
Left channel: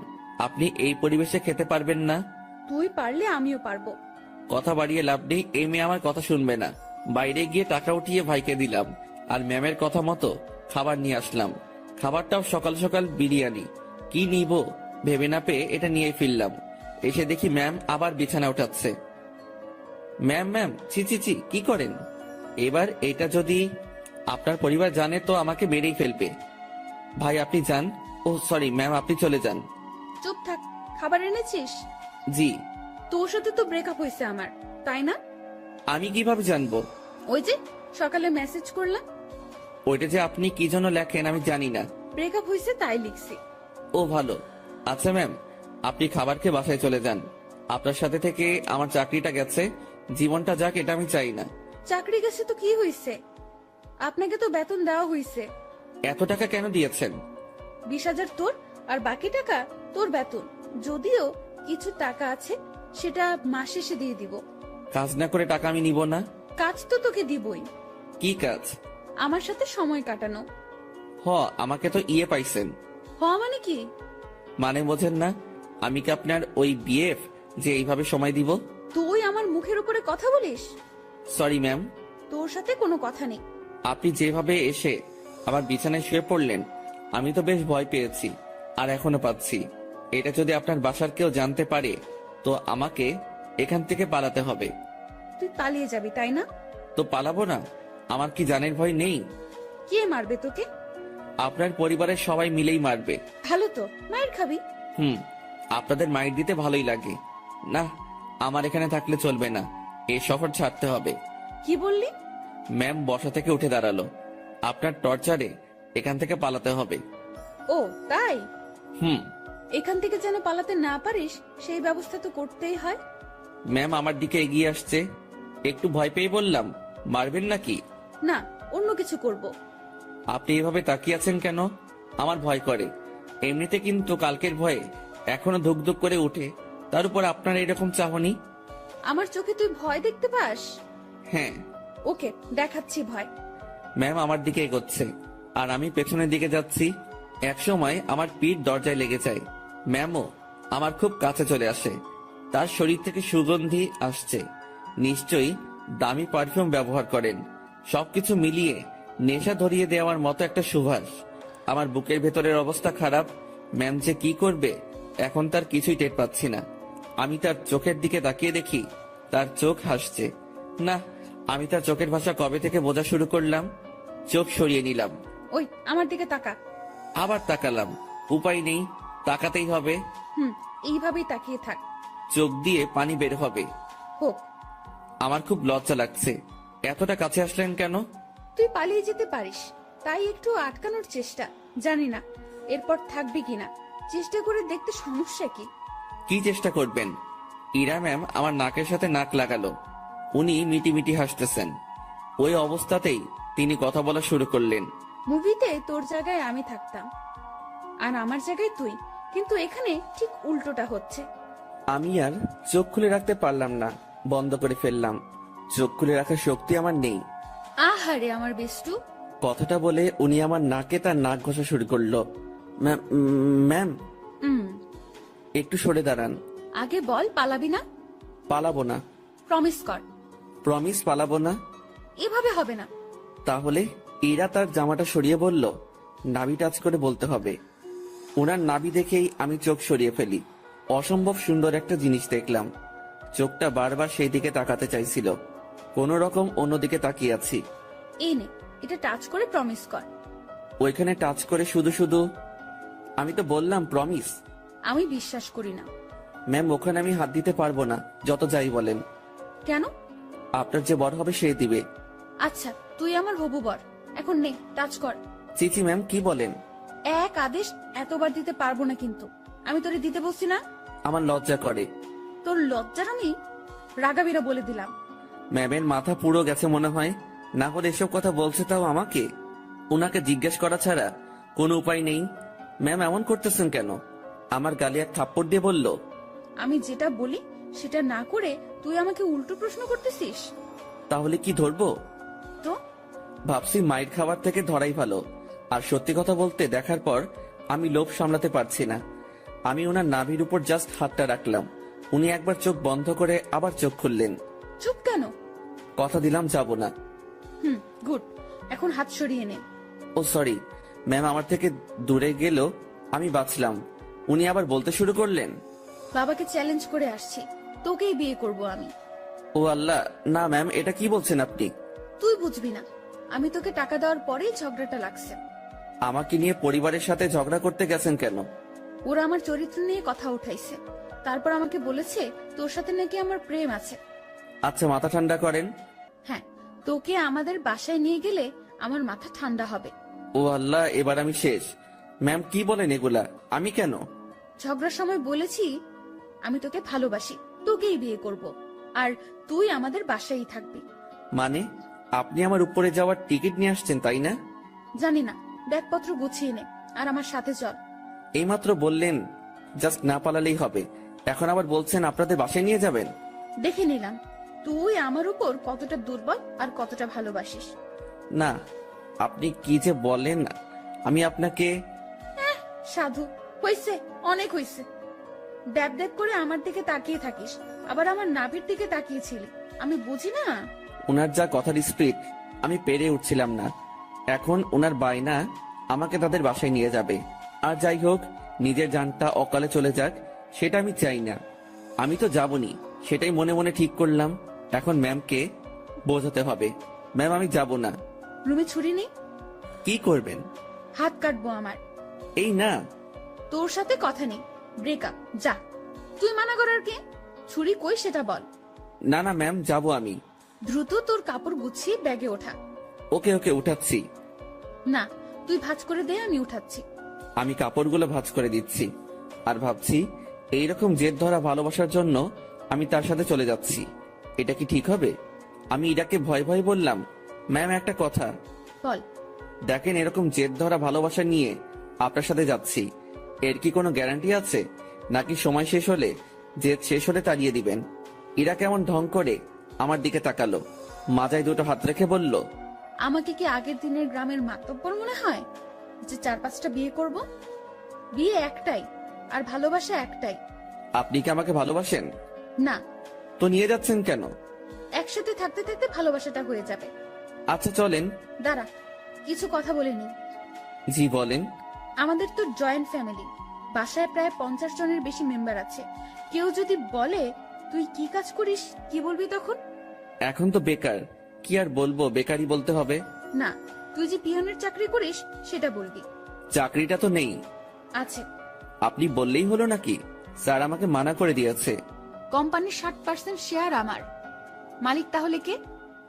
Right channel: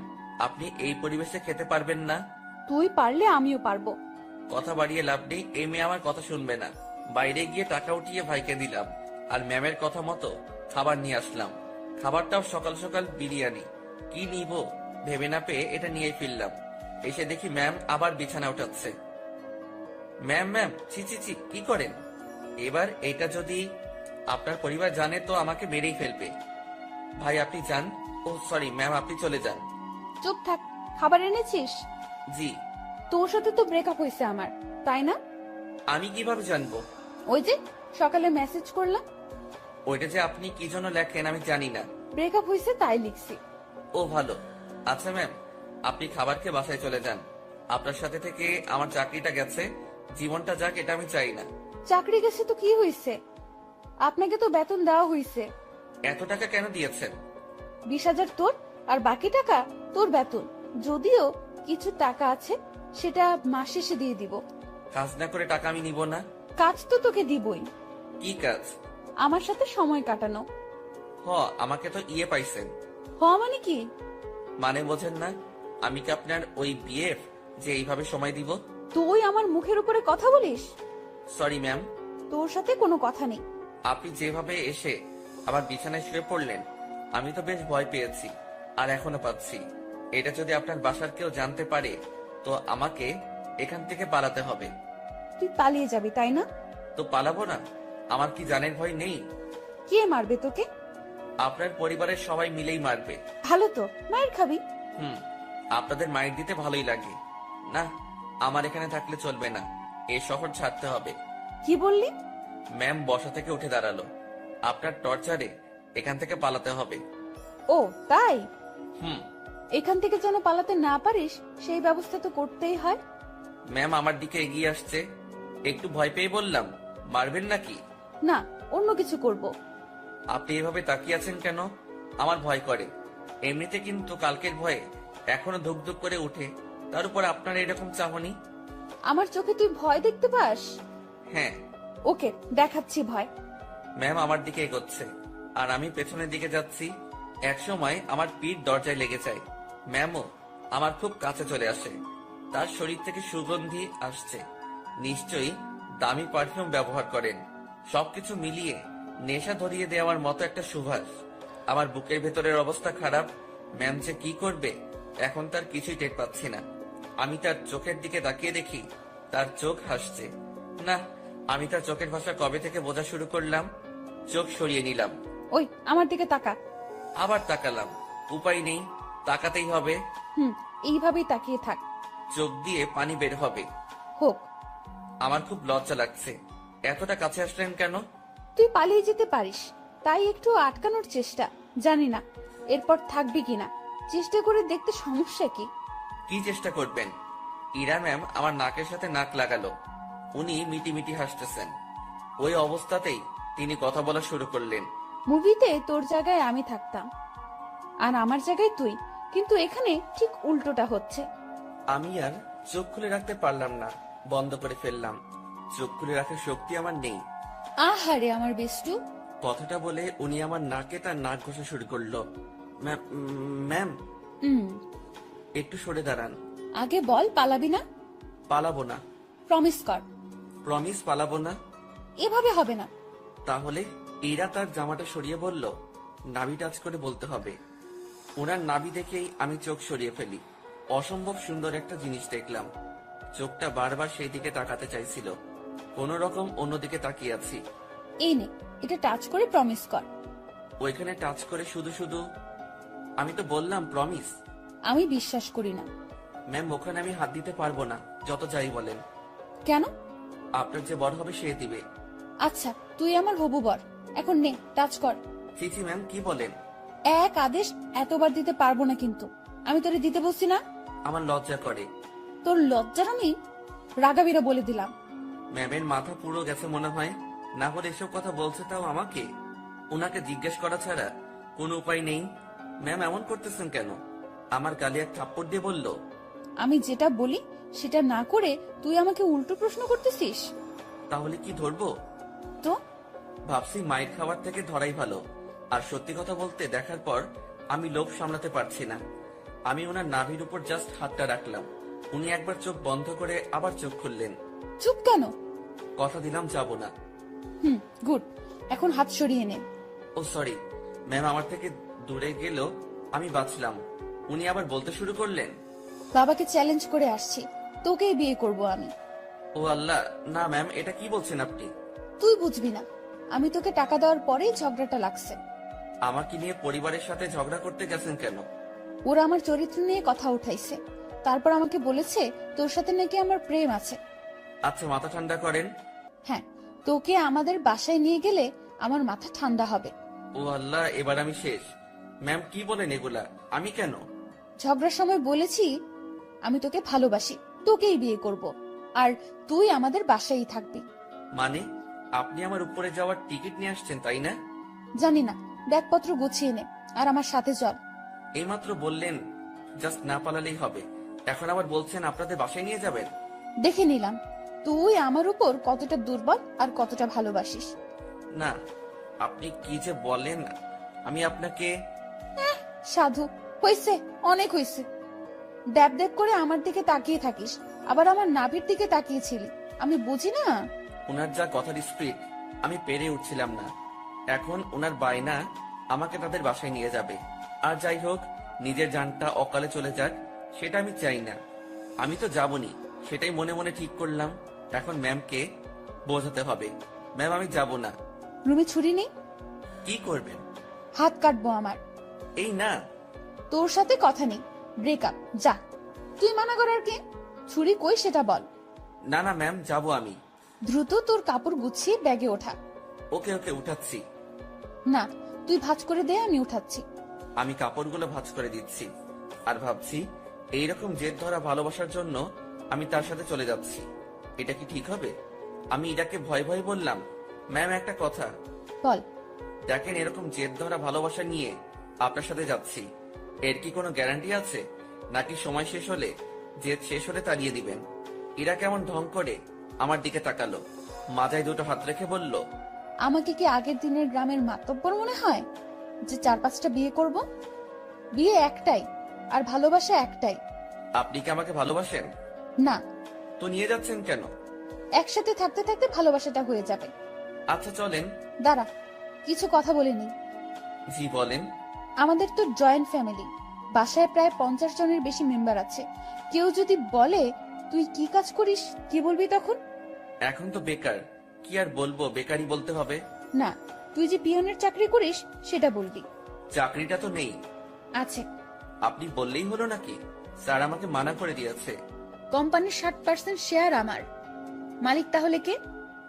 আপনি এই পরিবেশে খেতে পারবেন না। তুই পারলে আমিও পারবো। কথা বাড়িয়ে লাভ নেই, এই মেয়ে আমার কথা শুনবে না। বাইরে গিয়ে টাকা উঠিয়ে ভাইকে দিলাম, আর ম্যামের কথা মতো খাবার নিয়ে আসলাম। খাবারটাও সকাল সকাল বিরিয়ানি। কি নিব ভেবে না পেয়ে এটা নিয়ে ফিরলাম। এসে দেখি ম্যাম আবার বিছানা উঠাচ্ছে। ম্যাম ম্যাম, ছি ছি ছি, কি করেন? এবার এটা যদি আপনার পরিবার জানে তো আমাকে মেরেই ফেলবে। ভাই, আপনি যান। ও সরি ম্যাম, আপনি চলে যান। চুপ থাক। খাবার এনেছিস? জি। তোর সাথে তো ব্রেকআপ হয়েছে আমার, তাই না? আমি কিভাবে জানবো? ওই যে সকালে মেসেজ করলাম। ওইটা যে আপনি কি জন্য লেখেন আমি জানি না। ব্রেকআপ হয়েছে তাই লিখছি। ও ভালো। আচ্ছা ম্যাম, আপনি খাবার খেয়ে বাসায় চলে যান। আপনার সাথে থেকে আমার চাকরিটা গেছে, জীবনটা যাক এটা আমি চাই না। চাকরি গেছে তো কি হয়েছে? আপনাকে তো বেতন দেওয়া হয়েছে। এত টাকা কেন দিয়েছেন? 20,000 তোর, আর বাকি টাকা তোর বেতন। যদিও কিছু টাকা আছে, সেটা মাস শেষে দিয়ে দিব। কাজ না করে টাকা আমি নিব না। কাজ তো তোকে দিবই। কি কাজ? আমার সাথে সময় কাটানো। আমাকে তো ইয়ে পাইছেন। মানে কি? মানে বোঝেন না? আমি কি আপনার ওই বিএফ যে এইভাবে সময় দিব? তুই আমার মুখের উপরে কথা বলিস? Sorry ma'am. তোর সাথে কোনো কথা নেই। আপনি যেভাবে এসে আমার বিছানায় শুয়ে পড়লেন, আমি তো বেশ ভয় পেয়েছি, আর এখনো পাচ্ছি। এটা যদি আপনার বাসার কেউ জানতে পারে, তো আমাকে এখান থেকে পালাতে হবে। তুই পালিয়ে যাবি তাই না? তো পালাবো না? আমার কি জানের ভয় নেই? কে মারবে তোকে? আপনার পরিবারের সবাই মিলেই মারবে। ভালো তো, মায়ের খাবি। আপনাদের মাইর দিতে ভালোই লাগে না। আমার এখানে থাকলে চলবে না, এই শহর ছাড়তে হবে। কি বললি? ম্যাম বসা থেকে উঠে দাঁড়ালো। আপনার টর্চারে এখান থেকে পালাতে হবে। ও তাই? হুম। এখান থেকে যেন পালাতে না পারিস সেই ব্যবস্থা তো করতেই হয়। ম্যাম আমার দিকে এগিয়ে আসছে। একটু ভয় পেয়ে বললাম, মারবেন নাকি? না, অন্য কিছু করব। আপনি এভাবে তাকিয়ে আছেন কেন? আমার ভয় করে। এমনিতে কিন্তু কালকের ভয়ে এখনো ধুক ধুক করে উঠে, তার উপর আপনার এরকম চাহনি। আমার চোখে তুই ভয় দেখতে পাস? হ্যাঁ। ওকে, দেখাচ্ছি ভয়। ম্যাম আমার দিকে এগোচ্ছে আর আমি পেছনের দিকে যাচ্ছি। একসময় আমার পিঠ দরজায় লেগে যায়। ম্যামও আমার খুব কাছে চলে আসে। তার শরীর থেকে সুগন্ধি আসছে। নিশ্চয়ই দামি পারফিউম ব্যবহার করেন। সবকিছু মিলিয়ে নেশা ধরিয়ে দেওয়ার মতো একটা সুবাস। আমার বুকের ভেতরের অবস্থা খারাপ। ম্যাম যে কি করবে এখন তার কিছুই টের পাচ্ছি না। আমি তার চোখের দিকে তাকিয়ে দেখি তার চোখ হাসছে। না, আমি তার চোখের ভাষা কবে থেকে বোঝা শুরু করলাম। চোখ সরিয়ে নিলাম। ওই আমার দিকে তাকা। আবার তাকালাম। উপায় নেই, তাকাতেই হবে। এইভাবেই তাকিয়ে থাক। চোখ দিয়ে পানি বের হবে। হোক। আমার খুব লজ্জা লাগছে। এতটা কাছে আসলেন কেন? তুই পালিয়ে যেতে পারিস, তাই একটু আটকানোর চেষ্টা। জানি না এরপর থাকবি কিনা, চেষ্টা করে দেখতে সমস্যা কি? কি চেষ্টা করবেন? ইরা ম্যাম আমার নাকের সাথে নাক লাগালো। উনি মিটিমিটি হাসতেছেন। ওই অবস্থাতেই তিনি কথা বলা শুরু করলেন। মুভিতে তোর জায়গায় আমি থাকতাম আর আমার জায়গায় তুই, কিন্তু এখানে ঠিক উল্টোটা হচ্ছে। আমি আর চোখ খুলে রাখতে পারলাম না, বন্ধ করে ফেললাম। চোখ খুলে রাখার শক্তি আমার নেই। আহারে আমার বেষ্টু। কথাটা বলে উনি আমার নাকে তার নাক ঘষা শুরু করলো। ম্যাম, একটু সরে দাঁড়ান। আগে বল পালাবি না? পালাবো না। প্রমিস কর। প্রমিস পালাবো না। এভাবে হবে না। তাহলে ইরা তার জামাটা সরিয়ে বলল, নাভি টাচ করে বলতে হবে। ওনার নাভি দেখেই আমি চোখ সরিয়ে ফেলি। অসম্ভব সুন্দর একটা জিনিস দেখলাম। চোখটা বারবার সেই দিকে তাকাতে চাইছিল। কোন রকম অন্যদিকে তাকিয়ে আছি। এই নে, এটা টাচ করে প্রমিস কর। ওইখানে টাচ করে শুধু শুধু। আমি তো বললাম প্রমিস। আমি বিশ্বাস করি না। ম্যাম, ওখানে আমি হাত দিতে পারবো না, যত যাই বলেন। কেন? আপনার যে বর হবে সে দিবে। আচ্ছা, তুই আমার হবু বর, এখন নে টাচ কর। চিচি ম্যাম, কি বলেন? এক আদেশ এতবার দিতে পারবো না, কিন্তু আমি তোরে দিতে বলছি না। আমার লজ্জা করে। তোর লজ্জার আমি রাগাবিরা বলে দিলাম। ম্যামের মাথা পুরো গেছে মনে হয়। না হলে এসব কথা বলছে তাও আমাকে। উনাকে জিজ্ঞেস করা ছাড়া কোনো উপায় নেই। ম্যাম এমন করতেছেন কেন? আমার গালে এক থাপ্পড় দিয়ে বলল, আমি যেটা বলি সেটা না করে তুই আমাকে উল্টো প্রশ্ন করতেছিস। তাহলে কি ধরবো? তো ভাবছি মাইর খাবার থেকে ধরাই ভালো। আর সত্যি কথা বলতে দেখার পর আমি লোভ সামলাতে পারছি না। আমি ওনার নাভির উপর জাস্ট হাতটা রাখলাম। উনি একবার চোখ বন্ধ করে আবার চোখ খুললেন। চুপ কেন? কথা দিলাম যাব না। গুড, এখন হাত সরিয়ে নে। ও সরি ম্যাম, আমার থেকে দূরে গেল আমি বাঁচলাম। উনি আবার বলতে শুরু করলেন, বাবাকে চ্যালেঞ্জ করে আসছি, তোকেই বিয়ে করব আমি। ও আল্লাহ, না ম্যাম, এটা কি বলছেন আপনি? তুই বুঝবি না, আমি তোকে টাকা দেওয়ার পরেই ঝগড়াটা লাগছে। আমাকে নিয়ে পরিবারের সাথে ঝগড়া করতে গেছেন কেন? ওরা আমার চরিত্র নিয়ে কথা উঠাইছে, তারপর আমাকে বলেছে তোর সাথে নাকি আমার প্রেম আছে। আচ্ছা, মাথা ঠান্ডা করেন। হ্যাঁ, তোকে আমাদের বাসায় নিয়ে গেলে আমার মাথা ঠান্ডা হবে। ও আল্লাহ, এবার আমি শেষ। ম্যাম কি বলেন এগুলা? আমি কেন? ঝগড়ার সময় বলেছি আমি তোকে ভালোবাসি, তোকেই বিয়ে করব, আর তুই আমাদের বাসায়ই থাকবি। মানে আপনি আমার উপরে যাওয়ার টিকিট নিয়ে আসছেন, তাই না? জানি না, ব্যাগপত্র গুছিয়ে নে আর আমার সাথে চল। এইমাত্র বললেন জাস্ট না পালালেই হবে, এখন আবার বলছেন আপনাদের বাসায় নিয়ে যাবেন। দেখে নিলাম তুই আমার উপর কতটা দুর্বল আর কতটা ভালোবাসিস। না, আপনি কি যে বলেন। আমি আপনাকে সাধু, হইছে, অনেক হইছে। দেব দেব করে আমার দিকে তাকিয়ে থাকিস, আবার আমার নাভির দিকে তাকিয়েছিলি। আমি বুঝি না। ওনার যা কথার স্পিড, আমি পেরে উঠছিলাম না। এখন ওনার বায়না আমাকে তাদের বাসায় নিয়ে যাবে। আর যাই হোক, নিজের জানটা অকালে চলে যাক সেটা আমি চাই না। আমি তো যাবনি, সেটাই মনে মনে ঠিক করলাম। এখন ম্যামকে বোঝাতে হবে, ম্যাম আমি যাব না। রুমে ছুরি নেই? কি করবেন? হাত কাটবো আমার। এই না, তোর সাথে কথা নেই, ব্রেকআপ, যা। তুই মানা করার কে? ছুরি কই সেটা বল। না না ম্যাম, যাব আমি। দ্রুত তোর কাপড় গুছিয়ে ব্যাগে ওঠা। ওকে ওকে, উঠাচ্ছি। না, তুই ভাঁজ করে দে, আমি উঠাচ্ছি। আমি কাপড়গুলো ভাঁজ করে দিচ্ছি আর ভাবছি এইরকম জেদ ধরা ভালোবাসার জন্য আমি তার সাথে চলে যাচ্ছি। এটা কি ঠিক হবে? আমি ইরাকে ভয় ভয় বললাম, ম্যাম, একটা কথা। বল। দেখেন, এরকম জেদ ধরা ভালোবাসা নিয়ে আপনার সাথে যাচ্ছি, এর কি কোনো গ্যারান্টি আছে? নাকি সময় শেষ হলে, জেদ শেষ হলে তাড়িয়ে দিবেন? ইরা কেমন ঢং করে আমার দিকে তাকালো, মাথায় দুটো হাত রেখে বলল, আমাকে কি আগের দিনের গ্রামের মাতব্বর মনে হয় যে 4-5টা বিয়ে করব? বিয়ে একটাই, আর ভালোবাসা একটাই। আপনি কি আমাকে ভালোবাসেন? না, তো নিয়ে যাচ্ছেন কেন? একসাথে থাকতে থাকতে ভালোবাসাটা হয়ে যাবে। আচ্ছা চলেন। দাঁড়া, কিছু কথা বলে নিই। জি বলেন। আমাদের তো জয়েন্ট ফ্যামিলি, বাসায় প্রায় 50 জনের বেশি মেম্বার আছে। কেউ যদি বলে তুই কি কাজ করিস, কি বলবি তখন? এখন তো বেকার, কি আর বলবো, বেকারই বলতে হবে। না, তুই যে পিয়নের চাকরি করিস সেটা বলবি। চাকরিটা তো নেই। আছে। আপনি বললেই হলো নাকি? স্যার আমাকে মানা করে দিয়েছে। কোম্পানির 60% শেয়ার আমার। মালিক তাহলে কে?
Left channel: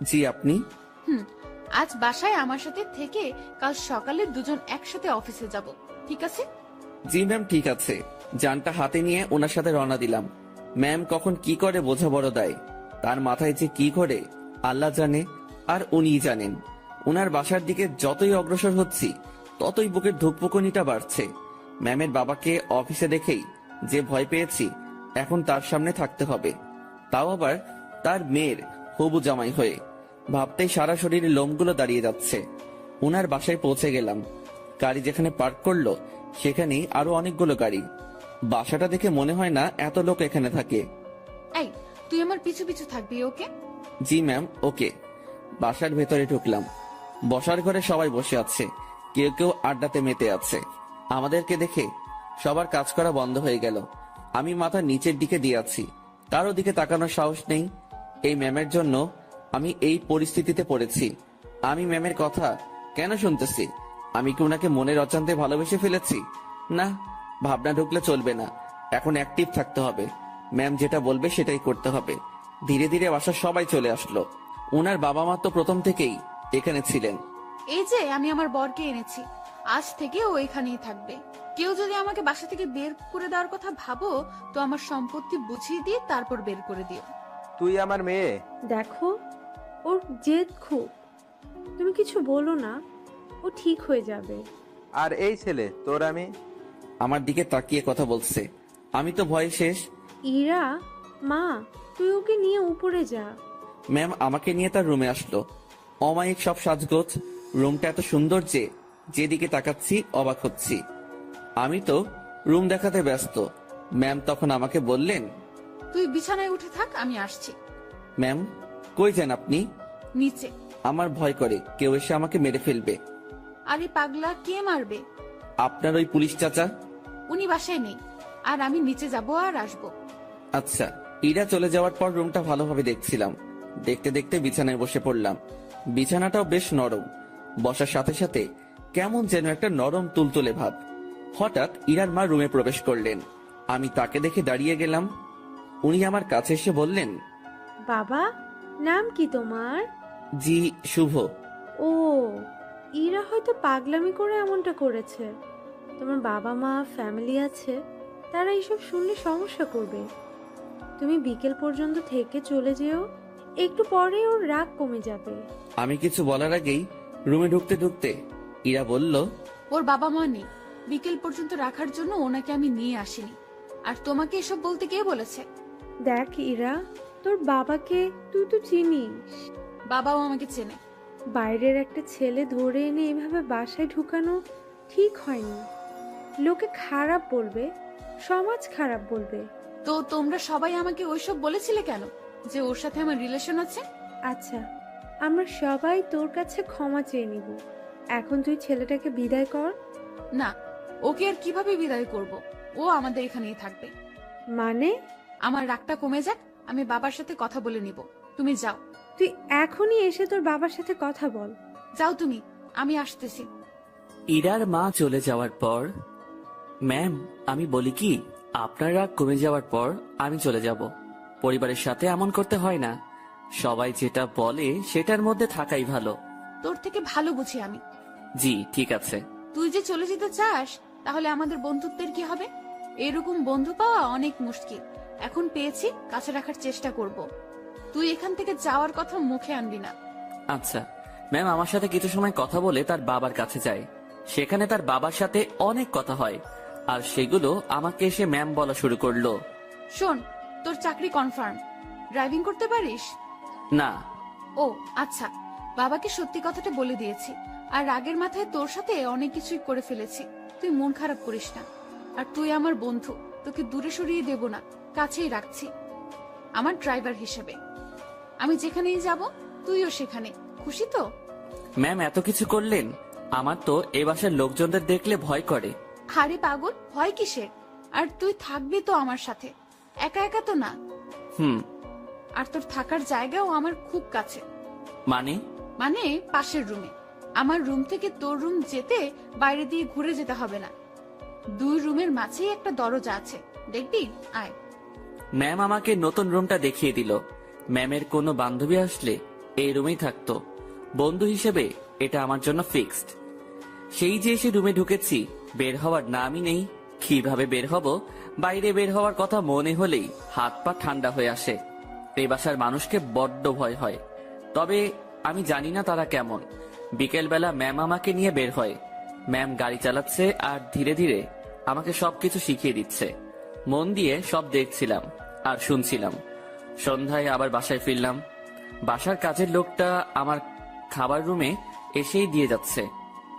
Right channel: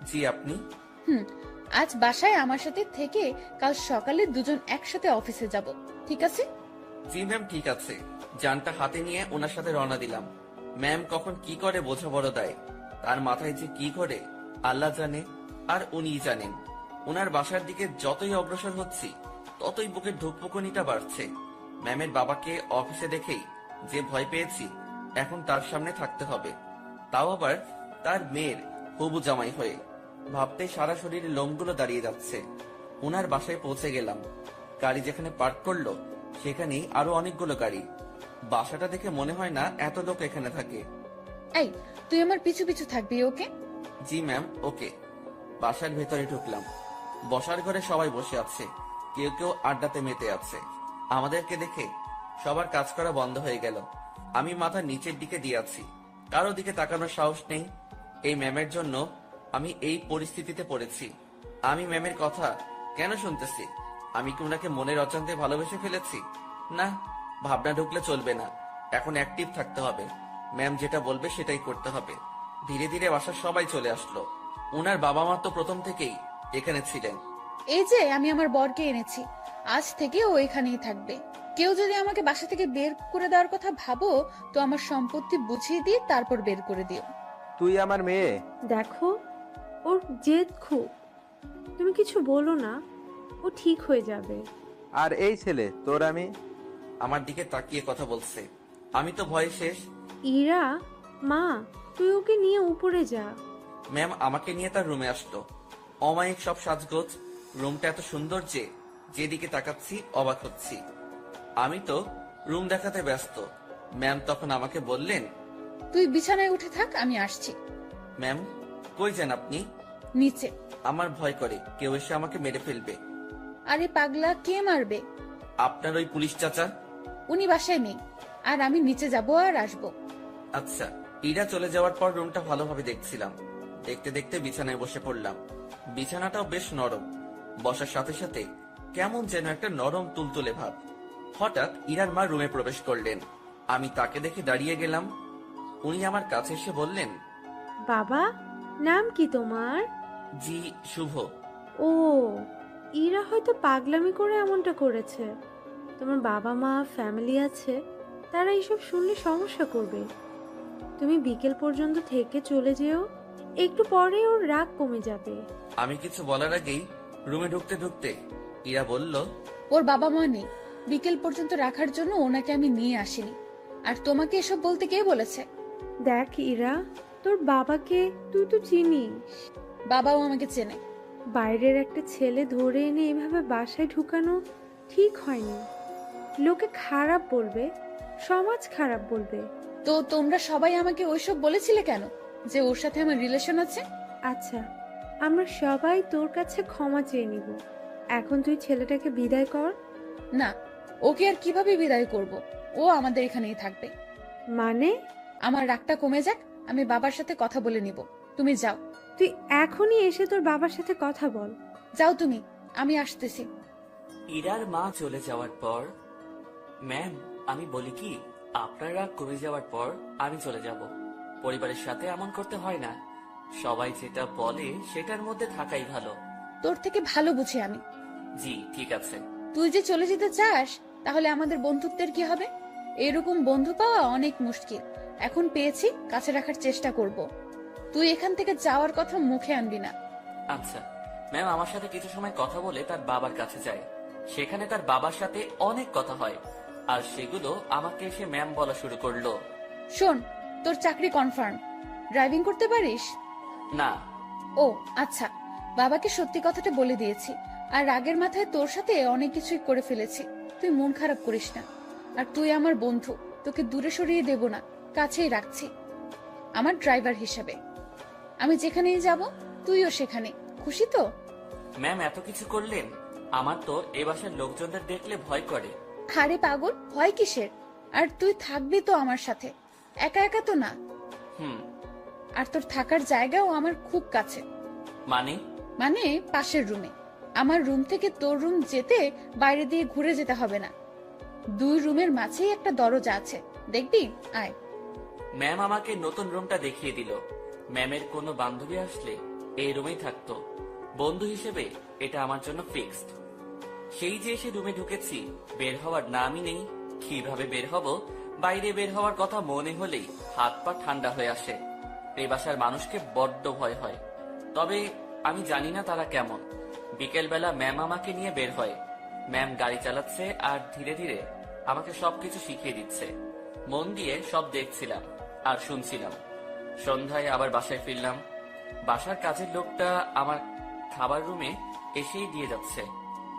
জি আপনি। আজ বাসায় আমার সাথে থেকে কাল সকালে দুজন একসাথে অফিসে যাব, ঠিক আছে? জি ম্যাম, ঠিক আছে। যানটা হাতে নিয়ে ওনার সাথে রওনা দিলাম। ম্যাম কখন কি করে বোঝা বড় দায়, তার মাথায় যে কি করে আল্লাহ জানে, আর উনিই জানেন। ওনার বাসার দিকে যতই অগ্রসর হচ্ছি ততই বুকের ধুকপুকুনিটা বাড়ছে। ম্যামের বাবাকে অফিসে দেখেই যে ভয় পেয়েছি, এখন তার সামনে থাকতে হবে, তাও আবার তার মেয়ের হবু জামাই হয়ে। ভাবতেই সারা শরীরে লোমগুলো দাঁড়িয়ে যাচ্ছে। ওনার বাসায় পৌঁছে গেলাম। গাড়ি যেখানে পার্ক করলো সেখানেই আরো অনেকগুলো গাড়ি। বাসাটা দেখে মনে হয় না এত লোক এখানে থাকে। এই, তুই আমার পিছু পিছু থাকবি, ওকে? জি ম্যাম, ওকে। বাসার ভেতরে ঢুকলাম। বসার ঘরে সবাই বসে আছে, কেউ কেউ আড্ডাতে মেতে আছে। আমাদেরকে দেখে সবার কাজ করা বন্ধ হয়ে গেল। আমি মাথা নিচের দিকে দিয়ে আছি, কারো দিকে তাকানোর সাহস নেই। এই ম্যামের জন্য আমি এই পরিস্থিতিতে পড়েছি। আমি ম্যামের কথা কেন শুনতেছি? আমি কি ওনাকে মনের অজান্তে ভালোবেসে ফেলেছি? না, ভাবনা ঢুকলে চলবে না, এখন অ্যাক্টিভ থাকতে হবে। ম্যাম যেটা বলবে সেটাই করতে হবে। ধীরে ধীরে বাসার সবাই চলে আসলো। ওনার বাবা মা তো প্রথম থেকেই এখানে ছিলেন। এই যে আমি আমার বরকে এনেছি, আজ থেকে ও এখানেই থাকবে। কেউ যদি আমাকে বাসা থেকে বের করে দেওয়ার কথা ভাবো, তো আমার সম্পত্তি বুঝিয়ে দিয়ে তারপর বের করে দিও। তুই আমার মেয়ে। দেখো, ওর জেদ খুব। তুমি কিছু বলো না, ও ঠিক হয়ে যাবে। আর এই ছেলে তোর আমি। আমার দিকে তাকিয়ে কথা বলছে। আমি তো ভয়ে শেষ। ইরা, মা, তুই ওকে নিয়ে উপরে যা। ম্যাম আমাকে নিয়ে তার রুমে আসলো। অমায়িক সব সাজগোজ, রুমটা এত সুন্দর যে যেদিকে তাকাচ্ছি অবাক হচ্ছি। আমি তো রুম দেখাতে ব্যস্ত। ম্যাম তখন আমাকে বললেন, তুই বিছানায় উঠে থাক, আমি আসছি। ম্যাম কই যান আপনি? নিচে। আমার ভয় করে কেউ এসে আমাকে মেরে ফেলবে। আরে পাগলা, কে মারবে? আপনার ওই পুলিশ চাচা। উনি বাসায় নেই, আর আমি নিচে যাব আর আসবো। আচ্ছা। ইরা চলে যাওয়ার পর রুমটা ভালোভাবে দেখছিলাম। দেখতে দেখতে বিছানায় বসে পড়লাম। বিছানাটাও বেশ নরম, বসার সাথে সাথে কেমন যেন একটা নরম তুলতুলে ভাব। হঠাৎ ইরার মা রুমে প্রবেশ করলেন। আমি তাকে দেখে দাঁড়িয়ে গেলাম। উনি আমার কাছে এসে বললেন, বাবা, নাম কি তোমার? জি শুভ। ও, ইরা হয়তো পাগলামি করে এমনটা করেছে। তোমার বাবা মা, ফ্যামিলি আছে, তারা এইসব শুনলে সমস্যা করবে। তুমি বিকেল পর্যন্ত থেকে চলে যেও, একটু পরে ওর রাগ কমে যাবে। আমি কিছু বলার আগেই রুমে ঢুকতে ঢুকতে ইরা বলল, ওর বাবা মা নেই, বিকেল পর্যন্ত রাখার জন্য ওনাকে আমি নিয়ে আসিনি। আর তোমাকে এসব বলতে কে বলেছে? দেখ ইরা, তোর বাবাকে তুই তো চিনিস। বাবাও আমাকে চেনে। বাইরের একটা ছেলে ধরে এনে এভাবে বাসায় ঢুকানো ঠিক হয়নি। লোকে খারাপ বলবে, সমাজ খারাপ বলবে। তো তোমরা সবাই আমাকে ওইসব বলেছিলে কেন, যে ওর সাথে আমার রিলেশন আছে? আচ্ছা, আমরা সবাই তোর কাছে ক্ষমা চেয়ে নিব। এখন তুই ছেলেটাকে বিদায় কর। না, ওকে আর কিভাবে বিদায় করব? ও আমাদের এখানেই থাকবে। মানে? আমার রাগটা কমে যাক, আমি বাবার সাথে কথা বলে নিব। তুমি যাও। তুই এখনই এসে তোর বাবার সাথে কথা বল। যাও তুমি, আমি আসতেছি। ইরার মা চলে যাওয়ার পর, ম্যাম আমি বলি কি, আপনার রাগ কমে যাওয়ার পর আমি চলে যাব। পরিবারের সাথে এমন করতে হয় না। সবাই যেটা বলে সেটার মধ্যে থাকাই ভালো। তোর থেকে ভালো বুঝি আমি। জি ঠিক আছে। তুই যে চলে যেতে চাস, তাহলে আমাদের বন্ধুত্বের কি হবে? এরকম বন্ধু পাওয়া অনেক মুশকিল। এখন পেয়েছি, কাছে রাখার চেষ্টা করব। তুই এখান থেকে যাওয়ার কথা মুখে আনবি না। আচ্ছা ম্যাম আমার সাথে কিছু সময় কথা বলে তার বাবার কাছে যায়। সেখানে তার বাবার সাথে অনেক কথা হয়, আর সেগুলো আমাকে এসে ম্যাম বলা শুরু করলো। শোন, তোর চাকরি কনফার্ম। ড্রাইভিং করতে পারিস? না। ও আচ্ছা, বাবাকে সত্যি কথাটা বলে দিয়েছি। আর রাগের মাথায় তোর সাথে অনেক কিছুই করে ফেলেছি। তুই মন খারাপ করিস না। আর তুই আমার বন্ধু, তোকে দূরে সরিয়ে দেব না, কাছেই রাখছি আমার ড্রাইভার হিসেবে। আমি যেখানেই যাব তুইও সেখানে। খুশি তো? ম্যাম এত কিছু করলেন, আমার তো এ বাসার লোকজনদের দেখলে ভয় করে। আরে পাগল, ভয় কিসের? আর তুই থাকবি তো আমার সাথে, একা একা তো না। হুম। আর তোর থাকার জায়গাও আমার খুব কাছে। মানে? মানে পাশের রুমে। আমার রুম থেকে তোর রুম যেতে বাইরে দিয়ে ঘুরে যেতে হবে না। 2 রুমের মাঝেই একটা দরজা আছে, দেখবি? আয়। ম্যাম আমাকে নতুন রুমটা দেখিয়ে দিল। ম্যামের কোনো বান্ধবী আসলে এই রুমেই থাকতো। বন্ধু হিসেবে এটা আমার জন্য ফিক্সড। সেই যে এসে রুমে ঢুকেছি, বের হওয়ার নামই নেই। কিভাবে বের হব? বাইরে বের হওয়ার কথা মনে হলেই হাত পা ঠান্ডা হয়ে আসে। এই বাসার মানুষকে বড্ড ভয় হয়, তবে আমি জানি না তারা কেমন। বিকেলবেলা ম্যাম আমাকে নিয়ে বের হয়। ম্যাম গাড়ি চালাচ্ছে আর ধীরে ধীরে আমাকে সবকিছু শিখিয়ে দিচ্ছে। মন দিয়ে সব দেখছিলাম আর শুনছিলাম। সন্ধ্যায় আবার বাসায় ফিরলাম। বাসার কাজের লোকটা আমার খাবার রুমে এসেই দিয়ে যাচ্ছে।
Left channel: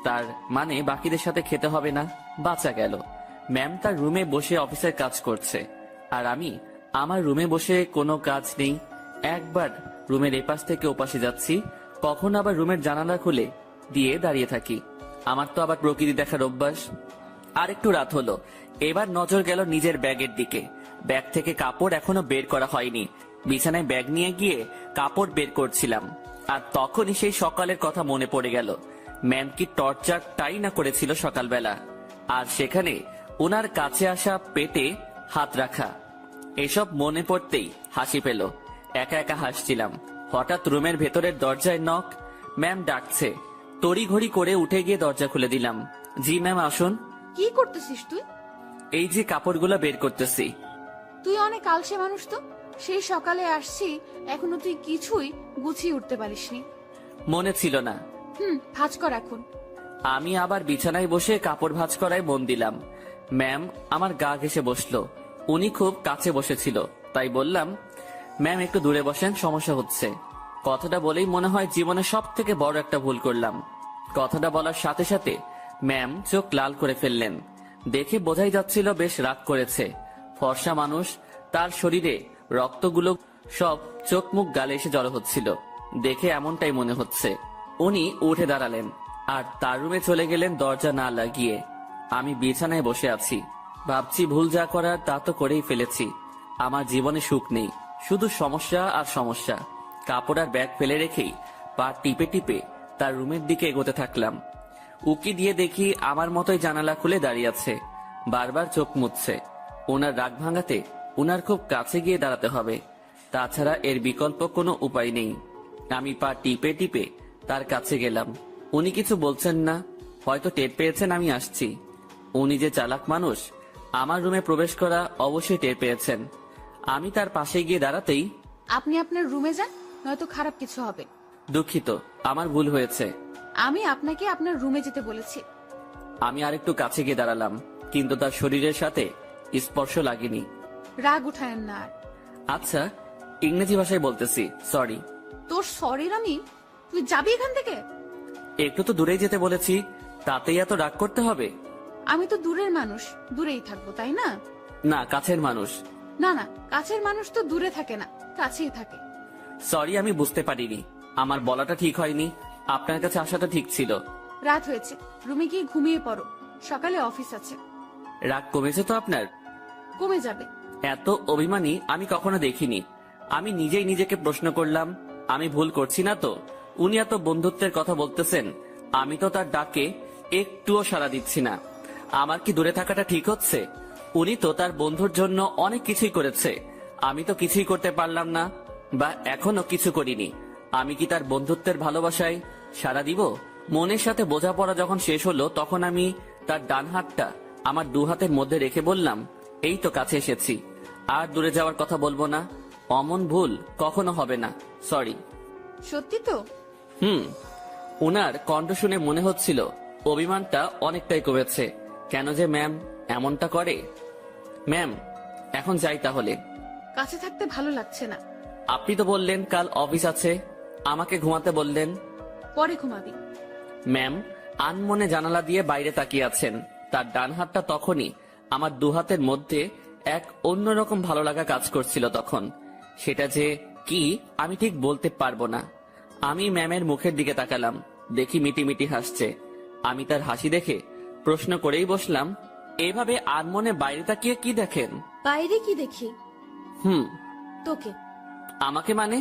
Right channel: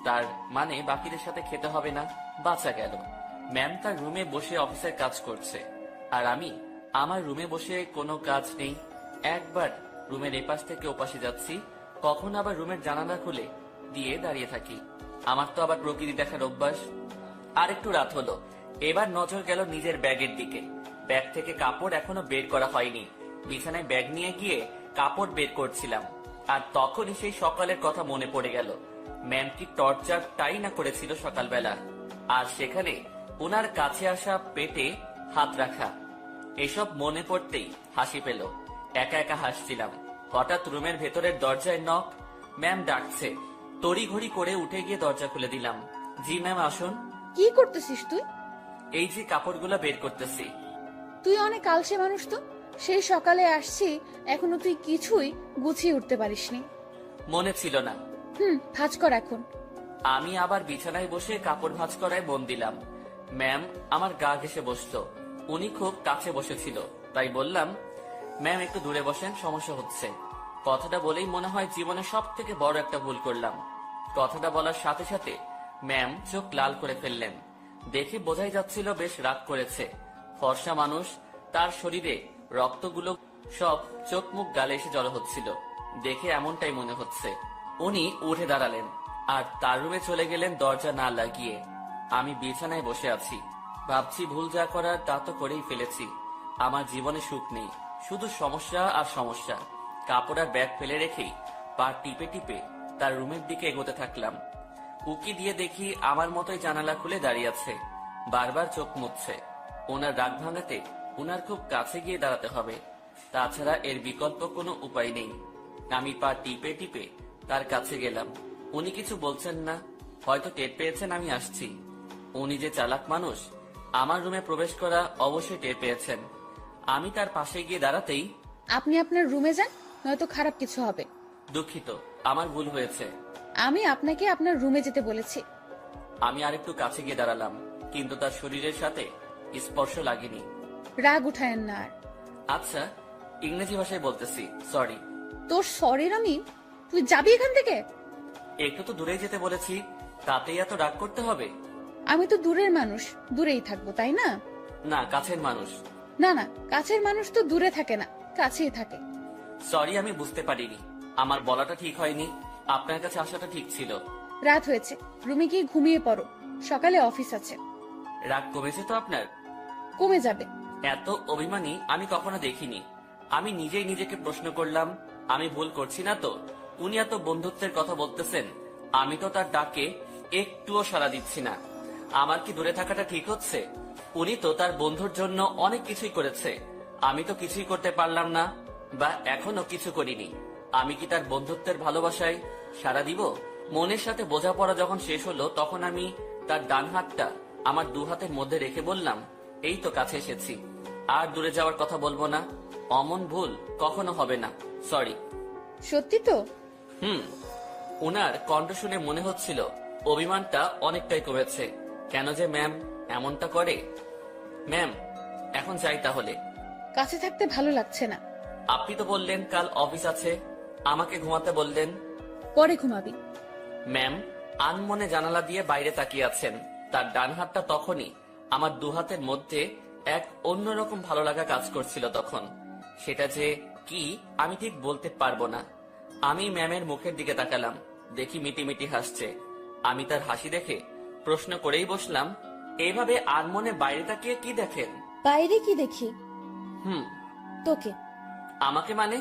তার মানে বাকিদের সাথে খেতে হবে না, বাঁচা গেল। ম্যাম তার রুমে বসে অফিসের কাজ করছে, আর আমি আমার রুমে বসে কোনো কাজ নেই। একবার রুমের এপাশ থেকে ওপাশে যাচ্ছি, কখন আবার রুমের জানালা খুলে দিয়ে দাঁড়িয়ে থাকি। আমার তো আবার প্রকৃতি দেখার অভ্যাস। আর একটু রাত হলো, এবার নজর গেল নিজের ব্যাগের দিকে। ব্যাগ থেকে কাপড় এখনো বের করা হয়নি। বিছানায় ব্যাগ নিয়ে গিয়ে কাপড় বের করছিলাম, আর তখনই সেই সকালের কথা মনে পড়ে গেল। ম্যাম কি টর্চারটাই না করেছিল সকালবেলা, আর সেখানে ওনার কাছে আসা পেটে হাত রাখা। এসব মনে পড়তেই হাসি পেল। একা একা হাসছিলাম। হঠাৎ রুমের ভেতরের দরজায় নক। ম্যাম ডাকছে। তড়িঘড়ি করে উঠে গিয়ে দরজা খুলে দিলাম। জি ম্যাম, আসুন। কি করতেছিস তুই? এই যে কাপড়গুলো বের করতেছি। তুই অনেক আলসে মানুষ তো। সেই সকালে আসছি, এখনো তুই কিছুই গুছিয়ে উঠতে পারিসনি। মনে ছিল না। ভাঁজ কর এখন। আমি আবার বিছানায় বসে কাপড় ভাঁজ করায় মন দিলাম। ম্যাম আমার গা ঘেঁষে বসলো। উনি খুব কাছে বসেছিল, তাই বললাম, ম্যাম একটু দূরে বসেন, সমস্যা হচ্ছে। কথাটা বলেই মনে হয় জীবনে সব থেকে বড় একটা ভুল করলাম। কথাটা বলার সাথে সাথে ম্যাম চোখ লাল করে ফেললেন। দেখে বোঝাই যাচ্ছিল বেশ রাগ করেছে। ফর্সা মানুষ, তার শরীরে রক্তগুলো সব চোখ মুখ গালে এসে জড়ো হচ্ছিল। দেখে এমনটাই মনে হচ্ছে। উনি উঠে দাঁড়ালেন আর তার রুমে চলে গেলেন দরজা না লাগিয়ে। আমি বিছানায় বসে আছি, ভাবছি ভুল যা করার তা তো করেই ফেলেছি। আমার জীবনে সুখ নেই, শুধু সমস্যা আর সমস্যা। কাপড় আর ব্যাগ ফেলে রেখেই পা টিপে টিপে তার রুমের দিকে এগোতে থাকলাম। উকি দিয়ে দেখি আমার মতোই জানালা খুলে দাঁড়িয়ে আছে, বারবার চোখ মুছছে। ওনার রাগ ভাঙাতে ওনার খুব কাছে গিয়ে দাঁড়াতে হবে, তাছাড়া এর বিকল্প কোনো উপায় নেই। আমি পা টিপে টিপে তার কাছে গেলাম। উনি কিছু বলছেন না, হয়তো টের পেয়েছেন আমি আসছি। উনি যে চালাক মানুষ, আমার রুমে প্রবেশ করা অবশ্যই টের পেয়েছেন। আমি তার পাশে গিয়ে দাঁড়াতেই, আপনি আপনার রুমে যান, নয়তো খারাপ কিছু হবে। দুঃখিত, আমার ভুল হয়েছে। আমি আপনাকে আপনার রুমে যেতে বলেছি। আমি আরেকটু কাছে গিয়ে দাঁড়ালাম, কিন্তু তার শরীরের সাথে স্পর্শ লাগেনি। রাগ উঠায়েন না আর। আচ্ছা, ইংরেজি ভাষায় বলতেছি, সরি। তোর সরির আমি? তুই যাবি এখান থেকে? একটু তো দূরেই যেতে বলেছি, তাতেই এত রাগ করতে হবে? আমি তো দূরের মানুষ, দূরেই থাকবো, তাই না? না, কাছের মানুষ। না না, কাছের মানুষ তো দূরে থাকে না, কাছেই থাকে। সরি, আমি বুঝতে পারিনি। আমার বলাটা ঠিক হয়নি, আপনার কাছে আসাটা ঠিক ছিল। রাত হয়েছে, রুমে গিয়ে ঘুমিয়ে পড়ো, সকালে অফিস আছে। রাগ কমেছে তো আপনার? কমে যাবে। এত অভিমানী আমি কখনো দেখিনি। আমি নিজেই নিজেকে প্রশ্ন করলাম, আমি ভুল করছি না তো? উনি এত বন্ধুত্বের কথা বলতেছেন, আমি তো তার ডাকে একটুও সাড়া দিচ্ছি না। আমার কি দূরে থাকাটা ঠিক হচ্ছে? উনি তো তার বন্ধুর জন্য অনেক কিছুই করেছে, আমি তো কিছুই করতে পারলাম না, বা এখনো কিছু করিনি। আমি কি তার বন্ধুত্বের ভালোবাসায় সাড়া দিব? মনের সাথে বোঝাপড়া যখন শেষ হলো, তখন আমি তার ডান হাতটা আমার 2 হাতের মধ্যে রেখে বললাম, এই তো কাছে এসেছি, আর দূরে যাওয়ার কথা বলবো না। অমন ভুল কখনো হবে না, সরি। সত্যি তো? ওনার কণ্ঠ শুনে মনে হচ্ছিল অভিমানটা অনেকটাই কমেছে। কেন যে ম্যাম এমনটা করে? ম্যাম, এখন যাই তাহলে। কাছে থাকতে ভালো লাগছে না। আপনি তো বললেন কাল অফিস আছে, আমাকে ঘুমাতে বললেন। পরে ঘুমাবি। ম্যাম আনমনে জানালা দিয়ে বাইরে তাকিয়ে আছেন। তার ডান হাতটা তখনই আমার দু হাতের মধ্যে এক অন্যরকম ভালো লাগা কাজ করছিল তখন। সেটা যে কি আমি ঠিক বলতে পারবো না। আমি ম্যামের মুখের দিকে তাকালাম, দেখি মিটিমিটি হাসছে। আমি তার হাসি দেখে প্রশ্ন করেই বসলাম, এভাবে আনমনে বাইরে তাকিয়ে কি দেখেন? বাইরে কি দেখি? তোকে। আমাকে মানে?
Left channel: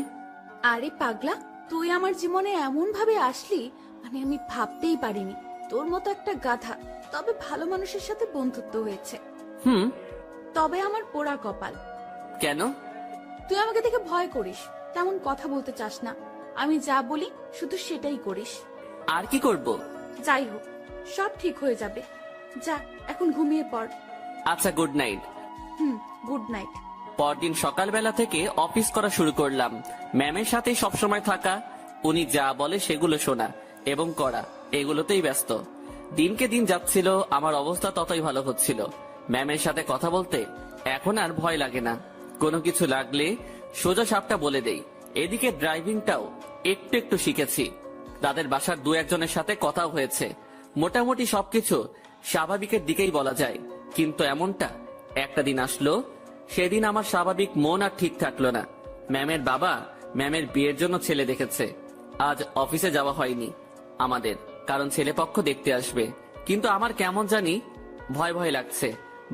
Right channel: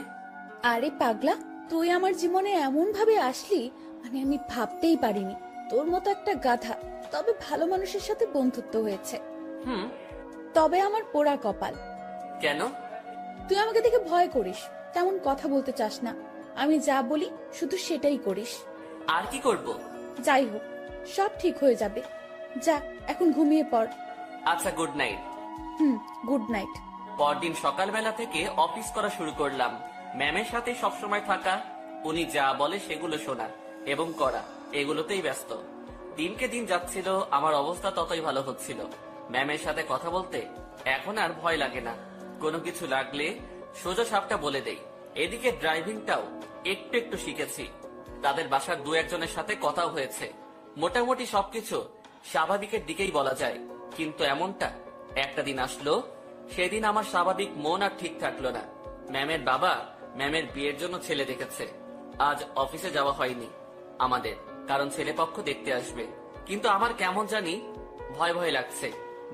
আরে পাগলা, তুই আমার জীবনে এমন ভাবে আসলি, মানে আমি ভাবতেই পারিনি। তোর মতো একটা গাধা, তবে ভালো মানুষের সাথে বন্ধুত্ব হয়েছে। তবে আমার পোড়া কপাল। কেন? তুই আমাকে দেখে ভয় করিস, তেমন কথা বলতে চাস না। আমি যা বলি শুধু সেটাই করিস। আর কি করব? যাই হোক, সব ঠিক হয়ে যাবে। যা এখন ঘুমিয়ে পড়। আচ্ছা, গুড নাইট। Good night. পরদিন সকালবেলা থেকে অফিস করা শুরু করলাম। ম্যামের সাথে সবসময় থাকা, উনি যা বলে সেগুলো শোনা এবং করা, এগুলোতেই ব্যস্ত। দিনকে দিন যাচ্ছিল, আমার অবস্থা ততই ভালো হচ্ছিল। ম্যামের সাথে কথা বলতে এখন আর ভয় লাগে না। কোনো কিছু লাগলে সোজা সাপটা বলে দেই। এদিকে ড্রাইভিংটাও একটু একটু শিখেছি। তাদের বাসার দু একজনের সাথে কথাও হয়েছে। মোটামুটি সবকিছু স্বাভাবিকের দিকেই বলা যায়। কিন্তু এমনটা একটা দিন আসলো, সেদিন আমার স্বাভাবিক মন আর ঠিক থাকলো না। ম্যামের বাবা ম্যামের বিয়ের জন্য ছেলে দেখেছে। আজ অফিসে যাওয়া হয়নি আমাদের, কারণ ছেলেপক্ষ দেখতে আসবে। কিন্তু আমার কেমন জানি ভয় ভয় লাগছে।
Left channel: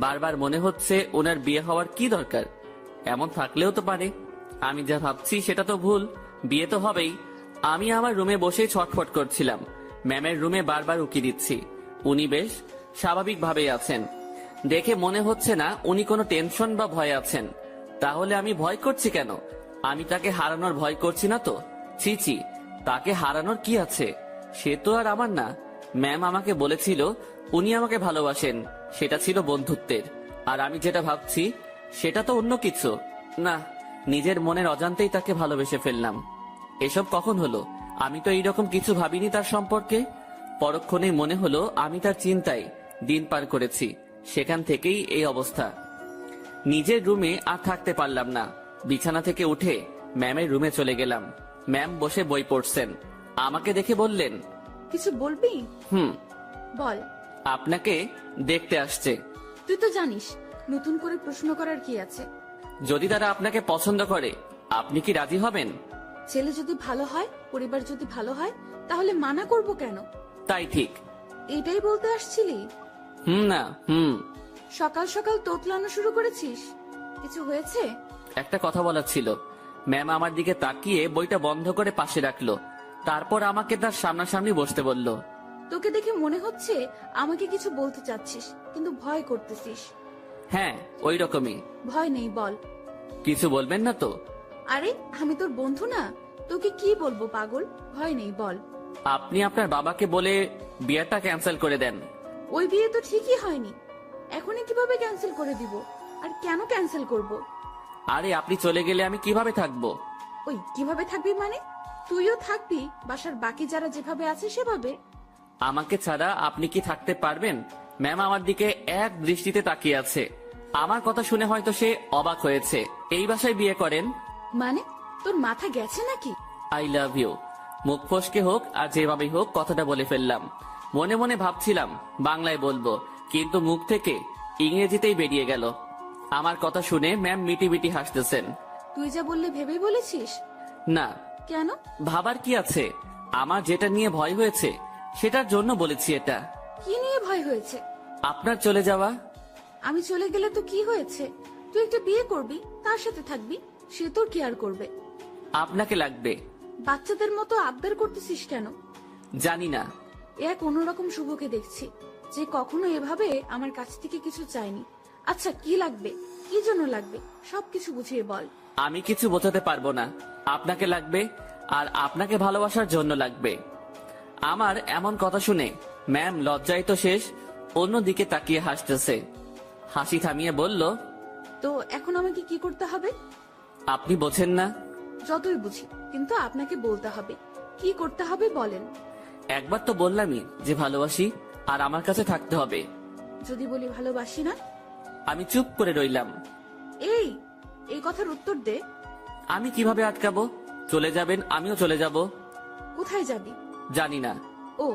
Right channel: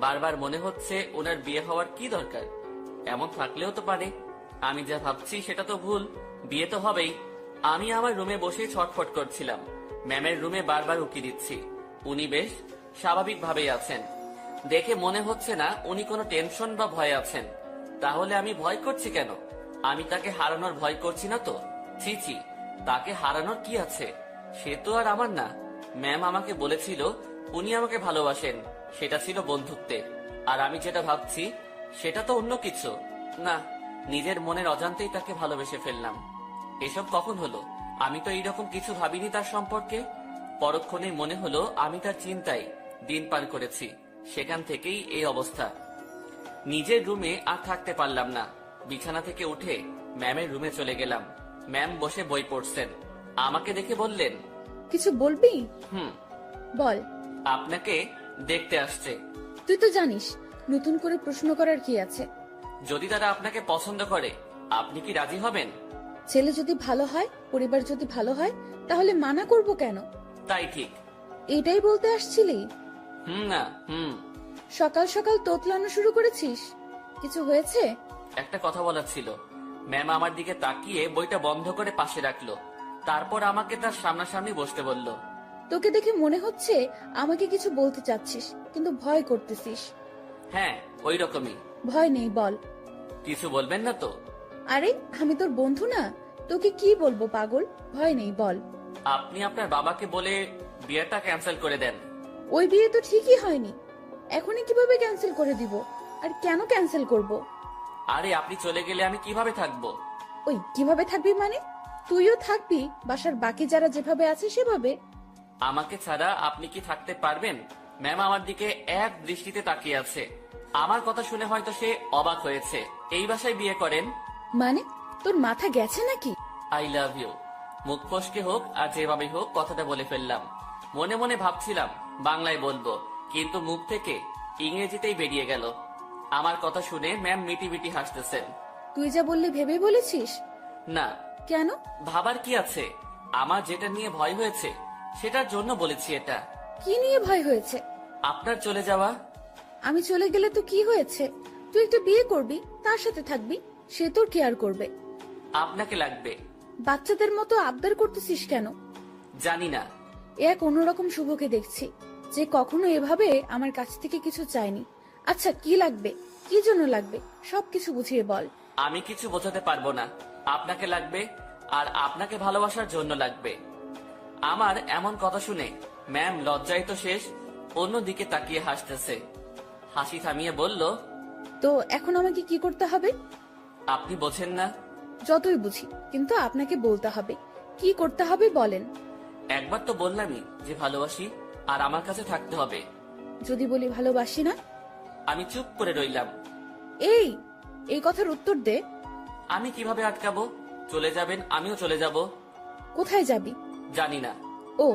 বারবার মনে হচ্ছে ওনার বিয়ে হওয়ার কি দরকার? এমন থাকলেও তো পারে। আমি যা ভাবছি সেটা তো ভুল, বিয়ে তো হবেই। আমি আমার রুমে বসে ছটফট করছিলাম। ম্যামের রুমে বারবার উকি দিচ্ছি। উনি বেশ স্বাভাবিকভাবেই আছেন। দেখে মনে হচ্ছে না উনি কোনো টেনশন বা ভয় আছেন। তাহলে আমি ভয় করছি কেন? আমি তাকে হারানোর ভয় করছি না তো। ছি ছি, তাকে হারানোর কি আছে? সে তো আর আমার না। ম্যাম আমাকে বলেছিল উনি আমাকে ভালোবাসেন, সেটা ছিল বন্ধুত্বের। আর আমি যেটা ভাবছি সেটা তো অন্য কিছু। না, নিজের মনের অজান্তেই তাকে ভালোবেসে ফেললাম। এসব কখন হলো? আমি তো এইরকম কিছু ভাবিনি তার সম্পর্কে। পরক্ষণে মনে হলো আমি তার চিন্তায় দিন পার করেছি। সেখান থেকেই এই অবস্থা। নিজের রুমে আর থাকতে পারলাম না। বিছানা থেকে উঠে ম্যামের রুমে চলে গেলাম। ম্যাম বসে বই পড়ছেন। আমাকে দেখে বললেন, কিছু বলবি? বল। আপনাকে দেখতে আসছে। তুই তো জানিস নতুন করে প্রশ্ন করার কি আছে। যদি তারা আপনাকে পছন্দ করে, আপনি কি রাজি হবেন? ছেলে যদি ভালো হয়, পরিবার যদি ভালো হয়, তাহলে মানা করব কেন? তাই ঠিক। এটাই বলতে আসছিলি? না। সকাল সকাল তোতলানো শুরু করেছিস। কিছু হয়েছে? একটা কথা বলার ছিল। ম্যাম আমার দিকে তাকিয়ে বইটা বন্ধ করে পাশে রাখলো। তারপর আমাকে তার সামনাসামনি বসতে বলল। তোকে দেখে মনে হচ্ছে আমাকে কিছু বলতে চাচ্ছিস, কিন্তু ভয় করতেছিস। হ্যাঁ, ওই রকমই। ভয় নেই, বল। কিছু বলবেন না তো? আরে আমি তোর বন্ধু না, তোকে কি বলবো পাগল। ভয় নেই, বল। আপনি আপনার বাবাকে বলে বিয়েটা ক্যান্সেল করে দেন। ওই বিয়ে তো ঠিকই হয়নি, এখনই কিভাবে ক্যান্সেল করে দিব? আর কেন ক্যান্সেল করব? আরে আপনি চলে গেলে আমি কিভাবে থাকবো? ওই কিভাবে থাকবি মানে? তুইও থাকবি বাসার বাকি যারা যেভাবে আছে সেভাবে। আমাকে ছাড়া আপনি কি থাকতে পারবেন? ম্যাম আমার দিকে এক দৃষ্টিতে তাকিয়ে আছে। আমার কথা শুনে হয়তো সে অবাক হয়েছে। এই বাসায় বিয়ে করেন মানে? তোর মাথা গেছে নাকি? I love you. মুখ ফসকে হোক আর যেভাবে হোক কথাটা বলে ফেললাম। মনে মনে ভাবছিলাম বাংলায় বলবো, কিন্তু মুখ থেকে ইংরেজিতেই বেরিয়ে গেল। আমার কথা শুনে ম্যাম মিটি মিটি হাসতেছেন। তুই যা বললি ভেবেই বলেছিস? না। কেন? ভাবার কি আছে? আমার যেটা নিয়ে ভয় হয়েছে সেটার জন্য বলেছি এটা। কি নিয়ে ভয় হয়েছে? আপনার চলে যাওয়া। আমি চলে গেলে তো কি হয়েছে? তুই একটা বিয়ে করবি, তার সাথে থাকবি, সে তোর কেয়ার করবে। আপনাকে লাগবে। বাচ্চাদের মতো আবদার করতেছিস কেন? জানি না। এক অন্যরকম শুভকে দেখছি, যে কখনো এভাবে আমার কাছ থেকে কিছু চায়নি। আচ্ছা কি লাগবে, কি জন্য লাগবে, সবকিছু বুঝিয়ে বল। আমি কিছু বোঝাতে পারবো না। আপনাকে লাগবে, আর আপনাকে ভালোবাসার জন্য লাগবে। আমার এমন কথা শুনে ম্যাম লজ্জায় তো শেষ, অন্যদিকে তাকিয়ে হাসতেছে। হাসি থামিয়ে বলল, তো এখন আমাকে কি করতে হবে? আপনি বোঝেন না? যতই বুঝি, কিন্তু আপনাকে বলতে হবে। কি করতে হবে বলেন। একবার তো বললামই যে ভালোবাসি আর আমার কাছে থাকতে হবে। যদি বলি ভালোবাসি না? আমি চুপ করে রইলাম। এই এই কথার উত্তর দে। আমি কিভাবে আটকাবো? চলে যাবেন, আমিও চলে যাব। কোথায় যাবি? জানি না। ও,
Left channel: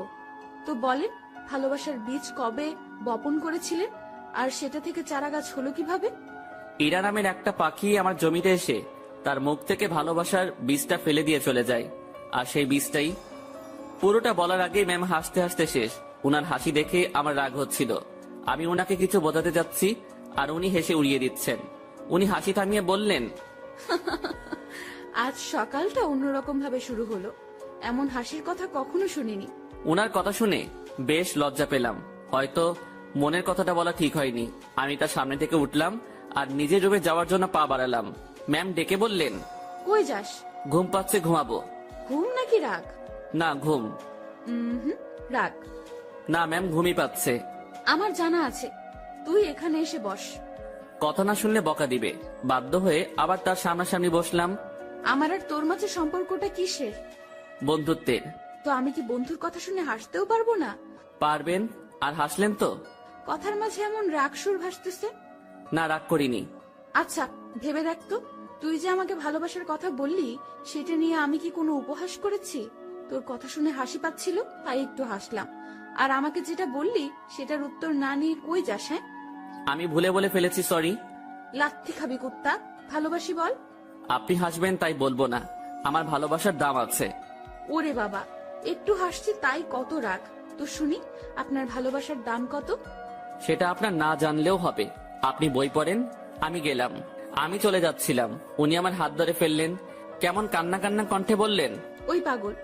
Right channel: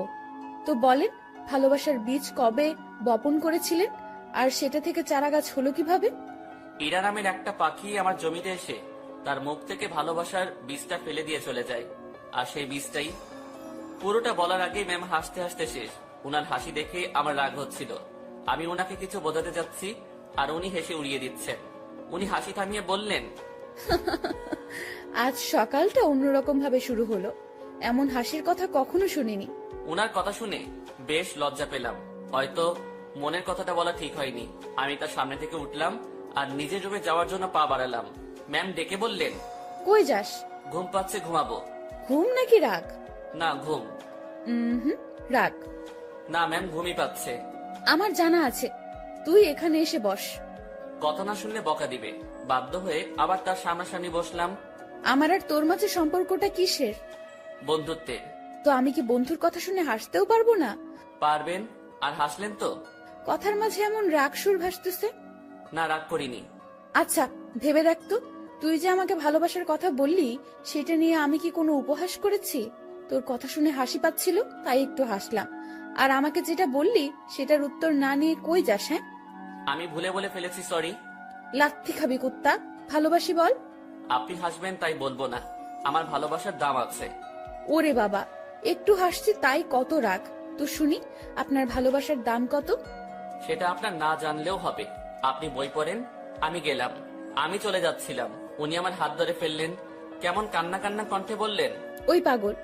তো বলেন, ভালোবাসার বীজ কবে বপন করেছিলেন আর সেটা থেকে চারা গাছ হলো কিভাবে? ইরা নামের একটা পাখি আমার জমিতে এসে তার মুখ থেকে ভালোবাসার বীজটা ফেলে দিয়ে চলে যায়। আর সেই বীজটাই পুরোটা বলার আগেই ম্যাম হাসতে হাসতে শেষ। উনার হাসি দেখে আমার রাগ হচ্ছিল। আমি ওনাকে কিছু বোঝাতে যাচ্ছি আর উনি হেসে উড়িয়ে দিচ্ছেন। উনি হাসি থামিয়ে বললেন, আজ সকালটা অন্যরকম ভাবে শুরু হলো। এমন হাসির কথা কখনো শুনিনি। উনার কথা শুনে বেশ লজ্জা পেলাম। হয়তো মনের কথাটা বলা ঠিক হয়নি। আমি তার সামনে থেকে উঠলাম আর নিজের রুমে যাওয়ার জন্য পা বাড়ালাম। ম্যাম ডেকে বললেন, কই যাস? ঘুম পাচ্ছে, ঘুমাবো। ঘুম নাকি রাগ? না, ঘুম। রাগ। না ম্যাম, ঘুমই পাচ্ছে। আমার জানা আছে, তুই এখানে এসে বস। কথা না শুনলে বকা দিবে। বাধ্য হয়ে আবার তার সামনাসামনি বসলাম। আমার আর তোর মাঝে সম্পর্কটা কিসের? বন্ধুত্বের। তো আমি কি বন্ধুর কথা শুনে হাসতেও পারবো না? পারবেন। আর হাসলেন তো? কথার মাঝে এমন রাগ সুর ভাসতেছে। না, রাগ করিনি। আচ্ছা, ভেবে দেখ তো, তুই যে আমাকে ভালোবাসার কথা বললি, সেটা নিয়ে আমি কি কোনো উপহাস করেছি? তোর কথা শুনে হাসি পাচ্ছিল তাই একটু হাসলাম। আর আমাকে যেটা বললি সেটার উত্তর না নিয়ে কই যাস? হ্যাঁ, আমি ভুলে বলে ফেলেছি, সরি। লাত্তি খাবি কুত্তা। ভালোবাসি বল। আপনি হাসবেন তাই বলবো না। আমার ভালোবাসার দাম আছে। ওরে বাবা, একটু হাসছি তাই কত রাগ? তো শুনি, আপনার ভালোবাসার দাম কত? সেটা আপনার না জানলেও হবে। আপনি বই পড়েন। আমি গেলাম। আমি চলে যাচ্ছিলাম, উনি আমার হাত ধরে ফেললেন। কেমন কান্না কান্না কণ্ঠে বললেন, ওই পাগল,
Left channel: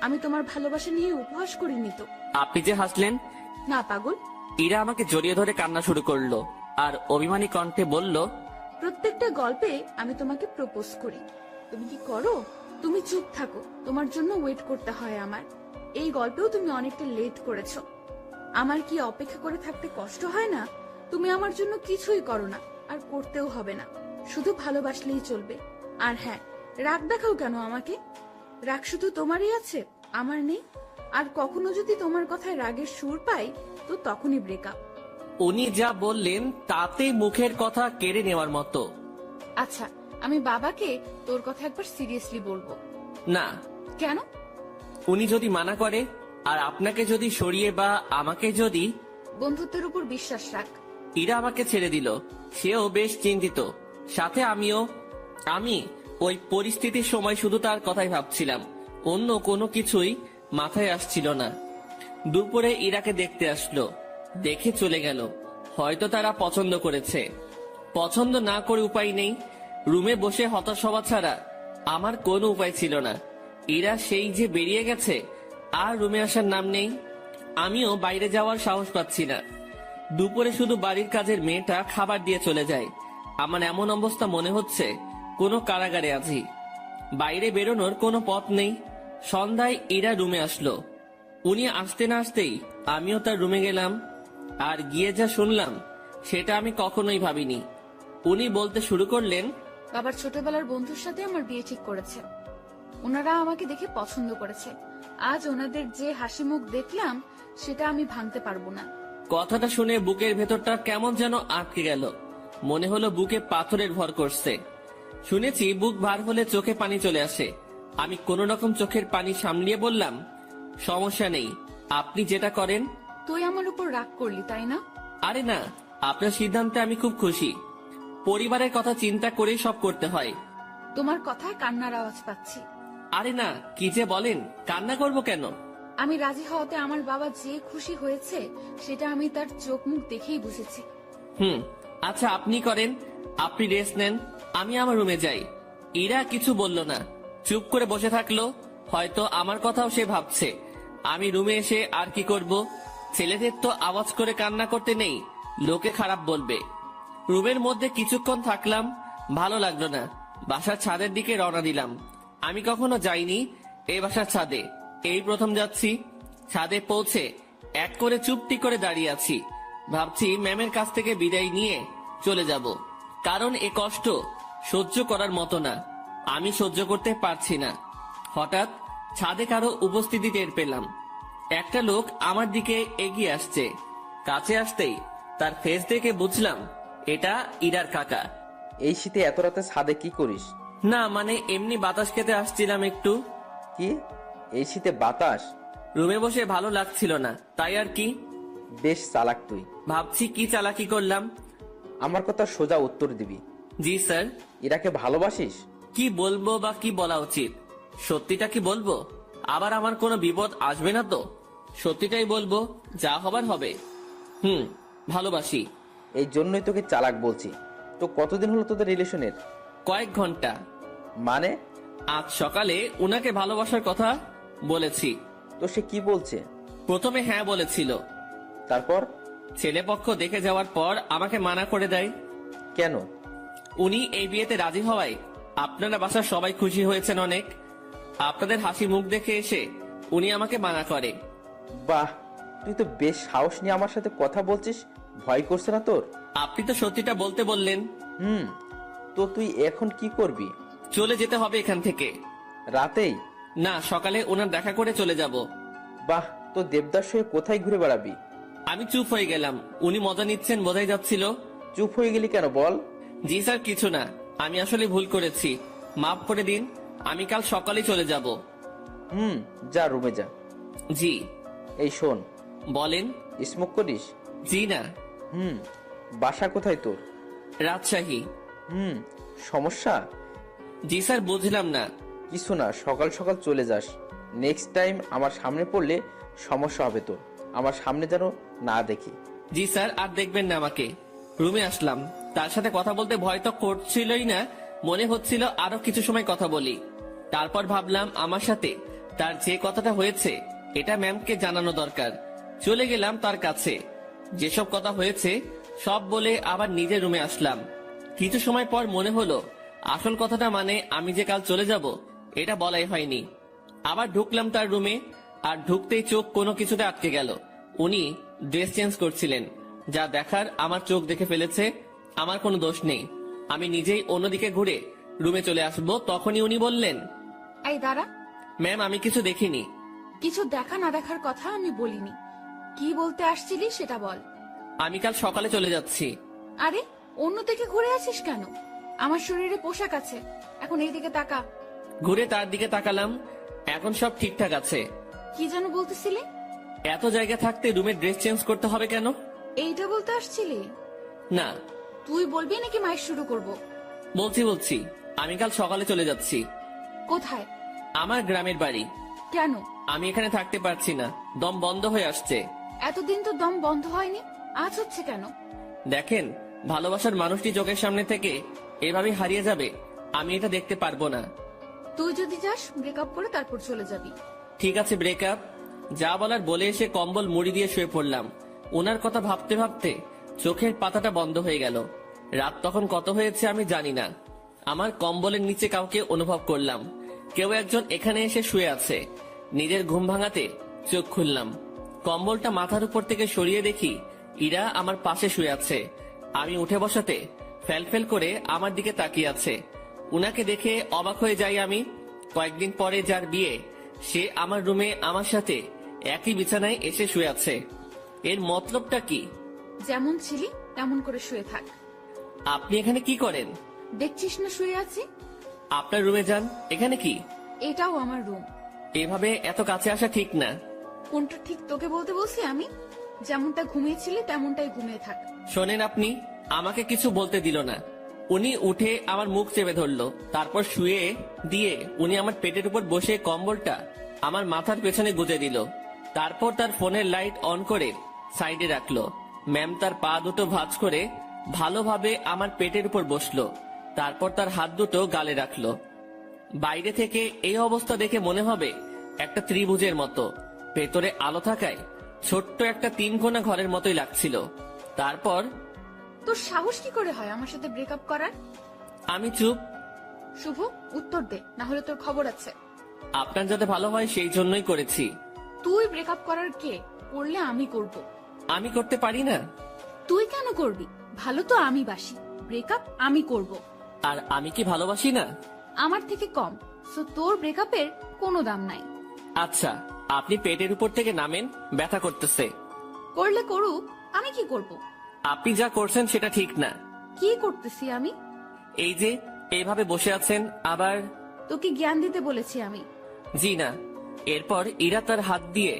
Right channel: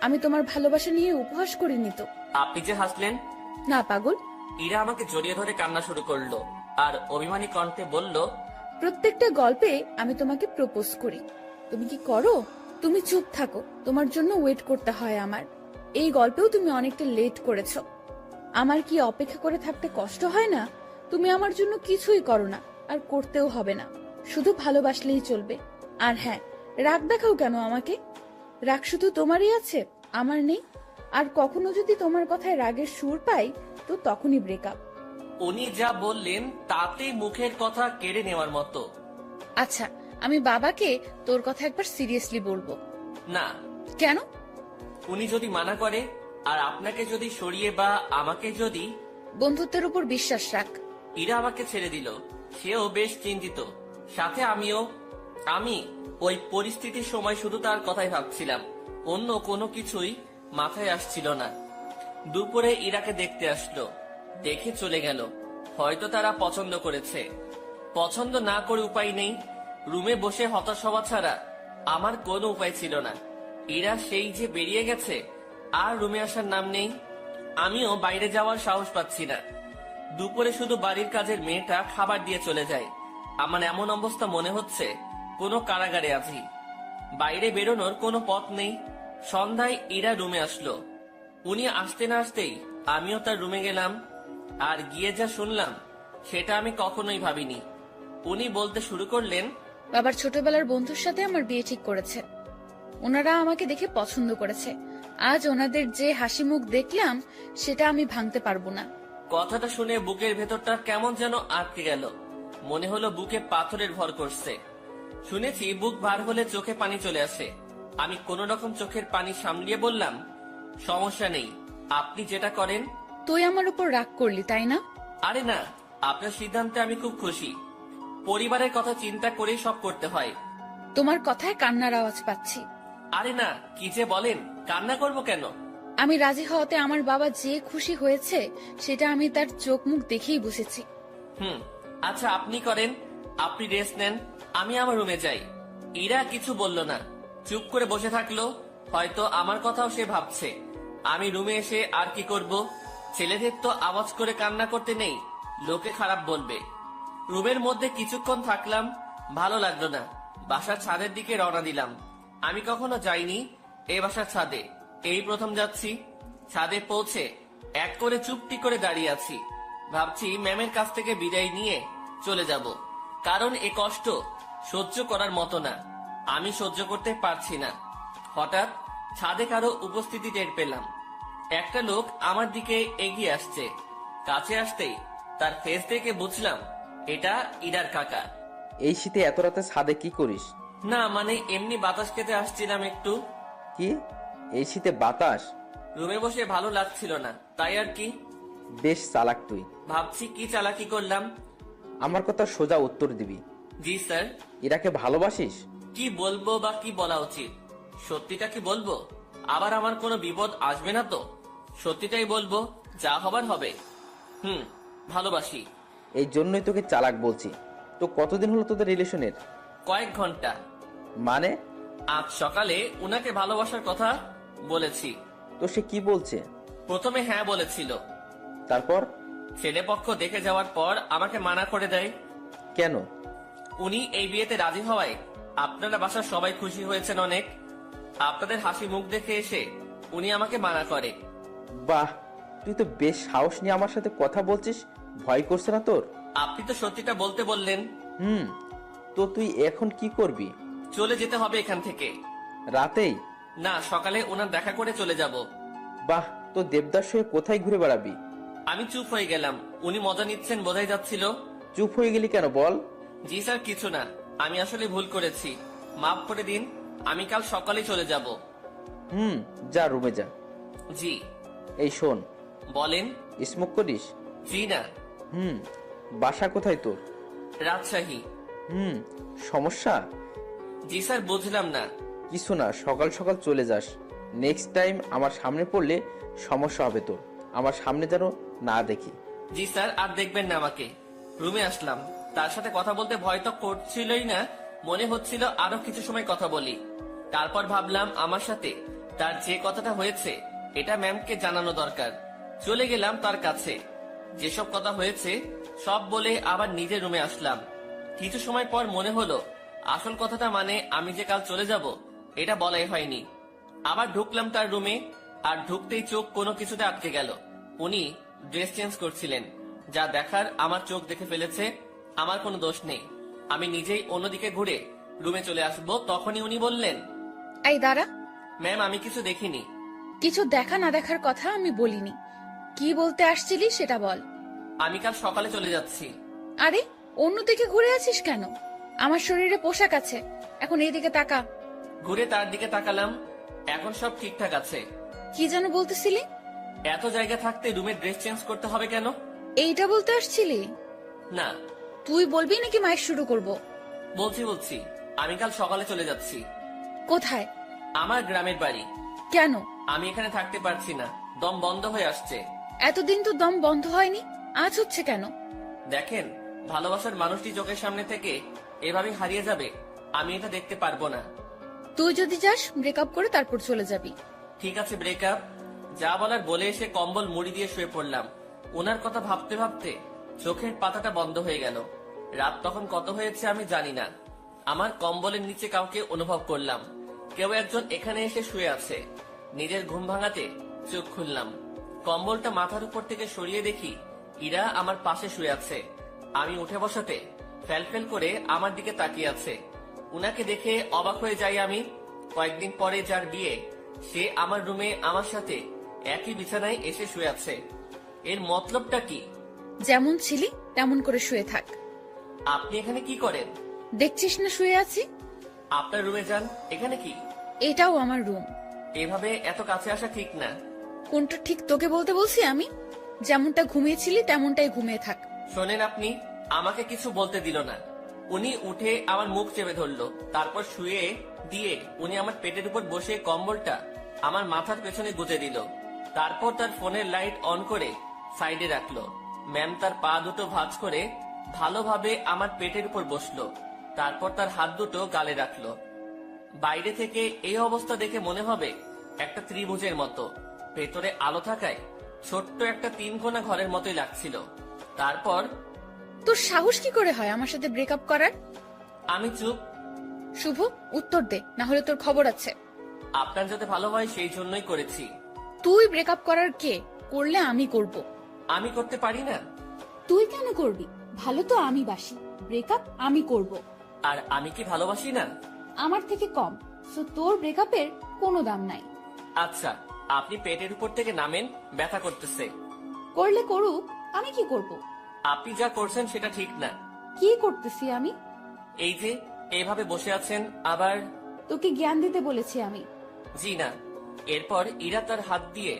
আমি তোমার ভালোবাসা নিয়ে উপহাস করিনি তো। আপনি যে হাসলেন। না পাগল। ইরা আমাকে জড়িয়ে ধরে কান্না শুরু করলো আর অভিমানী কণ্ঠে বলল, প্রত্যেকটা গল্পে আমি তোমাকে প্রপোজ করি, তুমি কি করো? তুমি চুপ থাকো, তোমার জন্য ওয়েট করতে হয় আমার। এই গল্পেও তুমি অনেকটা লেট করেছো। আমার কি অপেক্ষা করে থাকতে কষ্ট হয় না? তুমি আমার জন্য কিছুই করো না, আর করতেও হবে না। শুধু ভালোবাসলেই চলবে। আর হ্যাঁ, রাগ দেখাও কেন আমাকে? রাগ শুধু তোমারই আছে, আমার নেই। আর কখনো যদি তোমার কথায় রাগের সুর পাই, তো তখনই ব্রেকআপ। উনি যা বললেন তাতে মুখের কথা কেড়ে নেওয়ার মতো। আচ্ছা, আমি বাবাকে তোর কথা একবার সিরিয়াসলি বলবো। না। কেন? উনি যদি মানা করে আর আপনাকে যদি সরিয়ে বা আমাকে যদি। বন্ধুত্বের উপর বিশ্বাস রাখ। ইরা আমাকে ছেড়ে দিল, সেও বেশ চিন্তিত, সাথে আমিও। আমি ওই পরিস্থিতির সময় শুধু তার কথাই ভাবছিলাম, অন্য কোনো কিছুই মাথায় আসছিল না। দুপুরে ইরাকে দেখতে আসলো, দেখে চলে গেল। হয়তো তারা পছন্দ করেছে। পছন্দ না করে উপায় নেই। রুমে বসে হতাশ হওয়া ছাড়া আমার কোনো উপায় ছিল না। ইরা সেই যে বেরিয়ে গেছে, আর রুমে আসার নাম নেই। আমিও বাইরে যাওয়ার সাহস পাচ্ছি না। দুপুরে শুধু বাড়ির কাজের মেয়েটা খাবার দিয়ে চলে যায়। আমার এমন অবস্থা মনে হচ্ছে কোনো কারাগারে আছি। বাইরে বেরোনোর কোনো পথ নেই। সন্ধ্যায় ইরা রুমে আসলো। উনি আসতে না আসতেই আমিও তার রুমে গেলাম। আর গিয়ে যা শুনলাম সেটা আমি কখনোই ভাবিনি। উনি বলতে শুরু করলেন, বাবার ছোটবেলার বন্ধুর সাথে আমার বিয়ে ঠিক করেছে। ওনারা আমাকে দেখে পছন্দ করেছে। আজ ওনাদের যে হাসি মুখ দেখলাম, সেটা আমি ভাঙতে পারবো না। কথাটা শুনে বুকের ভেতরটা কেমন যেন আটকে গেল। মনে হলো বুকে পাথরের ভর করছে। শুনেছি বুক ভার হলে চোখে পানি চলে আসে। আমি কোন রকম চোখের পানি সামলিয়ে বললাম, সমস্যা নেই, আপনি যেটা করেন। তুই আমার উপর রাগ করলি, তাই না? আরে না, আপনার সিদ্ধান্তে আমি খুব খুশি। পরিবারের কথা চিন্তা করেই সব করতে হয়। তোমার কথায় কান্নার আওয়াজ পাচ্ছি। আরে না, কি যে বলেন, কান্না করব কেন? আমি রাজি হওয়াতে আমার বাবা যে খুশি হয়েছে, সেটা আমি তার চোখ মুখ দেখেই বুঝেছি। আচ্ছা, আপনি করেন, আপনি রেস্ট নেন, আমি আমার রুমে যাই। ইরা কিছু বলল না, চুপ করে বসে থাকলো। হয়তো আমার কথাও সে ভাবছে। আমি রুমে এসে আর কি করব? ছেলেদের তো আওয়াজ করে কান্না করতে নেই, লোকে খারাপ বলবে। রুমের মধ্যে কিছুক্ষণ থাকলাম, ভালো লাগলো না। বাসার ছাদের দিকে রওনা দিলাম। আমি কখনো যাইনি এই বাসার ছাদে, এই প্রথম যাচ্ছি। ছাদে পৌঁছে এক করে চুপটি করে দাঁড়িয়ে আছি। ভাবছি ম্যামের কাছ থেকে বিদায় নিয়ে চলে যাব, কারণ এ কষ্ট সহ্য করার মতো না। আমি সহ্য করতে পারছি না। হঠাৎ ছাদে কারো উপস্থিতি টের পেলাম। একটা লোক আমার দিকে এগিয়ে আসছে। কাছে আসতেই তার ফেস দেখে বুঝলাম এটা ইরার কাকা। এই শীতে এত রাতে ছাদে কি করিস? না মানে এমনি বাতাস খেতে আসছিলাম একটু। কি, এই শীতে বাতাস? রুমে বসে ভালো লাগছিল না, তাই আর কি। বেশ চালাক তুই। ভাবছি কি চালাকি করলাম। আমার কথা সোজা উত্তর দিবি। জি স্যার। ইরাকে ভালোবাসিস? কি বলবো বা কি বলা উচিত? সত্যিটা কি বলবো? আবার আমার কোনো বিপদ আসবে না তো? সত্যিটাই বলবো, যা হবার হবে। ভালোবাসি। এই জন্যই তোকে চালাক বলছি। তো কতদিন হলো তোদের রিলেশনের? কয়েক ঘন্টা। মানে? আজ সকালে উনাকে ভালোবাসার কথা বলেছি। তো সে কি বলছে? প্রথমে হ্যাঁ বলেছিল, তারপর? ছেলেপক্ষ দেখে যাওয়ার পর আমাকে মানা করে দেয়। কেন? উনি এই বিয়েতে রাজি হওয়ায় আপনারা বাসার সবাই খুশি হয়েছেন অনেক। আপনাদের হাসি মুখ দেখে এসে উনি আমাকে মানা করে। বাহ, তুই তো বেশ সাহস নিয়ে আমার সাথে কথা বলছিস। ভয় করছে না তোর? আপনি তো সত্যিটা বলতে বললেন। তো তুই এখন কি করবি? চলে যেতে হবে এখান থেকে। রাতেই? না, সকালে ওনার দেখা করে চলে যাব। বাহ, তো দেবদাস হয়ে কোথায় ঘুরে বেড়াবি? আমি চুপ হয়ে গেলাম। উনি মজা নিচ্ছেন বোঝাই যাচ্ছিল। চুপ হয়ে গেলি কেন বল? জি স্যার, কিছু না, আমি আসলে ভুল করেছি, মাফ করে দিন। আমি কাল সকালে চলে যাব। যা রুমে যা। জি। এই শোন। বলেন। স্মোক করিস? জি না। বাসা কোথায় তোর? রাজশাহী। সমস্যা? জি স্যার, বুঝলাম না। কিছু না, সকাল সকাল চলে যাস। নেক্সট টাইম আমার সামনে পড়লে সমস্যা হবে তোর। আমার সামনে যেন না দেখি। জি স্যার, আর দেখবেন না আমাকে। রুমে আসলাম, তার সাথে কথা বলতে ভয় তো করছিলই না, মনে হচ্ছিল আরো কিছু সময় কথা বলি। তারপর ভাবলাম আমার সাথে তার যে কথাটা হয়েছে এটা ম্যামকে জানানো দরকার। চলে গেলাম তার কাছে, যেসব কথা হয়েছে সব বলে আবার নিজের রুমে আসলাম। কিছু সময় পর মনে হলো আসল কথাটা মানে আমি যে কাল চলে যাব এটা বলাই হয়নি। আবার ঢুকলাম তার রুমে, আর ঢুকতেই চোখ কোনো কিছুতে আটকে গেল। উনি ড্রেস চেঞ্জ করছিলেন। যা দেখার আমার চোখ দেখে ফেলেছে, আমার কোনো দোষ নেই। আমি নিজেই অন্যদিকে ঘুরে রুমে চলে আসবো, তখনই উনি বললেন, এই দাঁড়া। ম্যাম আমি কিছু দেখিনি। কিছু দেখা না দেখার কথা আমি বলিনি। কি বলতে আসছিলি সেটা বল। আমি কাল সকালে চলে যাচ্ছি। আরে, অন্যদিকে ঘুরে আছিস কেন? আমার শরীরে পোশাক আছে, এখন এইদিকে তাকা। ঘুরে তার দিকে তাকালাম, এখন সব ঠিকঠাক আছে। কি যেন বলতেছিলি? এত জায়গা থাকতে রুমে ড্রেস চেঞ্জ করতে হবে কেন? এইটা বলতে আসছিলি? না। তুই বলবি নাকি মাইক শুরু করব? বলছি, আমি কাল সকালে চলে যাচ্ছি। কোথায়? আমার গ্রামের বাড়ি। কেন? আমি এখানে থাকতে পারছি না, দম বন্ধ হয়ে আসছে। এতদিন তো দম বন্ধ হয়নি, আজ হচ্ছে কেন? দেখেন, ভালোবাসার মানুষটি চোখের সামনে থেকে এভাবে হারিয়ে যাবে, আমি এটা দেখতে পারবো না। তুই যদি যাস ব্রেকআপ করে তারপর চলে যাবি। ঠিক আছে, ব্রেকআপ। যা বলার বলে এসে কম্বল মুড়ি দিয়ে শুয়ে পড়লাম। ওনার কথা ভাবতে ভাবতে চোখের পাতাটা বন্ধ হয়ে গেল। রাত তখন কত হয়েছে আমি জানি না। আমার কম্বলের নিচে কাউকে অনুভব করলাম। কেউ একজন এখানে এসে শুয়ে আছে। নিজের ঘুম ভাঙাতে চোখ খুললাম। কম্বলটা মাথার উপর থেকে সরিয়ে দেখি ইরা আমার পাশে শুয়ে আছে। আমি উঠে বসাতে ফেলফেল করে আমার দিকে তাকিয়ে আছে। উনাকে দেখে অবাক হয়ে যাই আমি। কয়েকদিন পরে যার বিয়ে, সে আমার রুমে আমার সাথে একই বিছানায় এসে শুয়ে আছে। এর মতলবটা কি? যেমন ছিলি তেমন করে শুয়ে থাক। আপনি এখানে কি করেন? দেখছিস না শুয়ে আছি? আপনার রুমে যান। এখানে কি? এটাও আমার রুম। এভাবে এত কাছে আসা ঠিক না। কোনটা ঠিক তোকে বলতে বলছি আমি? যেমনটা ঘুমিয়েছিলি তেমনটাই ঘুমিয়ে থাক। শোনেন, আপনি আমাকে কিছু বলতে দিল না। উনি উঠে আমার মুখ চেপে ধরলো, তারপর শুয়ে দিয়ে উনি আমার পেটের উপর বসে কম্বলটা আমার মাথার পেছনে গুজে দিল। তারপর তার ফোনের লাইট অন করে সাইডে রাখলো। ম্যাম তার পা দুটো ভাঁজ করে ভালোভাবে আমার পেটের উপর বসলো। তারপর তার হাত দুটো গালে রাখলো। বাইরে থেকে এই অবস্থা দেখে মনে হবে একটা ত্রিভুজের মতো। ভেতরে আলো থাকায় ছোট্ট একটা 3 কোণা ঘরের মতোই লাগছিল। তারপর তোর সাহস কি করে হয় আমার সাথে ব্রেকআপ করার? আমি চুপ। শুভ, উত্তর দে, না হলে তোর খবর আছে। আপনার যাতে ভালো হয় সেই জন্যই করেছি। তুই ব্রেকআপ করার কে? করলে আমি করব। আমি করতে পারি না। তুই কেন করবি? ভালো তো আমি বাসি, ব্রেকআপ আমি করব। আর আমি কি ভালোবাসি না? আমার থেকে কম, সো তোর ব্রেকআপের কোনো দাম নাই। আচ্ছা, আপনি পেটের উপর থেকে নামেন, ব্যথা করতেছে। করলে করুক, আমি কি করব? আপনি যা করছেন সেটা ঠিক না। কি করতেছি আমি? এই যে এইভাবে বসে আছেন, আবার তোকে জ্ঞান দিতে বলেছি আমি। জি না। এরপর ইরা তার হাত দিয়ে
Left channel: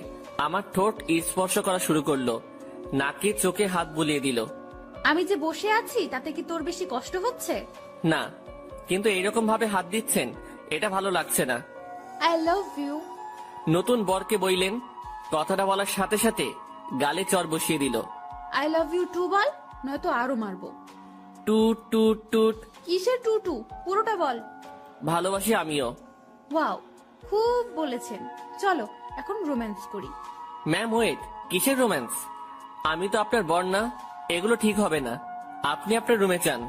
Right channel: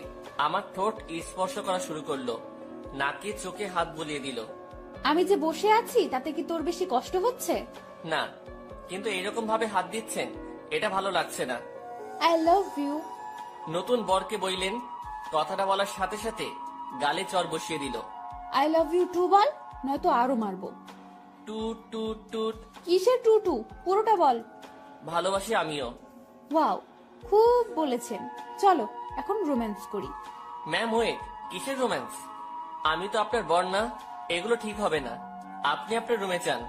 আমার ঠোঁট স্পর্শ করা শুরু করলো, নাকে চোখে হাত বুলিয়ে দিল। আমি যে বসে আছি তাতে কি তোর বেশি কষ্ট হচ্ছে? না, কিন্তু এরকম ভাবে হাত দিচ্ছেন, এটা ভালো লাগছে না। I love you. নতুন বরকে বইলেন, কথাটা বলার সাথে সাথে গালে চর বসিয়ে দিল। আই লাভ ইউ টু বল, নয়তো আরো মারবো। টুট টুট টুট। কিসের টুটু? পুরোটা বল। ভালোবাসি আমিও। ওয়াও, খুব বলেছেন। চলো এখন রোম্যান্স করি। ম্যাম ওয়েট, কিসের রোম্যান্স? আমি তো আপনার বর না, এগুলো ঠিক হবে না। আপনি আপনার রুমে যান।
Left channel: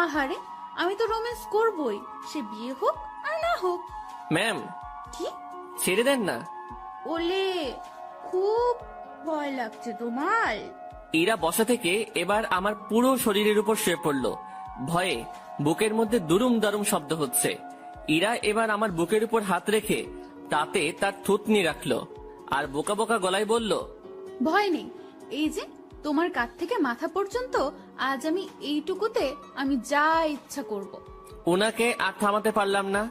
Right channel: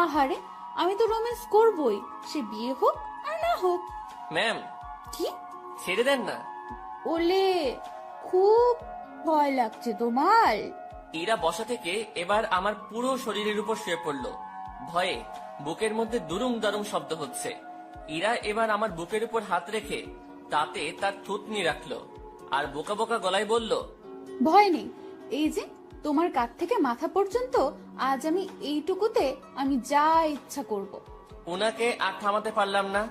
আহারে, আমি তো রোম্যান্স করবই, সে বিয়ে হোক আর না হোক। ম্যাম, কি? ছেড়ে দেন না। ওলে, খুব ভয় লাগছে তোমার? ইরা বসা থেকে এবার আমার পুরো শরীরের উপর শুয়ে পড়লো। ভয়ে বুকের মধ্যে দুরুম দারুম শব্দ হচ্ছে। ইরা এবার আমার বুকের উপর হাত রেখে তাতে তার থুতনি রাখলো, আর বোকা বোকা গলায় বলল, ভয় নেই, এই যে তোমার কাঁধ থেকে মাথা পর্যন্ত আজ আমি এইটুকুতে আমি যা ইচ্ছা করব। ওনাকে আর থামাতে পারলাম না।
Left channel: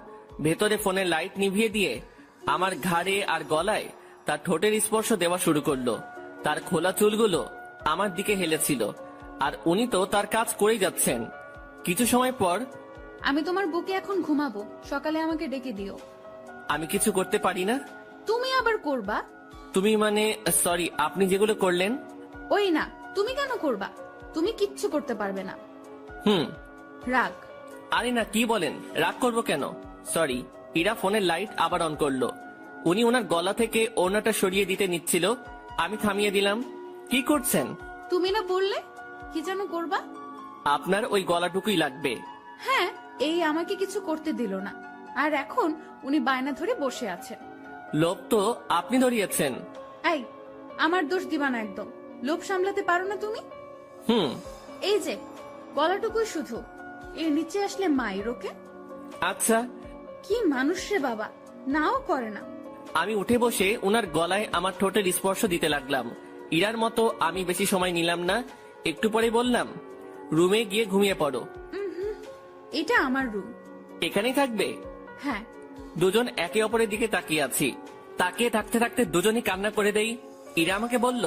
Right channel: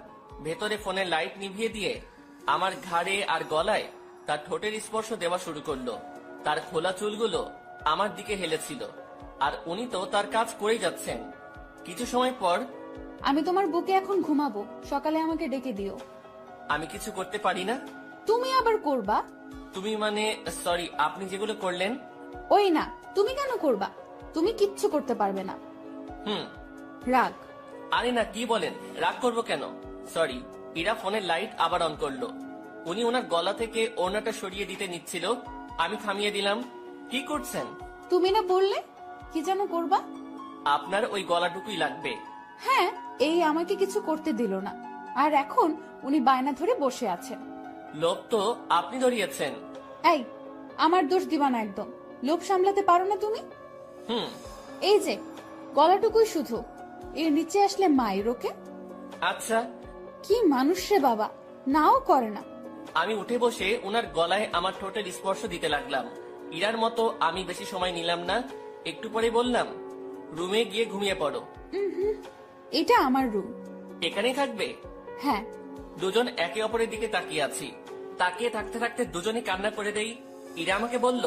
ভেতরে ফোনের লাইট নিভিয়ে দিয়ে আমার ঘাড়ে আর গলায় তার ঠোঁটের স্পর্শ দেওয়া শুরু করলো। তার খোলা চুলগুলো আমার দিকে হেলেছিল, আর উনি তো তার কাজ করেই যাচ্ছেন। কিছু সময় পর, আমি তোমার বুকে এখন ঘুমাবো, সকালে আমাকে ডেকে দিও। আমি কিছু করতে পারি না। তুমি আবার করবা? তুমি মানে, সরি, আপনি যেগুলো করলেন। ওই না, তুমি কেন করবা? তুমি কিচ্ছু করতে পারবে না। হুম। রাগ। আরে না, কি বলেন, রাগ করবো কেন? সরি। ইরা ফোনের লাইট আবার অন করলো। উনি ওনার গলা থেকে ওনাটা সরিয়ে দিতে নিচ্ছিল, আমি থামিয়ে দিলাম। কি করছেন? তুমি না বললে কি যেন করবা? আপনার ওই গলাটুকুই লাগবে। হ্যাঁ, এই আমাকে কিছু করতে দিল না, আর এখন উনি বায়না ধরে বসে আছেন। লোভ তো আপনি ধরিয়েছেন। এই, আমার দোষ দিবা না একদম। লোভ সামলাতে পারো না তুমি? হুম। এই যে গলাটুকুই শুধু, এর নিচে আসলে মায়ের ওকে। আচ্ছা। কি মানুষ রে বাবা, নাও করে না। আমি উঠে বসে ওনার গলায় আমার ঠোঁটের স্পর্শ দিতে লাগলাম। ইরার মতো আমি বেশি সময় নিলাম না। একটু পরে বললাম, রুমে গিয়ে ঘুমিয়ে পড়ো। এটা আমার রুম। এখানেই থাকবে? হ্যাঁ। দুজন একে অপরের দিকে তাকিয়ে আছি। তাকিয়ে থাকতে থাকতে দুজনই কান্না করে দেই। ইরা আমাকে বলল,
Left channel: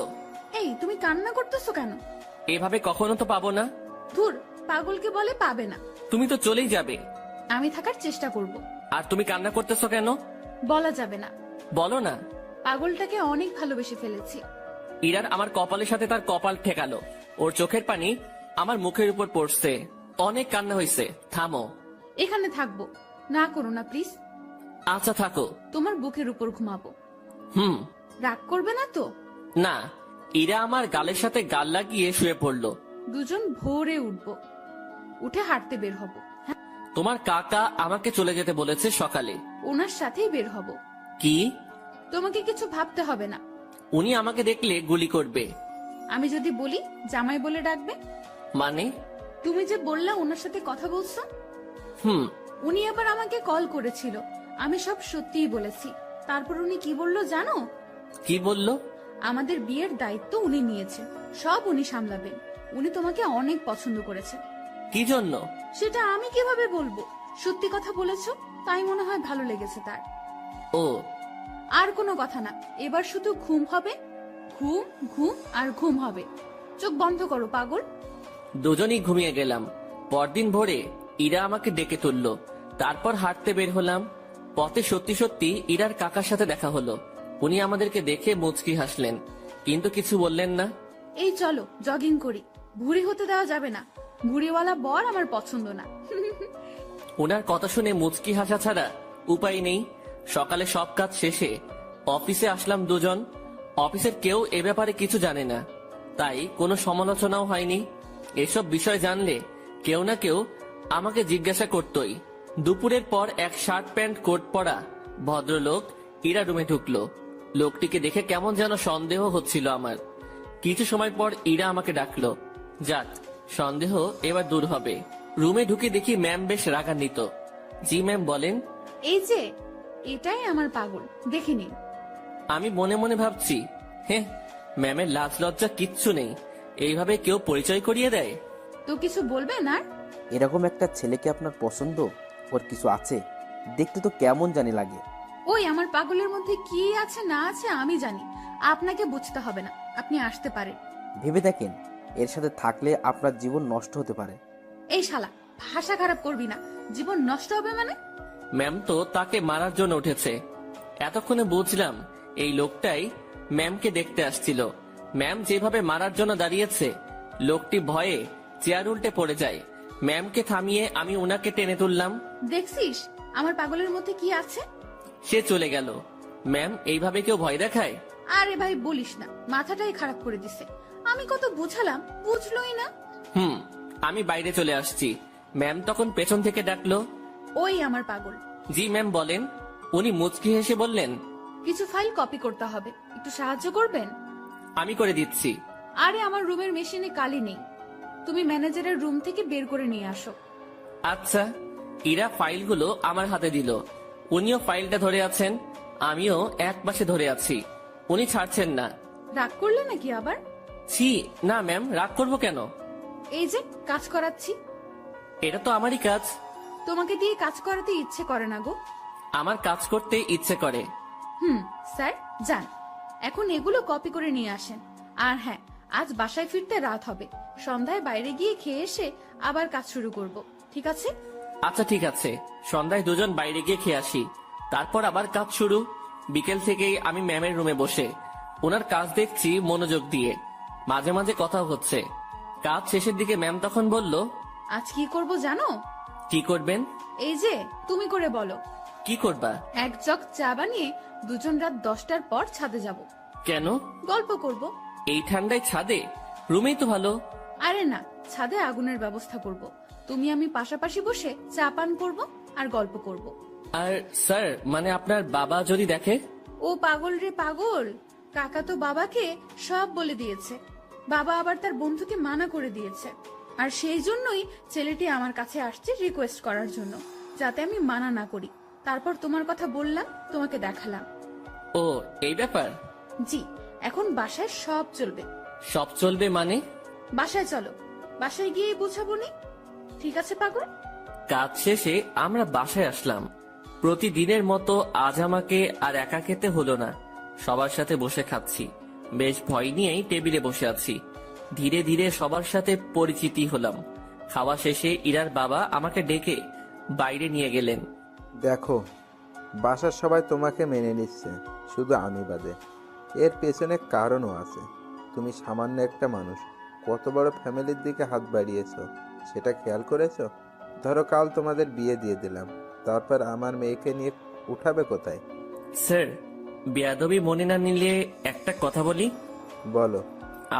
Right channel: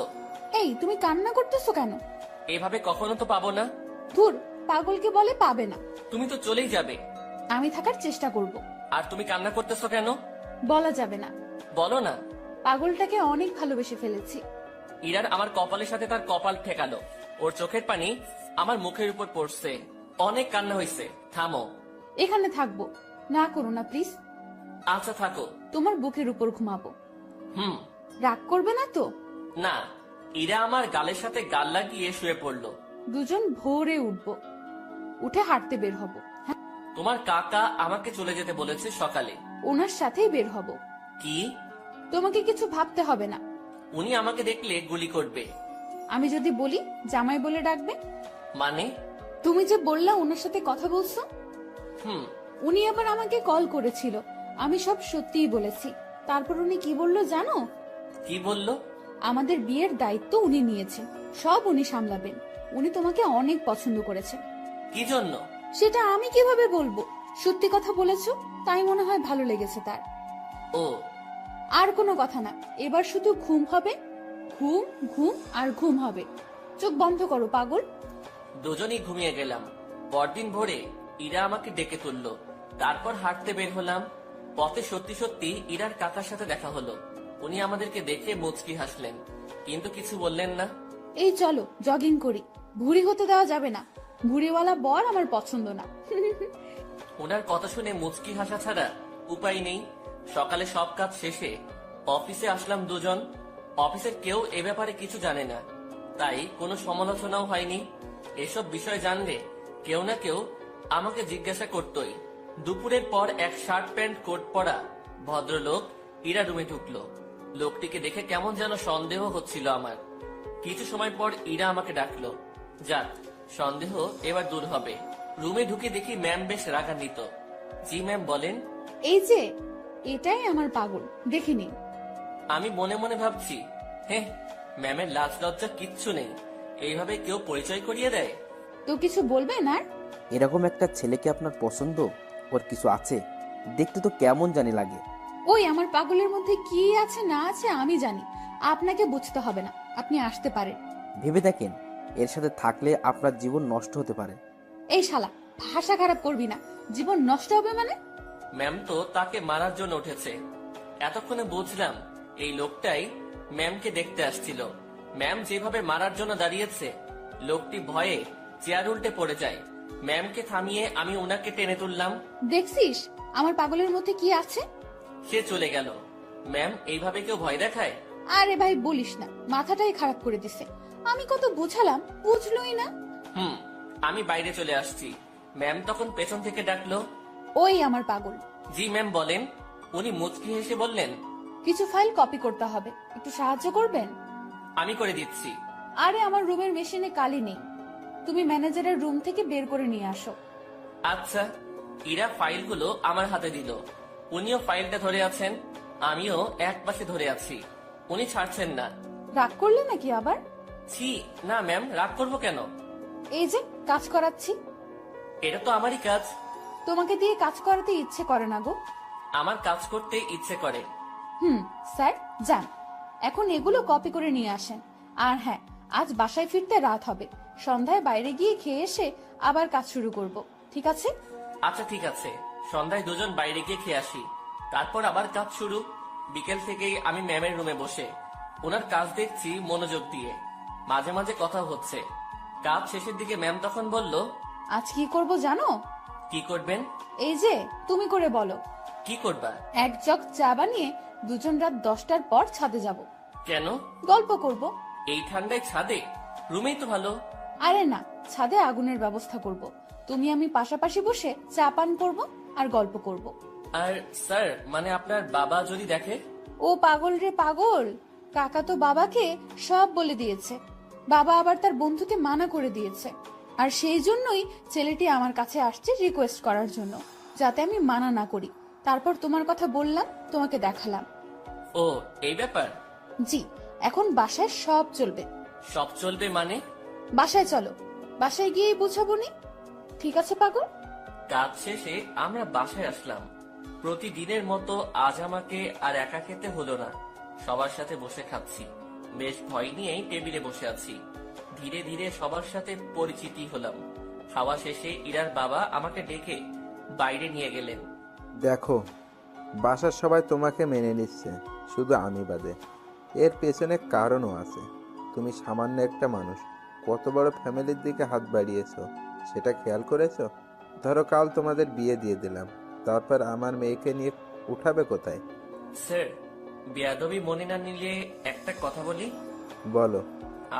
এই তুমি কান্না করতেছো কেন? এভাবে কখনো তো পাবো না। ধুর, পাগলকে বলে পাবে না। তুমি তো চলেই যাবে। আমি থাকার চেষ্টা করব। আর তুমি কান্না করতেছো কেন? বলা যাবে না। বলো না। পাগলটাকে অনেক ভালোবেসে ফেলেছি। ইরার আমার কপালের সাথে তার কপাল ঠেকালো। ওর চোখের পানি আমার মুখের উপর পড়ছে। অনেক কান্না হয়েছে, থামো। এখানে থাকবো, না করো না প্লিজ। আচ্ছা থাকো। তোমার বুকের উপর ঘুমাবো। হুম। রাগ করবে না তো? না। ইরা আমার গালের সাথে গাল লাগিয়ে শুয়ে পড়লো। দুজন ভোরে উঠবো, উঠে হাঁটতে বের হব। হ্যাঁ, তোমার কাকা আমাকে চলে যেতে বলেছে সকালে। ওনার সাথেই বের হব। কি? তোমাকে কিছু ভাবতে হবে না। উনি আমাকে দেখলে গুলি করবে। আমি যদি বলি জামাই বলে ডাকবে। মানে? তুমি যে বললা ওনার সাথে কথা বলছো, হুম। উনি আবার আমাকে কল করেছিল, আমি সব সত্যিই বলেছি। তারপর উনি কি বললো জানো? কি বললো? আমাদের বিয়ের দায়িত্ব উনি নিয়েছেন, সব উনি সামলাবেন। উনি তোমাকে অনেক পছন্দ করেছেন। কি জন্য? সেটা আমি কিভাবে বলবো? সত্যি কথা বলেছো, তাই মনে হয় ভালো লেগেছে তার। ও। আর কোনো কথা না, এবার শুধু ঘুম হবে, ঘুম ঘুম আর ঘুম হবে। চোখ বন্ধ করো পাগল। দুজনেই ঘুমিয়ে গেলাম। পরদিন ভোরে ইরা আমাকে ডেকে তুললো। তারপর হাঁটতে বের হলাম। পথে সত্যি সত্যি ইরার কাকার সাথে দেখা হলো। উনি আমাদেরকে দেখে মুচকি হাসলেন, কিন্তু কিছু বললেন না। এই চলো জগিং করি, ভুঁড়ি হতে দেওয়া যাবে না। ভুঁড়িওয়ালা বর আমার পছন্দ না। ওনার কথা শুনে মুচকি হাসা ছাড়া উপায় নেই। সকালে সব কাজ শেষে অফিসে আসলাম দুজন। অফিসের কেউ এ ব্যাপারে কিছু জানে না, তাই কোনো সমালোচনাও হয়নি। এসব বিষয় জানলে কেউ না কেউ আমাকে জিজ্ঞাসা করতই। দুপুরের পর এক শার্ট প্যান্ট কোট পরা ভদ্রলোক ইরা রুমে ঢুকলো। লোকটিকে দেখে কেমন যেন সন্দেহ হচ্ছিল আমার। কিছু সময় পর ইরা আমাকে ডাকলো। যাক, সন্দেহ এবার দূর হবে। রুমে ঢুকে দেখি ম্যাম বেশ রাগান্বিত। জি ম্যাম, বলেন। এই যে এটাই আমার পাগল, দেখে নিন। আমি মনে মনে ভাবছি, হ্যাঁ, ম্যামের লাজ লজ্জা কিচ্ছু নেই, এইভাবে কেউ পরিচয় করিয়ে দেয়। তো কিছু বলবেন আর? এরকম একটা ছেলেকে আপনার পছন্দ? ওর কিছু আছে? দেখতে তো কেমন জানি লাগে। ওই আমার পাগলের মধ্যে কি আছে না আছে আমি জানি, আপনাকে বুঝতে হবে না, আপনি আসতে পারেন। ভেবে দেখেন, এর সাথে থাকলে আপনার জীবন নষ্ট হতে পারে। এই শালা, ভাষা খারাপ করবি না। জীবন নষ্ট হবে মানে? ম্যাম তো তাকে মারার জন্য উঠেছে। এতক্ষণে বুঝলাম এই লোকটাই ম্যামকে দেখতে আসছিল। ম্যাম যেভাবে মারার জন্য দাঁড়িয়েছে, লোকটি ভয়ে চেয়ার উল্টে পড়ে যায়। ম্যামকে থামিয়ে আমি ওনাকে টেনে তুললাম। দেখছিস আমার পাগলের মধ্যে কি আছে? সে চলে গেল। ম্যাম, এইভাবে কেউ ভয় দেখায়? আরে ভাই বলিস না, মাথাটাই খারাপ করে দিছে। আমি কত বুঝালাম, বুঝলোই না। আমি বাইরে চলে আসছি। ম্যাম তখন পেছন থেকে ডাকলো, ওই আমার পাগল। জি ম্যাম বলেন। উনি মুচকি হেসে বললেন, কিছু ফাইল কপি করতে হবে, একটু সাহায্য করবেন? আমি করে দিচ্ছি। আরে আমার রুমের মেশিনে কালি নেই, তুমি ম্যানেজারের রুম থেকে বের করে নিয়ে আসো। আচ্ছা। ইরা ফাইলগুলো আমার হাতে দিল। উনিও ফাইলটা ধরে আছেন, আমিও এক পাশে ধরে আছি। উনি ছাড়ছেন না। রাগ করলে নাকি আবার? ছি, না ম্যাম, রাগ করবো কেন? এই যে কাজ করাচ্ছি। এটা তো আমারই কাজ। তোমাকে দিয়ে কাজ করাতে ইচ্ছে করে না গো। আমার কাজ করতে ইচ্ছে করে। স্যার যান, এখন এগুলো কপি করে নিয়ে আসেন। আর হ্যাঁ, আজ বাসায় ফিরতে রাত হবে, সন্ধ্যায় বাইরে গিয়ে খেয়ে এসে আবার কাজ শুরু করব, ঠিক আছে? আচ্ছা ঠিক আছে, সন্ধ্যায় দুজন বাইরে গিয়ে খেয়ে আসি, তারপর আবার কাজ শুরু। বিকেল থেকেই আমি ম্যামের রুমে বসে ওনার কাজ দেখছি মনোযোগ দিয়ে। মাঝে মাঝে কথা হচ্ছে। কাজ শেষের দিকে ম্যাম তখন বলল, আজ কি করব জানো? কি করবেন? এই যে তুমি করে বলো। কি করবা? এক জগ চা বানিয়ে দুজন রাত 10টার পর ছাদে যাব। কেন? গল্প করব। এই ঠান্ডায় ছাদে? রুমেই তো ভালো। আরে না, ছাদে আগুনের ব্যবস্থা করব, তুমি আমি পাশাপাশি বসে চা পান করব আর গল্প করব। আর স্যার, মানে আপনার বাবা যদি দেখে? ও পাগল রে পাগল, কাকা তো বাবাকে সব বলে দিয়েছে। বাবা আবার তার বন্ধুকে মানা করে দিয়েছে, আর সেই জন্যই ছেলেটি আমার কাছে আসছে রিকোয়েস্ট করার জন্য, যাতে আমি মানা না করি। তারপর তোমার কথা বললাম, তোমাকে দেখালাম। ও, এই ব্যাপার? জি, এখন বাসায় সব চলবে। সব চলবে মানে? বাসায় চলো, বাসায় গিয়েই বুঝাবো নি, ঠিক আছে পাগল? কাজ শেষে আমরা বাসায় আসলাম। প্রতিদিনের মতো আজ আমাকে আর একা খেতে হলো না, সবার সাথে বসে খাচ্ছি। বেশ ভয় নিয়েই টেবিলে বসে আছি। ধীরে ধীরে সবার সাথে পরিচিতি হলাম। খাওয়া শেষে ইরার বাবা আমাকে ডেকে বাইরে নিয়ে গেলেন। দেখো, বাসার সবাই তোমাকে মেনে নিচ্ছে, শুধু আমি বাদে। এর পেছনে কারণও আছে। তুমি সামান্য একটা মানুষ, কত বড় ফ্যামিলির দিকে হাত বাড়িয়েছো সেটা খেয়াল করেছো? ধরো কাল তোমাদের বিয়ে দিয়ে দিলাম, তারপর আমার মেয়েকে নিয়ে উঠাবে কোথায়? স্যার, বেয়াদবি মনে না নিলে একটা কথা বলি। বলো।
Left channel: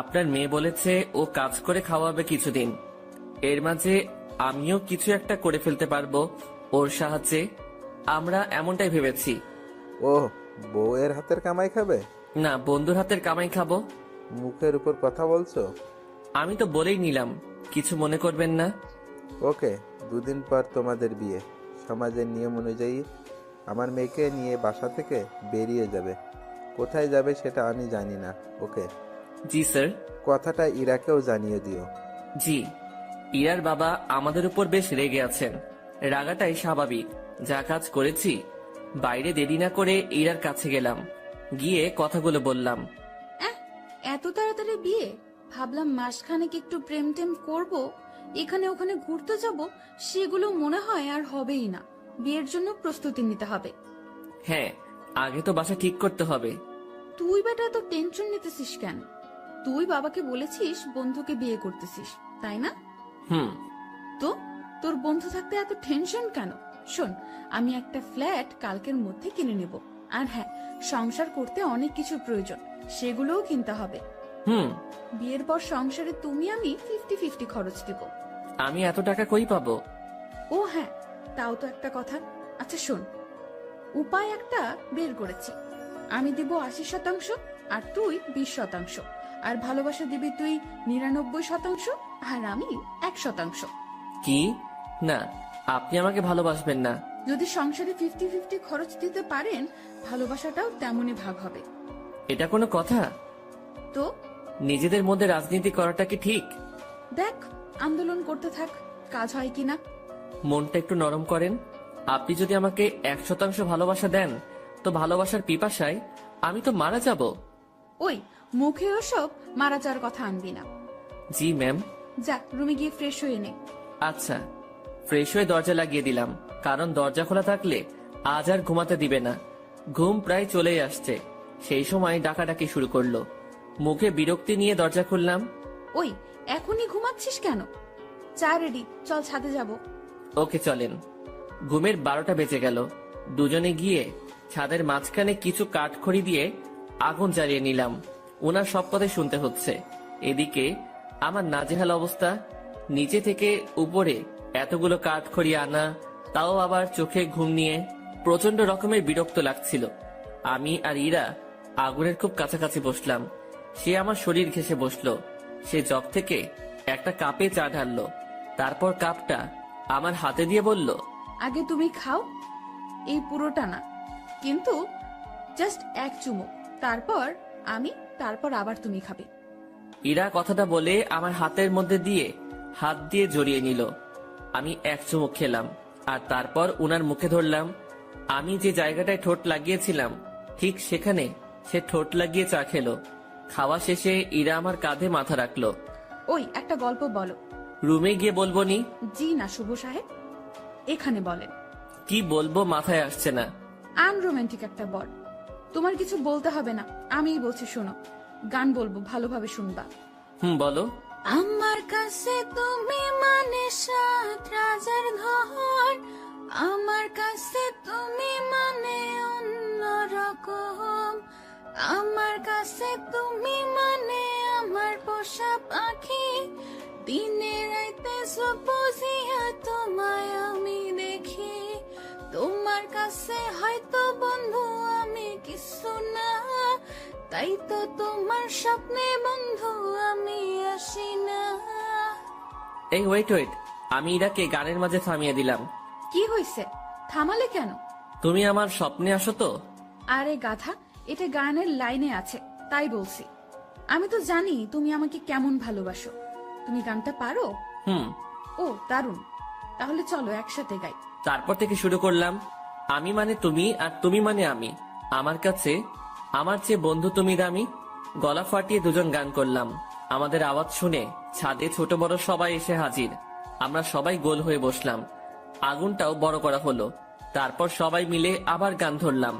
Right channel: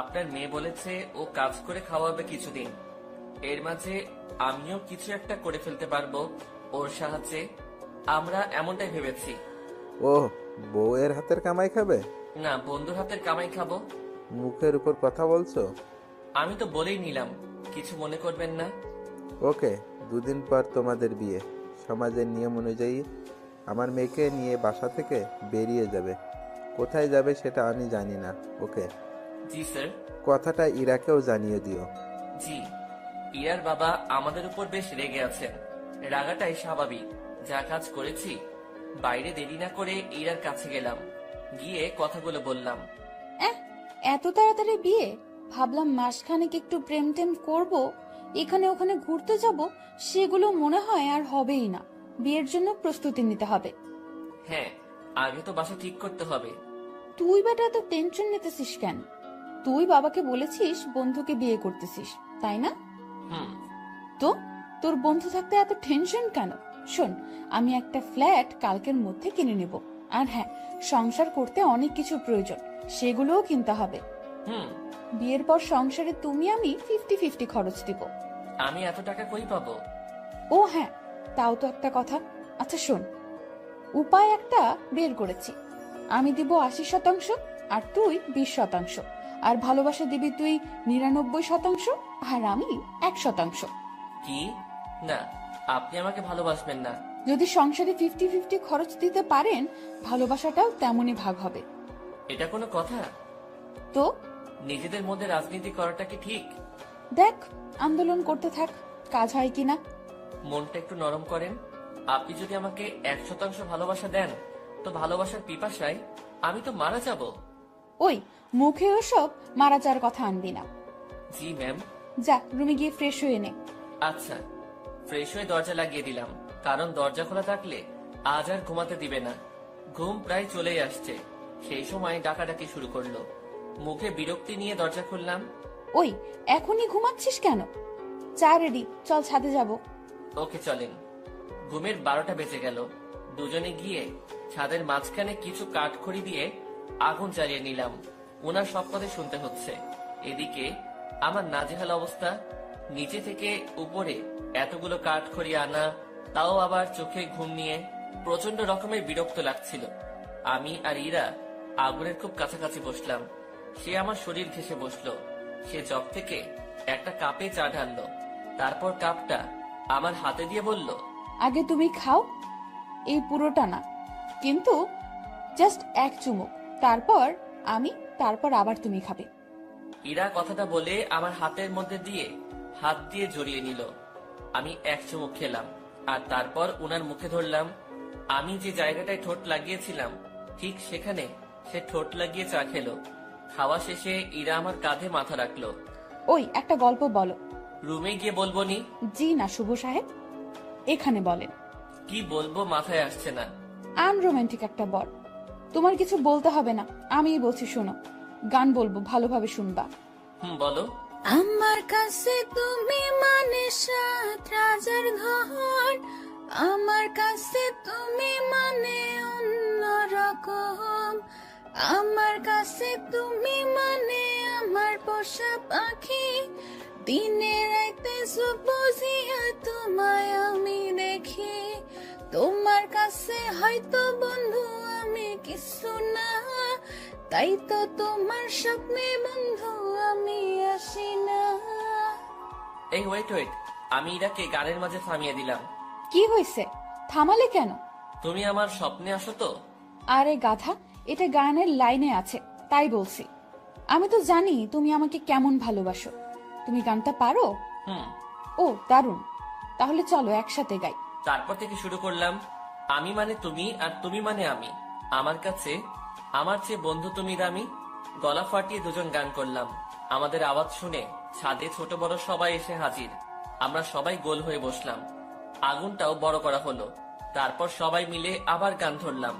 আপনার মেয়ে বলেছে ও কাজ করে খাওয়াবে কিছুদিন, এর মাঝে আমিও কিছু একটা করে ফেলতে পারবো ওর সাহায্যে। আমরা এমনটাই ভেবেছি। ও, বউয়ের হাতের কামাই খাবে? না, বন্ধুর হাতের কামাই খাবো। মুখের উপর কথা বলছো। আমি তো বলেই নিলাম, কিছু মনে করবেন না। ওকে, দুদিন পর তোমাদের বিয়ে। সমাজের নিয়ম অনুযায়ী আমার মেয়েকে নিয়ে বাসা থেকে বেরিয়ে যাবে। কোথায় যাবে সেটা আমি জানি না। ওকে? জি স্যার। কথাটা ইরাকেও জানিয়ে দিও। জি। ইরার বাবা আমাদের উপর বেশ রেগে আছেন। রাগাটাই স্বাভাবিক, যা কাজ করেছি। বাইরে দেরি না করে ইরার কাছে গেলাম, গিয়ে কথাগুলো বললাম। এত তাড়াতাড়ি বিয়ে? ভাবলাম মাসখানেক একটু প্রেম টেম করবো, এখানে ওখানে ঘুরতে যাব, সেগুলো মনে হয় আর হবেই না। বিয়ের জন্য প্রস্তুতি নিতে হবে। হ্যাঁ, আগে তো বাসা ঠিক করতে হবে। তুই বেটা এত টেনশন নিতেছিস কেন? তুই বাবাকে বলেছিস বন্ধুকে বিয়ে করতেছিস, তাই না? তো তোর বন্ধু থাকতে এত টেনশন কেন? শোন, আমি একটা ফ্ল্যাট কালকের মধ্যে কিনে নেব। আর হ্যাঁ, সংসার করতে অনেক কিছু প্রয়োজন, সেগুলোও কিনতে হবে। বিয়ের পর সংসারে তুমি আমি 50-50 খরচ দিব। আমি এত টাকা কই পাবো? ও হ্যাঁ, তাও তো একটা কথা। আচ্ছা শোন, উপায় একটা বের করেছি। আমি দিব 80%, আর তুই 20%, আর ভালোবাসা দিবি তুই 99%, আর আমি 1%। কি? না, আপনি আমাকে ভালোবাসবেন না। যদি সংসারে 50-50 খরচ দিতে পারেন, ভালোবাসাটাও তেমনই ভাগ হবে। এটা কোনো কথা? তো নিজেদের মধ্যে রাজনীতি করাটা কি ঠিক? দেখ, আন্দোলন করতে থাক, কাজ হয় কিনা। মনটা একটু নরম করেন। আপনি যদি আমাকে 100% ভালোবাসা দেন, তো ভালোবাসার পিপাসায় আমি তো মারা যাব। ওই, মুখে ওসব মারা যাওয়ার কথা আনবি না। জি ম্যাম। যা, রুমে গিয়ে ফ্রেশ হয়ে নে। আচ্ছা। ফ্রেশ হয়ে দরজা লাগিয়ে দিলাম, কারণ দরজা খোলা থাকলে আজ আর ঘুমাতে দিবে না। ঘুম প্রায় চলেই আসছে, সেই সময় ডাকাডাকি শুরু করলো। মুখে বিরক্তি নিয়ে দরজা খুললাম। ওই, এখনই ঘুমাচ্ছিস কেন? চা রেডি, চল ছাদে যাব। ওকে চলেন। ঘুমের 12টা বেজে গেল। দুজনে গিয়ে ছাদের মাঝখানে কিছু কাঠখড়ি দিয়ে আগুন জ্বালিয়ে নিলাম। ওনার সব কথা শুনতে হচ্ছে। এদিকে আমার নাজেহাল অবস্থা। নিচে থেকে উপরে এতগুলো কাঠখড়ি আনা, তাও আবার চোখে ঘুম নিয়ে প্রচন্ড রকমের বিরক্ত লাগছিল। আমি আর ইরা আগুনের খুব কাছাকাছি বসলাম। সে আমার শরীর ঘেঁষে বসলো। সে জগ থেকে একটা কাপে চা ঢাললো, তারপর কাপটা আমার হাতে দিয়ে বলল, আগে তুমি খাও, এই পুরোটা না, কিন্তু জাস্ট এক চুমুক, তারপর আমি, তারপর আবার তুমি খাবে। ইরা কথাটা বলে আমার হাতের মধ্যে দিয়ে হাত দিয়ে জড়িয়ে নিল। আমি এক চুমুক খেলাম, আর তারপর উনার মুখে ধরলাম। আমি যে জায়গাটায় ঠোঁট লাগিয়েছিলাম, ঠিক সেখানে সে ঠোঁট লাগিয়ে চা খেলো। খাওয়া শেষে ইরা আমার কাঁধে মাথা রাখলো। ওই, একটা গল্প বলো। রুমে গিয়ে বলবো নি? জি না শুভ সাহেব, এখানে বলেন। কি বলবো মাথায় আসছে না। আনরোমান্টিক একটা বর। তোমার কিছু বলতে হবে না, আমিই বলছি, শোনো। গান বলবো, ভালোভাবে শুনবা। বলো। আমার কাছে তুমি মানে সাত রাজার ঘর, আমার কাছে তুমি মানে অন্যরকম, আমার কাছে তুমি মানে আমার পোষা পাখি, দিনে রাইতে বুঝিয়া তোমায় আমি দেখি, তোমার কাছে হয়তো বন্ধু আমি কিছু না, তাই তো তোমার স্বপ্নে বন্ধু আমি আসি না। এই ওয়েট ওয়েট, আমি ইরাকে গানের মাঝে থামিয়ে দিলাম। কি হয়েছে, থামালে কেন? তুমি আমার স্বপ্নে আসো তো? আরে গাধা, এটা গানের লাইনে আছে, তাই বলছি। আমি তো জানি তুমি আমাকে কেমন ভালোবাসো। তুমি গানটা পারো? ও দারুণ, তাহলে চলো একসাথে গাই। তারপর থেকে শুরু করলাম। আমি মানে তুমি, আর তুমি মানে আমি। আমার কাছে আমার চেয়ে বন্ধু তুমি দামি। গলা ফাটিয়ে দুজন গান করলাম। আমাদের আওয়াজ শুনে ছাদে ছোট বড় সবাই এসে হাজির। আমরা সবাই গোল হয়ে বসলাম। আগুনটাও বড় করা হলো। তারপর সবাই মিলে আবার গান ধরলাম।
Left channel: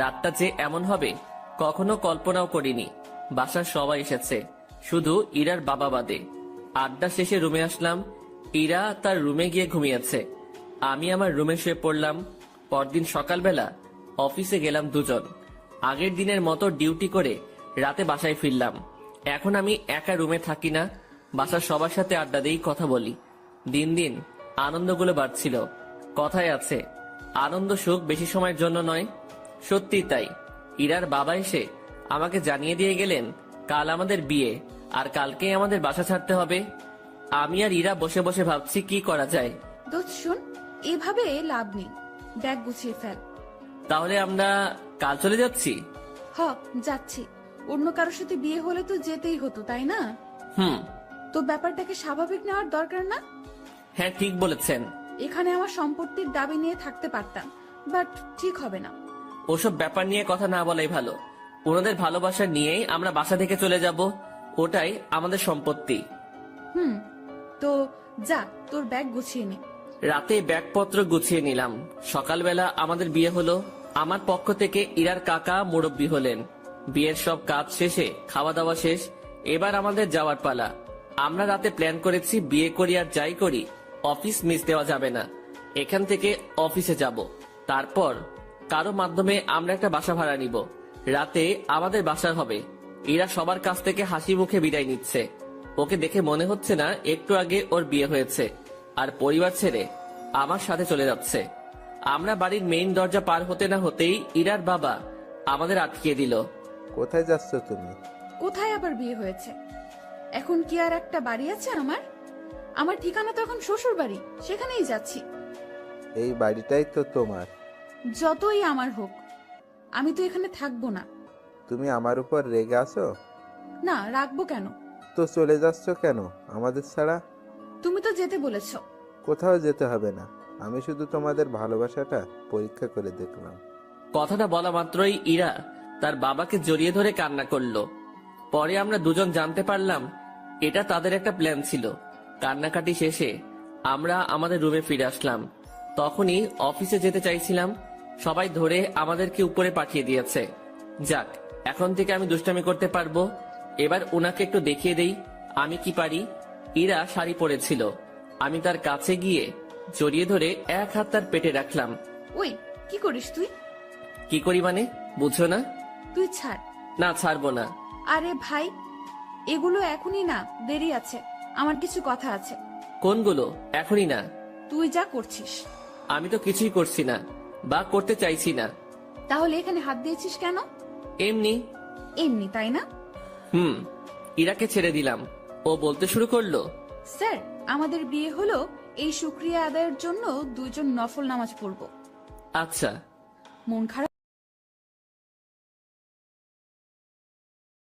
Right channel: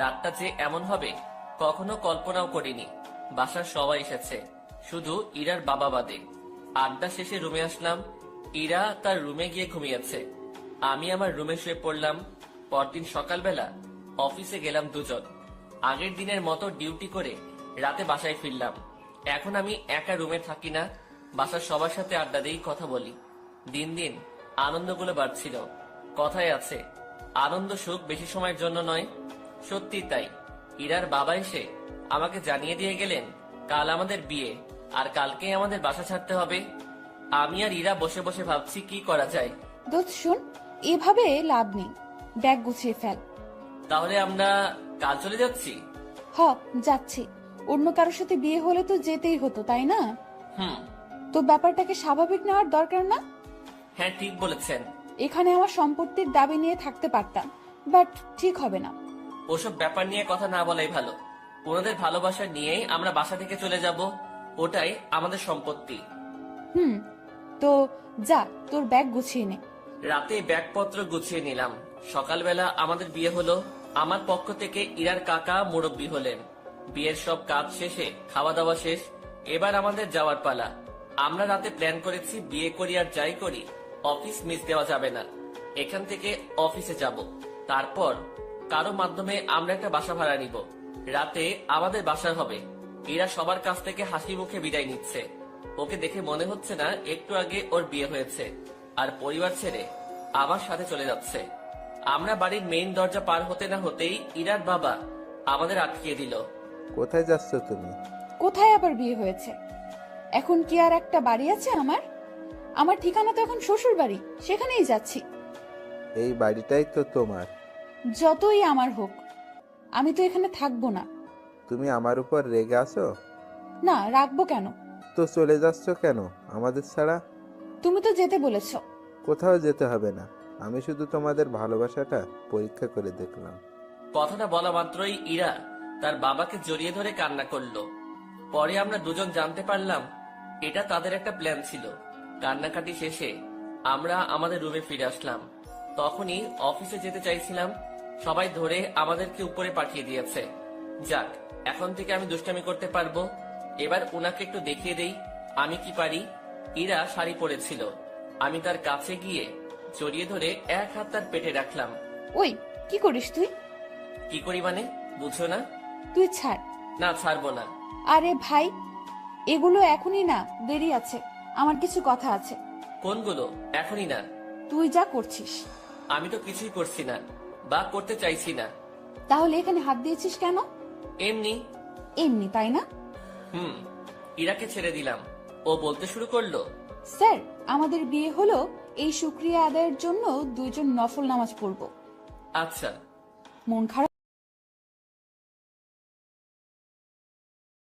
রাতটা যে এমন হবে কখনো কল্পনাও করিনি। বাসার সবাই এসেছে, শুধু ইরার বাবা বাদে। আড্ডা শেষে রুমে আসলাম। ইরা তার রুমে গিয়ে ঘুমিয়েছে, আমি আমার রুমে শুয়ে পড়লাম। পরদিন সকালবেলা অফিসে গেলাম দুজন। আগের দিনের মতো ডিউটি করে রাতে বাসায় ফিরলাম। এখন আমি একা রুমে থাকি না, বাসার সবার সাথে আড্ডা দিয়েই কথা বলি। দিন দিন আনন্দগুলো বাড়ছিল। কথায় আছে, আনন্দ সুখ বেশি সময়ের জন্য নয়। সত্যি তাই। ইরার বাবা এসে আমাকে জানিয়ে দিয়ে গেলেন কাল আমাদের বিয়ে, আর কালকেই আমাদের বাসা ছাড়তে হবে। আমি আর ইরা বসে বসে ভাবছি কি করা যায়। দোস্ত শোন, এভাবে লাভ নেই, ব্যাগ গুছিয়ে ফেল। তাহলে আমরা কাল চলে যাচ্ছি? হ, যাচ্ছি। অন্য কারোর সাথে বিয়ে হলে তো যেতেই হতো, তাই না? তো ব্যাপারটাকে স্বাভাবিক নেওয়ার দরকার না? হ্যাঁ, ঠিক বলেছেন। এখানে আমার সম্পত্তির দাবি নিয়ে থাকতে পারতাম, বাট ঠিক হবে না। ওসব ব্যাপার নিয়ে কথা না বলাই ভালো। ওনাদের ভালোবাসা নিয়েই আমরা বাসা থেকে চলে যাব, ওটাই আমাদের সম্পত্তি। তো যা, তোর ব্যাগ গুছিয়ে নে। রাতে ব্যাগপত্র গুছিয়ে নিলাম। সকালবেলা আমাদের বিয়ে হলো। আমার পক্ষ থেকে ইরার কাকা মুরব্বি হলেন। বিয়ের সব কাজ শেষে খাওয়া দাওয়া শেষ, এবার আমাদের যাওয়ার পালা। আমরা রাতে প্ল্যান করেছি বিয়ে করি আর যাই করি অফিস মিস দেওয়া যাবে না। এখান থেকে অফিসে যাব, তারপর কারো মাধ্যমে আমরা একটা বাসা ভাড়া নিব। রাতে আমাদের বাসা হবে। ইরা সবার কাছ থেকে হাসি মুখে বিদায় নিচ্ছে। ওকে দেখে মনে হচ্ছে না একটু আগে ওর বিয়ে হয়েছে, আর পরিবার ছেড়ে আমার সাথে চলে যাচ্ছে। আমরা বাড়ির মেইন দরজা পার হতে না হতেই ইরার বাবা আমাদের আটকিয়ে দিল। কোথায় যাচ্ছ তুমি? কোথায় আবার বিয়ে হয়েছে? এখন কি আর একটা বাড়ি আছে আমার? আমার ঠিকানা তো এখন শ্বশুর বাড়ি, সেখানেই যাচ্ছি। এই বাড়িটাই তো তোমার। যতই আমার হোক, আমি তো এখানে থাকবো না। তুমি আমার উপর রেগে আছো? না, রাখবো কেন? তো চলে যাচ্ছ কেন আমাদের ছাড়া? তুমি তো যেতে বলেছ। কোথাও যেতে হবে না, আমি শুধু তোমাদের ভালোবাসাটা পরীক্ষা করে দেখলাম। কথাটা বলা মাত্রই ইরা তার বাবাকে জড়িয়ে ধরে কান্না করলো। পরে আমরা দুজন জানতে পারলাম এটা তাদের একটা প্ল্যান ছিল। কান্নাকাটি শেষে আমরা আমাদের রুমে ফিরে আসলাম। তখনই অফিসে যেতে চাইছিলাম, সবাই ধরে আমাদেরকে উপরে পাঠিয়ে দিয়েছে। যাক, এখন থেকে আমি দুষ্টামি করতে পারবো। এবার উনাকে একটু দেখিয়ে দেই আমি কি পারি। ইরা শাড়ি পরেছিল, আমি তার কাছে গিয়ে জড়িয়ে ধরে এক হাত তার পেটে রাখলাম। ওই, কি করিস তুই? কি করি মানে, বুঝো না? তুই ছাড়। না, ছাড়বো না। আরে ভাই, এগুলো এখনই না, দেরি আছে, আমার কিছু কথা আছে। কোনগুলো? এখনই না। তুই যা করছিস। আমি তো কিছুই করছি না বা করতে চাইছি না। তাহলে এখানে হাত দিয়েছিস কেন? এমনি। এমনি, তাই না? ইরাকে ছেড়ে দিলাম, ও বলতে শুরু করলো, স্যার, আমাদের বিয়ে হলো, এই শুকরিয়া আদায়ের জন্য দুইজন নফল নামাজ পড়ব। আচ্ছা। মন খারাপ